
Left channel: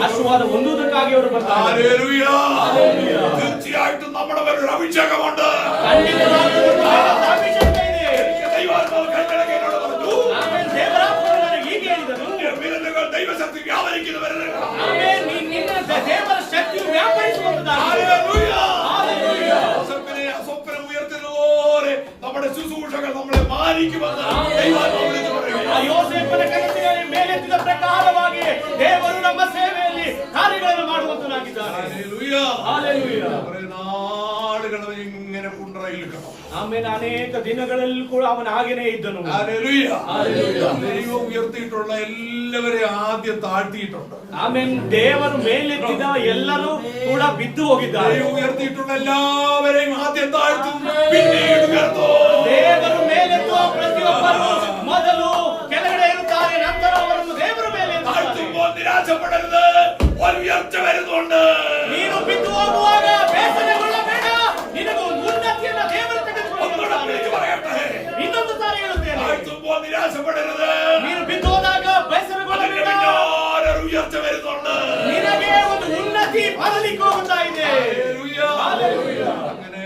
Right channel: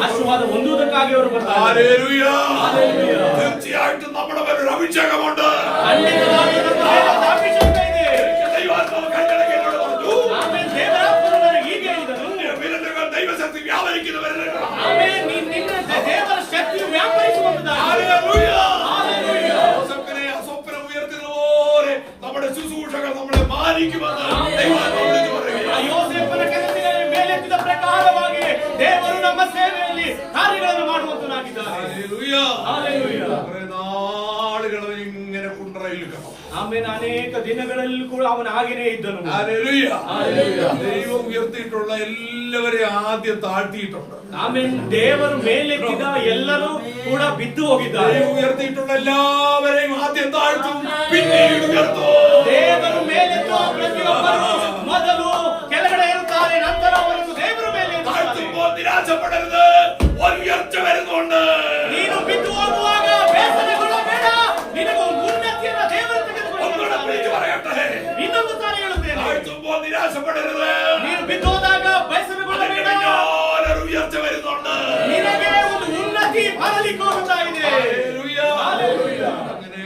ಆಶೀರ್ವಾದ ಹೊಂದುವುದಕ್ಕಾಗಿ ಅವರು ಬರ್ತಾರೆ. ഹല്ലേലൂയ. തീർച്ചയായിട്ടും നമ്മുടെ മേലൊരു അഭിഷേകമുണ്ട്. ಖಂಡಿತವಾಗಿ ಇವತ್ತು ದೇವರ ಅಭಿಷೇಕ ಇದೆ. ദൈവാത്മാവ് കൈകളൊക്കെ എന്നോട് പറഞ്ഞു. ಆಮೇಲೆ ದೇವರಾತ್ಮನು ನನಗೆ ಹೀಗೆ ಹೇಳಿದನು, വിരലുകൾ ദൈവശക്തി വ്യാപരിക്കുന്ന വിരലുകൾ. ಆಮೇಲೆ ನಿನ್ನ ದೇವರ ಶಕ್ತಿಯು ವ್ಯಾಪರಿಸುವಂತದ್ದಾಗಿದೆ. ഹല്ലേലൂയ. ഹല്ലേലൂയ. യോസേഫിനെ സ്വപ്നം ഉയർത്തിയതുപോലെ നമ്മുടെ ശുശ്രൂഷകൾ നമ്മളെ മാനിക്കുമെന്ന് ദൈവാത്മാവ് വിളിച്ചു പറയുകയാണ്. ಆ ಯೋಸೇಫನ ಕನಸಿನಲ್ಲಿ ಮೇಲೆತ್ತಿದ ಪ್ರಕಾರವಾಗಿ ದೇವರು ನಮ್ಮ ಸೇವೆಯಲ್ಲಿ ಕಾರ್ಯಗಳನ್ನು ಮಾಡುವಂತನಾಗಿದ್ದಾನೆ. ഹല്ലേലൂയ. ಹಲ್ಲೆಲೂಯ. കുറേ നാളുകൾ അവൻ ഇങ്ങനെ കുണ്ടറയിൽ കിടന്നു. ಆಮೇಲೆ ಅನೇಕ ದಿನಗಳಲ್ಲಿ ಕೂಡ ಅವನು ಹಾಗೇನೇ ಇದ್ದನು. ഹല്ലേലൂയ. ഹല്ലേലൂയ. ദൈവം ഉയർത്തിയിട്ടുള്ള എല്ലാവരെയും ആദ്യം താഴ്ത്തിയിട്ടുണ്ട്. ಆಮೇಲೆ ದೇವರು ಮೇಲೆತ್ತಿದ ಎಲ್ಲರೂ ಕೂಡ ಬಿದ್ದು ಹೋಗಿದ್ದಾರೆ. ദൈവം ഉയർത്തിയിട്ടുള്ള എല്ലാവരെയും ആദ്യം താഴ്ത്തും, പിന്നീട് ഉയർത്തും. ದೇವರು ಮೇಲೆತ್ತುವ ಪ್ರತಿಯೊಬ್ಬರು ಮೊದಲು ಕೆಳಗಡೆ ಇರುತ್ತಾರೆ, ನಂತರ ಅವರನ್ನು ದೇವರು ಮೇಲೆ താഴ്ത്തുമ്പോൾ നിരാശപ്പെടരുത്, ഒരു ഉയർച്ച വരുന്നുണ്ട്. ನೀನು ಬಿದ್ದು ಹೋಗುವಾಗ ಬೇಸರಗೊಳ್ಳಬೇಡ, ನಿನಗೆ ಒಂದು ಉನ್ನತಿಯನ್ನ ದೇವರು ഒന്നുകൂടെ വിളിച്ചു പറയട്ടെ. ಇನ್ನೊಂದು ಸಾರಿ ಹೇಳುತ್ತೇನೆ, താഴ്ത്തുമ്പോൾ നിരാശപ്പെടരുത്, ನೀನು ಬಿದ್ದು ಹೋದಾಗ അതിന്റെ ಬೇಸರಗೊಳ್ಳಬೇಡ, പിന്നാലെ ഒരു ഉയർച്ച വരുന്നുണ്ട്. ನಿನಗೆ ಒಂದು ಉನ್ನತಿ ಬರಲಿಕ್ಕೆ ಹೋಗುತ್ತಾ ಇದೆ. ഹല്ലേലൂയ. ഹല്ലേലൂയ. അങ്ങനെ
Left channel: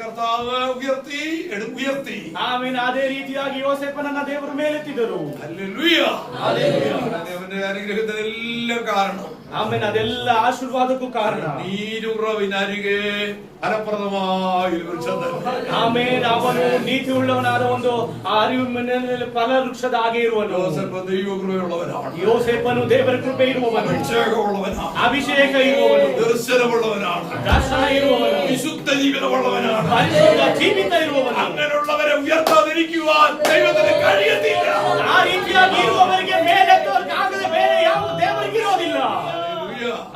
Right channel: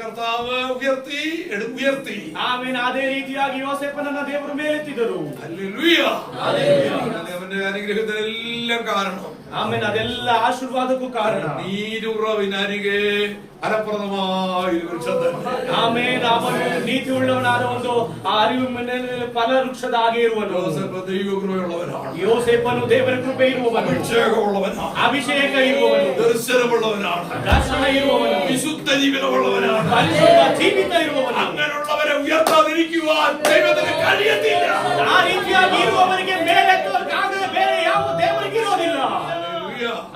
കർത്താവ് ഉയർത്തി. ಆಮೇಲೆ ಅದೇ ರೀತಿಯಾಗಿ ಯೋಸೇಫನನ್ನ ದೇವರು ಮೇಲೆತ್ತಿದರು. ഹല്ലേലൂയ. അവന്റെ അനുഗ്രഹത്തിനെല്ലാം കാരണം. ಆಮೇಲೆ ಅದೆಲ್ಲ ಆಶೀರ್ವಾದಕ್ಕೂ ಕಾರಣ നീരുറവിനരികെ ഫലപ്രദമായ ഒരു വൃക്ഷം തന്നെ. ಆಮೇಲೆ ಅವನು ನೀತಿ ಉಳ್ಳವನಾದ ಒಂದು ಅರಿವು ಮನೆಯಲ್ಲಿ ಫಲ ವೃಕ್ಷದ ಹಾಗೆ ಇರುವನು. യോസേഫ് ദൈവകൃപയുള്ളവനാണ്. ಯೋಸೇಫನು ದೇವರ ಕೃಪೆ ಇರುವವನು, അഭിഷേകമുള്ളവനാണ്, ಅಭಿಷೇಕ ಇರುವವನು, ദർശനമുള്ളവനാണ്, ದರ್ಶನ ಇರುವವನು, വിശുദ്ധ ജീവിതമുള്ളവനാണ്. ಪರಿಶುದ್ಧ ಜೀವಿತ ಇರುವವನು. അങ്ങനെയുള്ളവരെ ഉയർത്താതിരിക്കുവാൻ ദൈവത്തിന് കഴിയത്തില്ല. ಆ ರೀತಿಯಾಗಿ ಇರುವವರಿಗೆ ಮೇಲೆತ್ತೋರ್ಗಾಗದೆ ಬೇರೆ ಯಾವ ದೇವರಿಗೆ ಇರೋದಿಲ್ಲ.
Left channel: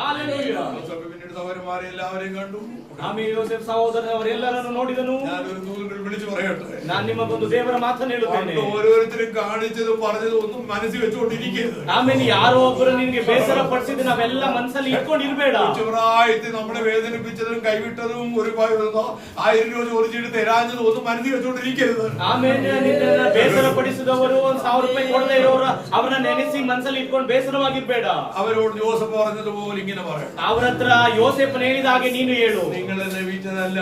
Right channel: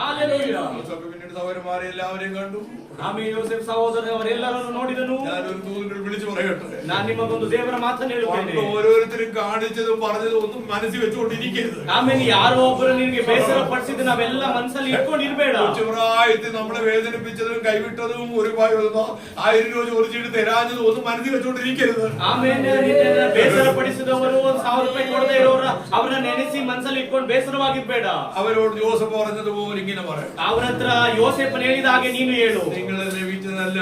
ഹല്ലേലൂയ. യോസേഫ് പിന്നീട് സഹോദരന്മാരെ എല്ലാവരെയും കണ്ടു. ಆಮೇಲೆ ಯೋಸೇಫ್ ಸಹೋದರ ಅವರೆಲ್ಲರನ್ನು ನೋಡಿದನು. ഞാനൊരു നൂലുകൾ വിളിച്ചു പറയട്ടെ. ನಾನು ನಿಮಗೊಂದು ದೇವರ ಮಾತನ್ನು ಹೇಳುತ್ತೇನೆ. ഓരോരുത്തരും കാണിച്ചതും പറഞ്ഞതും ഒന്നും മനസ്സിൽ വെച്ചുകൊണ്ടിരിക്കരുത്. ಆಮೇಲೆ ಯಾರೋ ಒಬ್ಬರು ನಿನಗೆ ಬೇಸರ ಪಡಿಸಿದ ನಾವೆಲ್ಲ ಮನಸ್ಸಲ್ಲಿ ಇಟ್ಕೊಂಡಿರ್ಬೇಡ. പ്രായത്തിൽ നമ്മളെ വേദനിപ്പിച്ചതും കൈവിട്ടതും ഒരു 1000 രൂപ ചോദിച്ചിട്ട് തരാഞ്ഞതും ഒന്നും മനസ്സിൽ വെച്ചുകൊണ്ടിരിക്കരുത്. ಆಮೇಲೆ ನಿನ್ನನ್ನು ಬೇಸರ ಪಡಿಸಿದವರು 1000 ರೂಪಾಯಿ ಕೊಡದೇ ಇರೋರು ಅವರನ್ನ ನೆನೆಸಿ ಮನಸ್ಸಲ್ಲಿ ಇಟ್ಕೊಂಡು ಬೇಸರವಾಗಿರ್ಬೇಡ. അവരോട് ജോസഫ് പറഞ്ഞതുപോലെ ഇങ്ങനെ പറയണം. ಅವರ ಹತ್ರ ಯೋಸೇಫನು ಹೇಳಿದ ಹಾಗೆ ನೀನು ಹೇಳು. നിങ്ങളെ ലഭിച്ചതല്ല,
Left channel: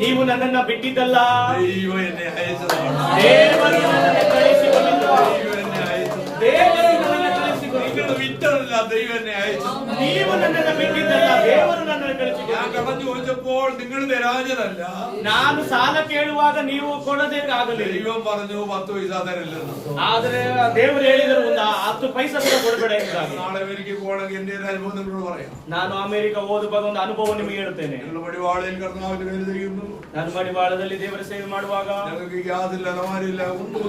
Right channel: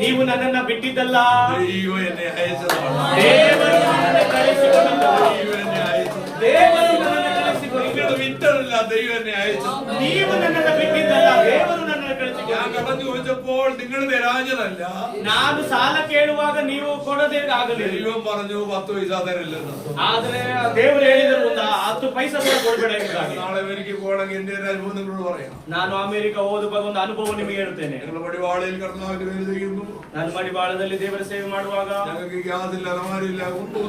ನೀವು ನನ್ನನ್ನ ಬಿಟ್ಟಿದ್ದಲ್ಲ, ദൈവം എന്നെ അയച്ചതാണ്. ದೇವರು ನನ್ನನ್ನು ಕಳುಹಿಸಿಕೊಂಡಿದ್ದಾನೆ. ദൈവം എന്നെ അയച്ചത്. ದೇವರು ನನ್ನನ್ನು ಕಳುಹಿಸಿಕೊಂಡಿದ್ದಾನೆ. നിങ്ങൾ വിറ്റതല്ല, ദൈവം എന്നെ അയച്ചത്. ನೀವು ನನ್ನನ್ನು ಬಿಟ್ಟಿದ್ದಲ್ಲ, ದೇವರು ನನ್ನನ್ನು ഞാൻ ಕಳುಹಿಸಿಕೊಂಡಿದ್ದಾನೆ. കടം ചോദിച്ചപ്പോൾ നിങ്ങൾ തരാഞ്ഞതല്ല, ನಾನು ಸಾಲ ಕೇಳುವಾಗ ನೀವು ಕೊಡದೇ ಆಗಲಿಲ್ಲ. ദൈവം പറഞ്ഞു 10 പൈസ തരില്ലെന്ന്. ಆದ್ರೆ ದೇವರು ಹೇಳಿದರು ಒಂದು 10 ಪೈಸೆ ಕೂಡ ಕೊಡಬೇಡ ಎಂಬುದಾಗಿ. നാളെ അമേരിക്കയിൽ പോകണമെങ്കിൽ എന്റെ ഒരു അനുഭവം നിങ്ങളോട് പറയാം. ನಾನು ಅಮೆರಿಕ ಓದುವಾಗ ಒಂದು ಅನುಭವ ನಿಮಗೆ ಹೇಳ್ತೇನೆ. ഞങ്ങൾ പടിവാളയിൽ കർത്താവിന്റെ പേര് ചെയ്യുന്നു. ನಾನು ಮಡಿವಾಳದಲ್ಲಿ ದೇವರ ಸೇವೆ ಮಾಡುವಾಗ ഞങ്ങൾക്ക് ഗ്യാസ് ഇല്ല, അലമാരില്ല, ഒന്നും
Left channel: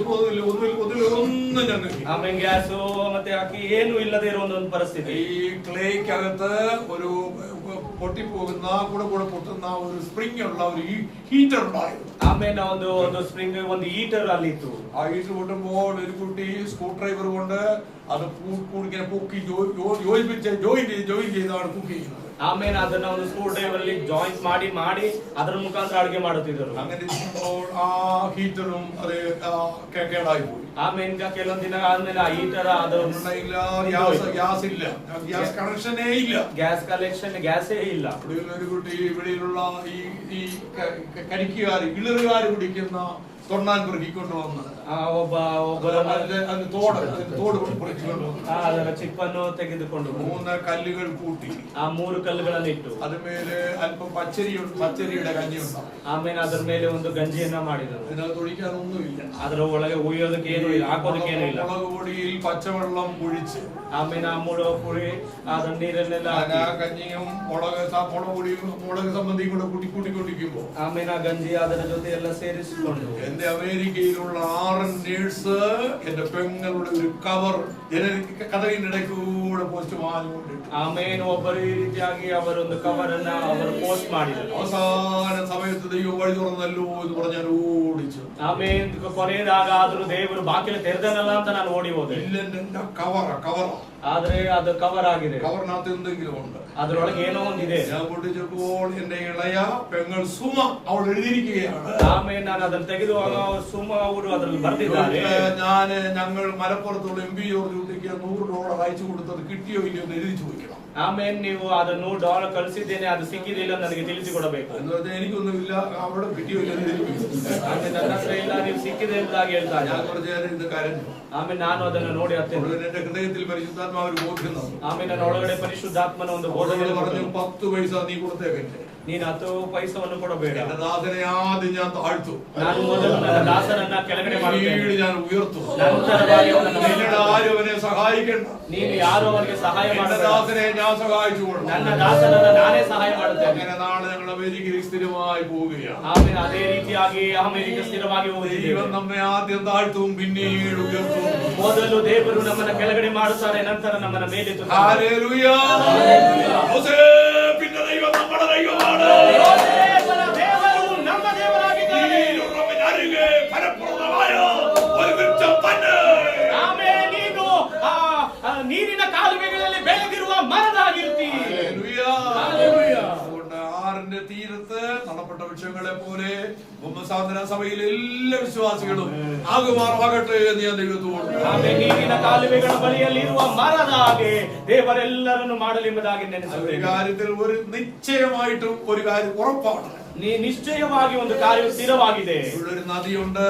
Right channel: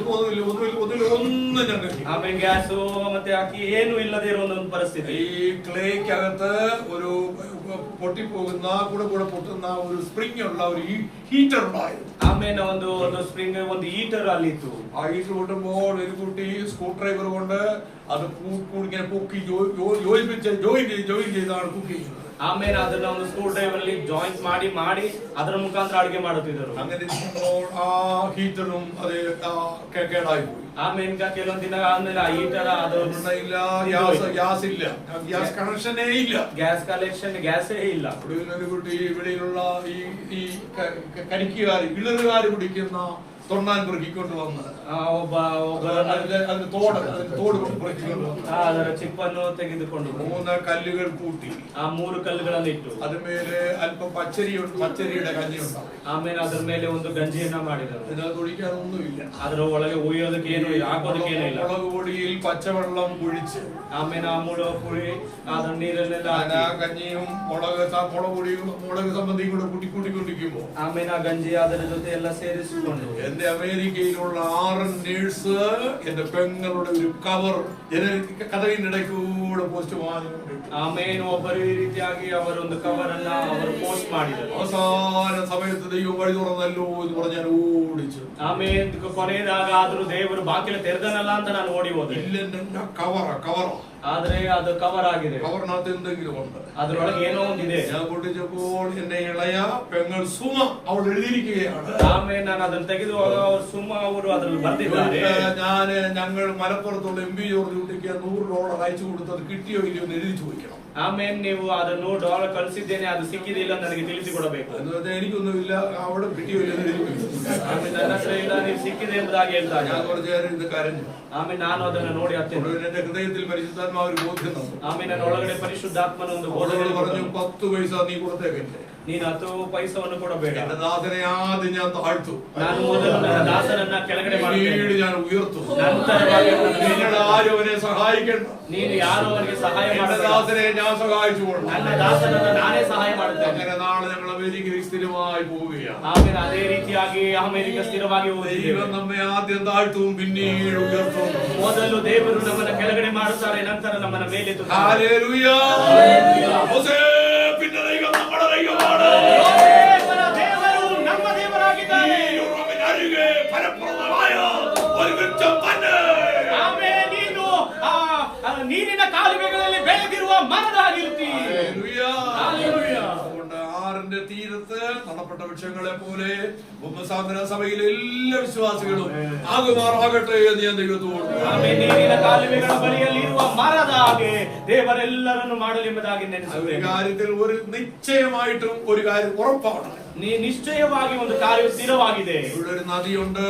ഞങ്ങൾക്ക്. ಆಮೇಲೆ ಗ್ಯಾಸು ಮತ್ತೆ ಅಕ್ಕಿ ಏನು ಇಲ್ಲದೆ ಇರುವ ಒಂದು ಪರಿಸ್ಥಿತಿ. ഈ ക്ലേക്കകത്ത് ഒരു പൊട്ടിപ്പോകുന്ന കൂടെ പൊട്ടുന്ന ഒരു സ്പ്രിംഗ് ഉള്ള ഒരു ഹീറ്റർ ഉണ്ടായിരുന്നു. ಆಮೇಲೆ ಒಂದು ಸ್ಪ್ರಿಂಗ್ ಒಂದು ಹೀಟರ್ ಅಲ್ಲಿತ್ತು. ആ ഹീറ്റർ പൊട്ടുമ്പോൾ ഒരു കുട്ടി സ്ക്രൂ ഡ്രൈവർ കൊണ്ട് അത് ഇങ്ങനെ പൊക്കി ജോയിൻ ചെയ്താണ് കുക്ക് ചെയ്യുന്നത്. ಆಮೇಲೆ ಅದನ್ನ ಒಂದು ಸ್ಕ್ರೂ ಡ್ರೈವರ್ ಅಲ್ಲಿ ಜಾಯಿಂಟ್ ಮಾಡಿ ಅದರ ಮುಖಾಂತರ ಅಡುಗೆ ಮಾಡುತ್ತಿದ್ದರು. അങ്ങനെ ഇരിക്കുമ്പോൾ ആ ഹീറ്ററും അത് കേടായി പോയി. ಆಮೇಲೆ ಕೆಲವೊಂದು ದಿನ ಆದ್ಮೇಲೆ ಆ ಹೀಟರ್ ಅದು ഗ്യാസ് ഇല്ല, ഗ്യാസ് കണക്ഷനേ ഇല്ല, ಗ್ಯಾಸ್ ಕಲೆಕ್ಷನ್ ಗ್ಯಾಸೇ ಇಲ್ಲ. ഒരു കുട്ടി ഇവിടെയുള്ള ഈ ഇളറുകാർ കുടിക്കുന്ന തൊണ്ണാൻ പെറുക്കിക്കൊണ്ട് വന്ന് അതിന്റെ തോട് പെറുക്കിക്കൊണ്ട് വന്ന് ಅದರ ಚಿಪ್ಪನ್ನು ತೆಗೆದುಕೊಂಡು 3 കല്ലുകൾ കൂട്ടി ಆ 3 ಕಲ್ಲುಗಳನ್ನು ಇಟ್ಟು അതിന്മേലെ അല്പം പച്ചരിയുടെ കഞ്ഞി ഉണ്ടാവും. ಆಮೇಲೆ ಅದರ ಮೇಲೆ ಒಂದು ಗಂಜಿಯನ್ನ ಮಾಡಿದರು. ഇതിനകത്ത് ഒഴിക്കാനൊന്നുമില്ല, ಅದರ ಒಳಗೆ ಉಯ್ಯೋದಕ್ಕೆ ಏನು ಇಲ್ಲ, ಹಾಕೋದಕ್ಕೆ ಏನೂ ಇಲ್ಲ. മുളക് പൊടിയിൽ പച്ചവെള്ളം ഒഴിച്ച് ಆಮೇಲೆ ಆ ಮುಳುಗ ಪುಳಿ ಅದರ ನೀರನ್ನೆಲ್ಲ ആ കഞ്ഞിയും മുളക് സംബന്ധിയും കൂടെ കൂട്ടിക്കൊണ്ടിരിക്കുമ്പോ ಆಮೇಲೆ ಆ ಗಂಜಿ ಅದರ ಜೊತೆ ಎಲ್ಲ ಸೇರಿಸಿಕೊಂಡು എന്റെ അമേരിക്കയിലുള്ള 6 നേഴ്സ് എന്റെ പെങ്ങളുടെ ഒരു കവർ കഥകിനിടയ്ക്കൂടെ പോസ്റ്റ് വാങ്ങിക്കൊണ്ടിട്ടു. ಆಮೇಲೆ ಒಬ್ಬರು ಈ ರೀತಿಯಾಗಿ ಅವರೊಂದು ಕವರ್ ಅನ್ನ ಅವರು ಪೋಸ್ಟ್ ಮಾಡಿದರು. അവസാന സമയത്ത് ദൈവം വഴി തുറന്നല്ലോ എന്ന് പറഞ്ഞ് ഞാൻ ഓടിച്ചു. ಆಮೇಲೆ ಕೊನೆಯದಾಗ ಆದ್ರೂ ದೇವರು ಬಾಗಿಲು ತೆರೆದನಲ್ಲ ಅಂತ ನಾನು ಓಡಿ ಹೋದೆ. ഇല്ല, കവറ ಆದ್ರೆ ಅದು ಕವರ್ ಆಗಿದೆ, കവറിനകത്ത് എന്തെങ്കിലും ഉണ്ട്. ಅದರೊಳಗೆ ಏನೋ ಒಂದಿದೆ. ഞാൻ പൊട്ടിച്ചപ്പോൾ എന്റെ ഇളയ പെങ്ങൾ സുമ അവൾ എഴുതിയിരിക്കുകയാണ്. ಆಮೇಲೆ ನಾನು ಅದನ್ನ ತೆಗೆದುವಾಗ ಅವರು ಸುಮ್ಮ ಅವರು ಅದರಲ್ಲಿ ಬರ್ತಿದ್ದಾರೆ. ഞങ്ങൾ മലപ്പുറത്തുള്ള MP ജോർജ് കുട്ടിക്ക് $100 അയച്ചു കൊടുത്തത് കിട്ടിയോ ഇല്ലയോ എന്ന് എഴുതി ചോദിക്കണം. ಆಮೇಲೆ ನೀವು ಅದನ್ನು $100 ಕಳಿಸಿದ್ದೇನೆ, ಅದು ಸಿಕ್ಕಿದಿಲ್ಲ ನನಗೆ ತಿಳಿಸಿಕೊಡಬೇಕು. എനിക്കൊന്നുമില്ല, അവിടെ കിട്ടിയോ ഇല്ല എന്ന് എഴുതി. ಆಮೇಲೆ ನನ್ನ ಹತ್ರ ಇಲ್ಲ, ನೀವು ಸಿಕ್ಕಿದೆ ಎಂಬುದಾಗಿ ಹೇಳ್ತಾರೆ. ഞാൻ കുറച്ചു നേരം ഇത് കരഞ്ഞു. ಆಮೇಲೆ ನಾನು ಅದನ್ನು ನೋಡಿ ಅತ್ತೇನೆ. എന്റെ ഹൃദയത്തിൽ പരിശുദ്ധാത്മാവ് ഒരു ബോധ്യം തന്നു. ಆಮೇಲೆ ನನ್ನ ಒಳಗಡೆ ಪರಿಶುದ್ಧಾತ್ಮನ ಒಂದು ಬೋಧನೆ പറഞ്ഞു, 10 പൈസ നീ കൊടുത്തേക്കട്ടെ, ನೀನು 10 ಪೈಸವನ್ನು ಕೊಡಬೇಡ. എന്റെ ദാസനെ ആദ്യം ഞാൻ താഴ്ത്തു, ನಾನು ಮೊದಲು ನನ್ನ ದಾಸನನ್ನ ಕೆಳಗಡೆ പിന്നീട് ഞാൻ ഉയർത്തു. ನಂತರವಾಗಿ ಅವನನ್ನು നിങ്ങൾ ആരും അവനെ സഹായിക്കണ്ട, ನೀನು ಯಾರೋ ಅವನಿಗೆ ಸಹಾಯ എന്റെ ಮಾಡಬೇಡ, ദാസനെ ഞാൻ സഹായിച്ചു കൊള്ളാം. ನನ್ನ ದಾಸನನ್ನ ನಾನೇ ಸಹಾಯ ಮಾಡುತ್ತೇನೆ. അങ്ങനെ നാളെ ഞങ്ങൾ അമേരിക്കയിൽ സ്ഥിരമായി പോവുകയാണ്. ಆಮೇಲೆ ಅದೇ ರೀತಿಯಾಗಿ ಅಮೆರಿಕ ಸ್ಥಿರವಾಗಿ ಹೋಗಿದ್ದೇವೆ. ദൈവം നമ്മെ ആദ്യം താഴ്ത്തും പിന്നീട് ഉയർത്തും. ಮೊದಲು ದೇವರು ನಮ್ಮನ್ನ ಕೆಳಗಡೆ ಮಾಡುತ್ತಾರೆ, ನಂತರ ನಮ್ಮನ್ನ ಮೇಲೆತ್ತುತ್ತಾರೆ. ഹല്ലേലൂയ. യോസേഫിന്റെ ദൈവം നമ്മുടെ ദൈവമാണ്. ಯೋಸೇಫನ ದೇವರು ನಮ್ಮ ದೇವರಾಗಿದ್ದಾರೆ. നീരുറവിനരികെ ഫലപ്രദമായ ഒരു വൃക്ഷം തന്നെ. ಆಮೇಲೆ ನೀನು ನೀರಿನ ಕಾಲುವೆಗಳಲ್ಲಿ ಬೆಳೆದಿರುವ ಮರದಾಗಿರ್ತಿ. ഹല്ലേലൂയ. അതുകൊണ്ട് ആറിന്റെ തീരത്ത് തള്ളപ്പെട്ട വൃക്ഷങ്ങളെ പോലെ ഭൂമസാന്തന സഭയിലെ എല്ലാ വിശ്വാസികളും ആകുമാറാകട്ടെ എന്ന് ഞാൻ ദൈവത്തോട് ಆಮೇಲೆ ನೀರಿನ ಕಾಲುವೆಗಳ ಬಳಿಯಲ್ಲಿರುವ ಮರದ ಹಾಗೆ ದೇವರೆಲ್ಲರನ್ನು ಮಾಡಲೆಂಬುದಾಗಿ ഒരു ನೆನೆಸುತ್ತೇನೆ. കാര്യത്തിൽ ഒരു നിശ്ചയമായിട്ടും ഒരു കാര്യം ഉറപ്പാണ്. ನಿಶ್ಚಯವಾಗಿ ಒಂದು ಕಾರ್ಯವು ಸ್ಥಿರವಾಗಿದೆ. ഇവിടെ ഒരു നദിയുണ്ട്.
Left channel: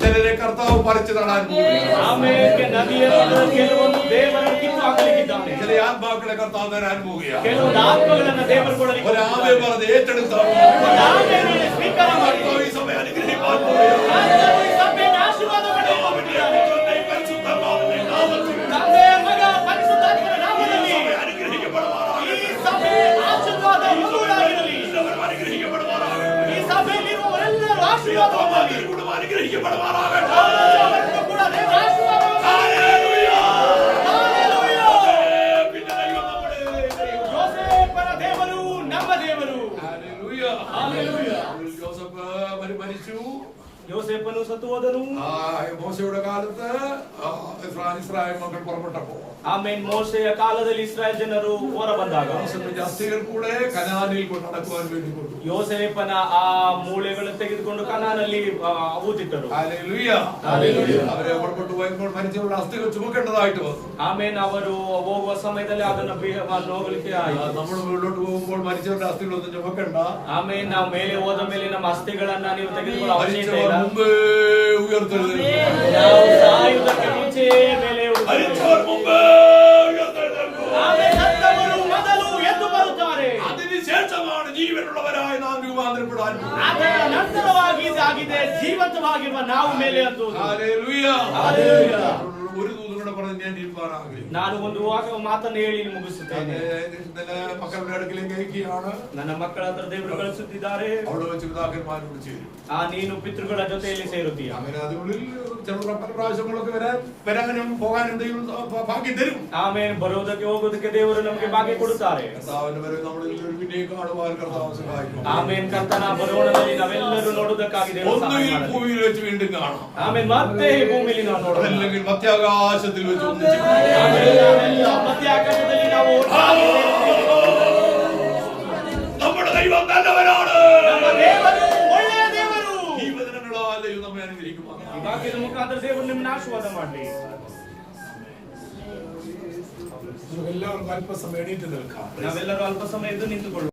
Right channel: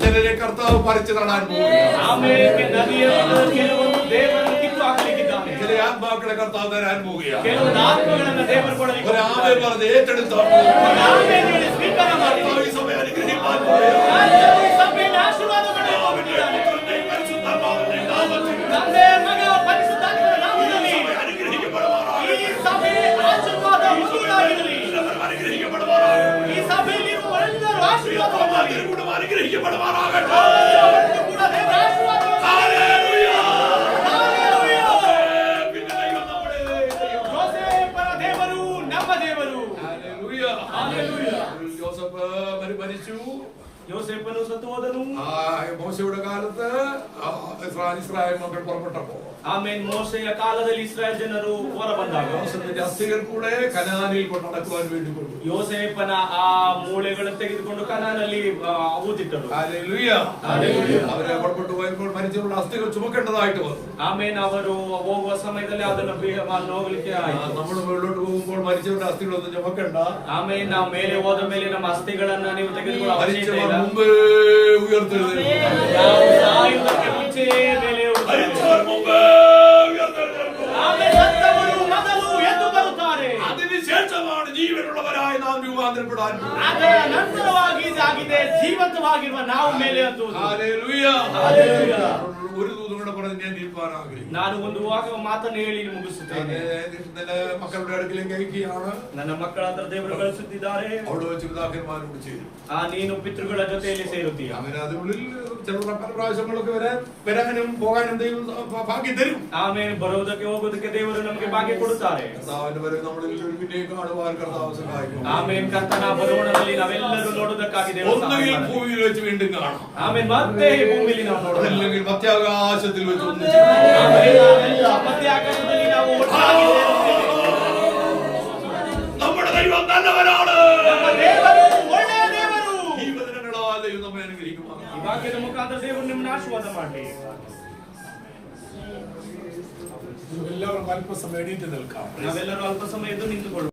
ചിലരെ കർത്താവ് പറിച്ചു നടാൻ പോകുന്നു. ಆಮೇಲೆ ನದಿಯಲ್ಲಿ ಕೆಲವೊಂದು ದೇವರನ್ನು ಕಿತ್ತು ಹಾಕಲಿಕ್ಕಿದ್ದಾನೆ. ചില ആത്മാക്കളെ കർത്താവ് തരാൻ പോവുകയാണ്. ಕೆಲವೊಂದು ಆತ್ಮಗಳನ್ನು ದೇವರು ಕೊಡಲಿಕ್ಕೆ ഒരു ആമേ പറഞ്ഞ് ഏറ്റെടുത്താണ്. ಆಮೇಲೆ ಸ್ವೀಕಾರ ಮಾಡಿ ഈ സഭ അനുഗ്രഹിക്കാൻ പോവുകയാണ്. ಈ ಸಭೆಯನ್ನು ಆಶೀರ್ವಾದ ಮಾಡಲಿಕ್ಕೆ ಹೋಗುತ್ತಿದ್ದಾನೆ. പരിശുദ്ധാത്മാവിന്റെ നാമത്തിൽ ತಂದೆ ಮಗ ಪರಿಶುದ್ಧಾತ್ಮನ ನಾಮದಲ್ಲಿ അനുഗ്രഹിക്കപ്പെടുമാറാകട്ടെ. ಈ ಸಭೆ ಆಶೀರ್ವಾದ ಹೊಂದುವುದಾಗಿರಲಿ. എല്ലാവരും അനുഗ്രഹിക്കപ്പെടുമാറാകട്ടെ. ಈ ಸಭೆಯಲ್ಲಿರುವವರೆಲ್ಲರೂ ಆಶೀರ್ವಾದ ಹೊಂದಲಿ. കുടുംബം അനുഗ്രഹിക്കപ്പെടുമാറാകട്ടെ. ಅವರನ್ನು ಕೂಡ ದೇವರ ಆಶೀರ್ವಾದ ഹല്ലേലൂയ. ಹಲ್ಲೆಲೂಯಾ. പിന്നെ ദൈവം നമ്മുടെ ദൈവം. ಯೋಸೇಫನ ದೇವರು ನಮ್ಮ ದೇವರು. ഹല്ലേലൂയ. ഹല്ലേലൂയ. ജോസഫ് മരിച്ചു. ಯೋಸೇಫನು ಸತ್ತು ಹೋದನು. മോശയുടെ കാലത്ത് ഇസ്രായേൽ മക്കൾ പുറപ്പെട്ടപ്പോ ಆಮೇಲೆ ಮೋಶೆಯ ಕಾಲದಲ್ಲಿ ಇಸ್ರಾಯೇಲ್ ಜನರು ಹೊರ ಬಂದಾಗ യോസഫിന്റെ അസ്ഥികൾ കൂടെ കനാനിൽ കൊണ്ട് നടക്കുവാൻ വേണ്ടി കൊണ്ടു. ಯೋಸೇಫನ ಆ ಮೂಳೆಗಳನ್ನು ತೆಗೆದುಕೊಂಡು ಕನಾನಲ್ಲಿ ಊದಿಟ್ಟರು. ഹല്ലേലൂയ. ഹല്ലേലൂയ. അവരെ പുറപ്പെട്ടു പോയപ്പോൾ മരിച്ചവരുടെ അസ്ഥികൾ ചുമക്കേണ്ടതായിട്ട് വന്നു. ಆಮೇಲೆ ಅವರು ಹೋಗುವ ಸಮಯದಲ್ಲಿ ಅದನ್ನು ಹೋಗ್ಲಿಕ್ಕೆ ಆಯಿತು. നമ്മൾ മുകളിലോട്ട് പോകുമ്പോൾ മരിച്ചവരുടെ അസ്ഥികളൊന്നും ചുമക്കണ്ട. ಆಮೇಲೆ ನಾವು ಮೇಲೆ ಹೋದ ಮೇಲೆ ನಮ್ಮ ಅಸ್ಥಿಗಳನ್ನ ನೀವು ತೆಗೆದುಕೊಳ್ಳೋ ಅವಶ್ಯಕತೆ മരിച്ചവർ ಇಲ್ಲ. മുമ്പേ ഉയർത്തെഴുന്നേൽക്കും. ನಾವು ಸಾಯುವುದಕ್ಕೆ ಮುಂಚೆ ಮೇಲೆ മരിച്ചവർ മുമ്പേ ഉയർത്തെഴുന്നേൽക്കും. ಆಮೇಲೆ ಸತ್ತವರು ಮೊದಲು ಎದ್ದು ಬರುತ್ತಾರೆ. അതിനുശേഷമാണ് ജീവനുള്ളവരായി നാം രൂപാന്തരപ്പെടാൻ പോകുന്നത്. ಅದರ ನಂತರವಾಗಿ ಇದಾಗಿದೆ ಜೀವಂತವಾಗಿರುವ ನಾವು ಮೇಲೆ ಹತ್ತುವುದು. ഹല്ലേലൂയ. ഹല്ലേലൂയ. ഒരു ദൂതും കൂടെ പറഞ്ഞ് ഞാൻ ഇരിക്കാൻ ആഗ്രഹിക്കുന്നു. ನಾನು ಒಂದು ಮಾತನ್ನು ಹೇಳಿ ಮುಗಿಸುತ್ತೇನೆ. മക്കളുടെ അടുക്കലേക്ക് അയക്കുകയാണ്. ನನ್ನ ಮಕ್ಕಳ ಹತ್ರ ದೇವರು ಕಳಿಸುತ್ತಿದ್ದಾರೆ. അവിടെ വെച്ച് പിതാക്കന്മാരോട് ചേരും. ನೀನು ಪಿತೃಗಳ ಜೊತೆಯಲ್ಲಿ ಸೇರುತ್ತೀಯ. അങ്ങനെ അതിനുള്ളിൽ ചില പല പ്രാവശ്യങ്ങളൊക്കെ വരാനും പോകാനും ദൈവം ഭാഗ്യം തരും. ಆಮೇಲೆ ಬರುವುದಕ್ಕೆ ಹೋಗುವುದಕ್ಕೆ ದೇವರು ನಮಗೆ ಭಾಗ್ಯ ಕೊಡುತ್ತಾರೆ. കർത്താവിന്റെ വരവ് നമ്മളെല്ലാവരും പിന്നെ കാണുവാൻ കർത്താവ് സഹായിക്കും. ಆಮೇಲೆ ಕರ್ತನ ಬರುವಣದಲ್ಲಿ ನಾವೆಲ್ಲರೂ ನೋಡುವುದಕ್ಕಾಗಿ ದೇವರು ಸಹಾಯ ഒന്നുകിൽ ಮಾಡಲಿ. ഭൂമിയിൽ വെച്ച് വീണ്ടും കാണാം. ಆಮೇಲೆ ಮತ್ತೆ ಈ ಭೂಮಿಯಲ್ಲಿ ನಾವು ನೋಡೋಣ. അതല്ലെങ്കിൽ മധ്യാകാശത്തിൽ വെച്ച് ഒന്നിച്ച് ಆಮೇಲೆ ನಾವೆಲ್ಲ ಮಧ್ಯ ಆಕಾಶದಲ್ಲಿ ನಾವು ಒಟ್ಟಾಗಿ ಸೇರುತ್ತೇವೆ. നമ്മുടെ ദൈവം നല്ലവനാണ്. ನಮ್ಮ ದೇವರು ಒಳ್ಳೆಯ ದೇವರು. ഈ വചനങ്ങളാൽ ദൈവം നമ്മെ അനുഗ്രഹിക്കുമാറാകട്ടെ. ಈ ವಾಕ್ಯದ ಮುಖಾಂತರ ದೇವರು ನಿಮ್ಮನ್ನು ಆಶೀರ್ವಾದ ಮಾಡಲಿ. എല്ലാവർക്കും അല്പസമയം എണീറ്റ് നിൽക്കാം. ನಾವೆಲ್ಲರೂ ಅಲ್ಪ ಸಮಯ ಎದ್ದು ನಿಂತುಕೊಳ್ಳೋಣ.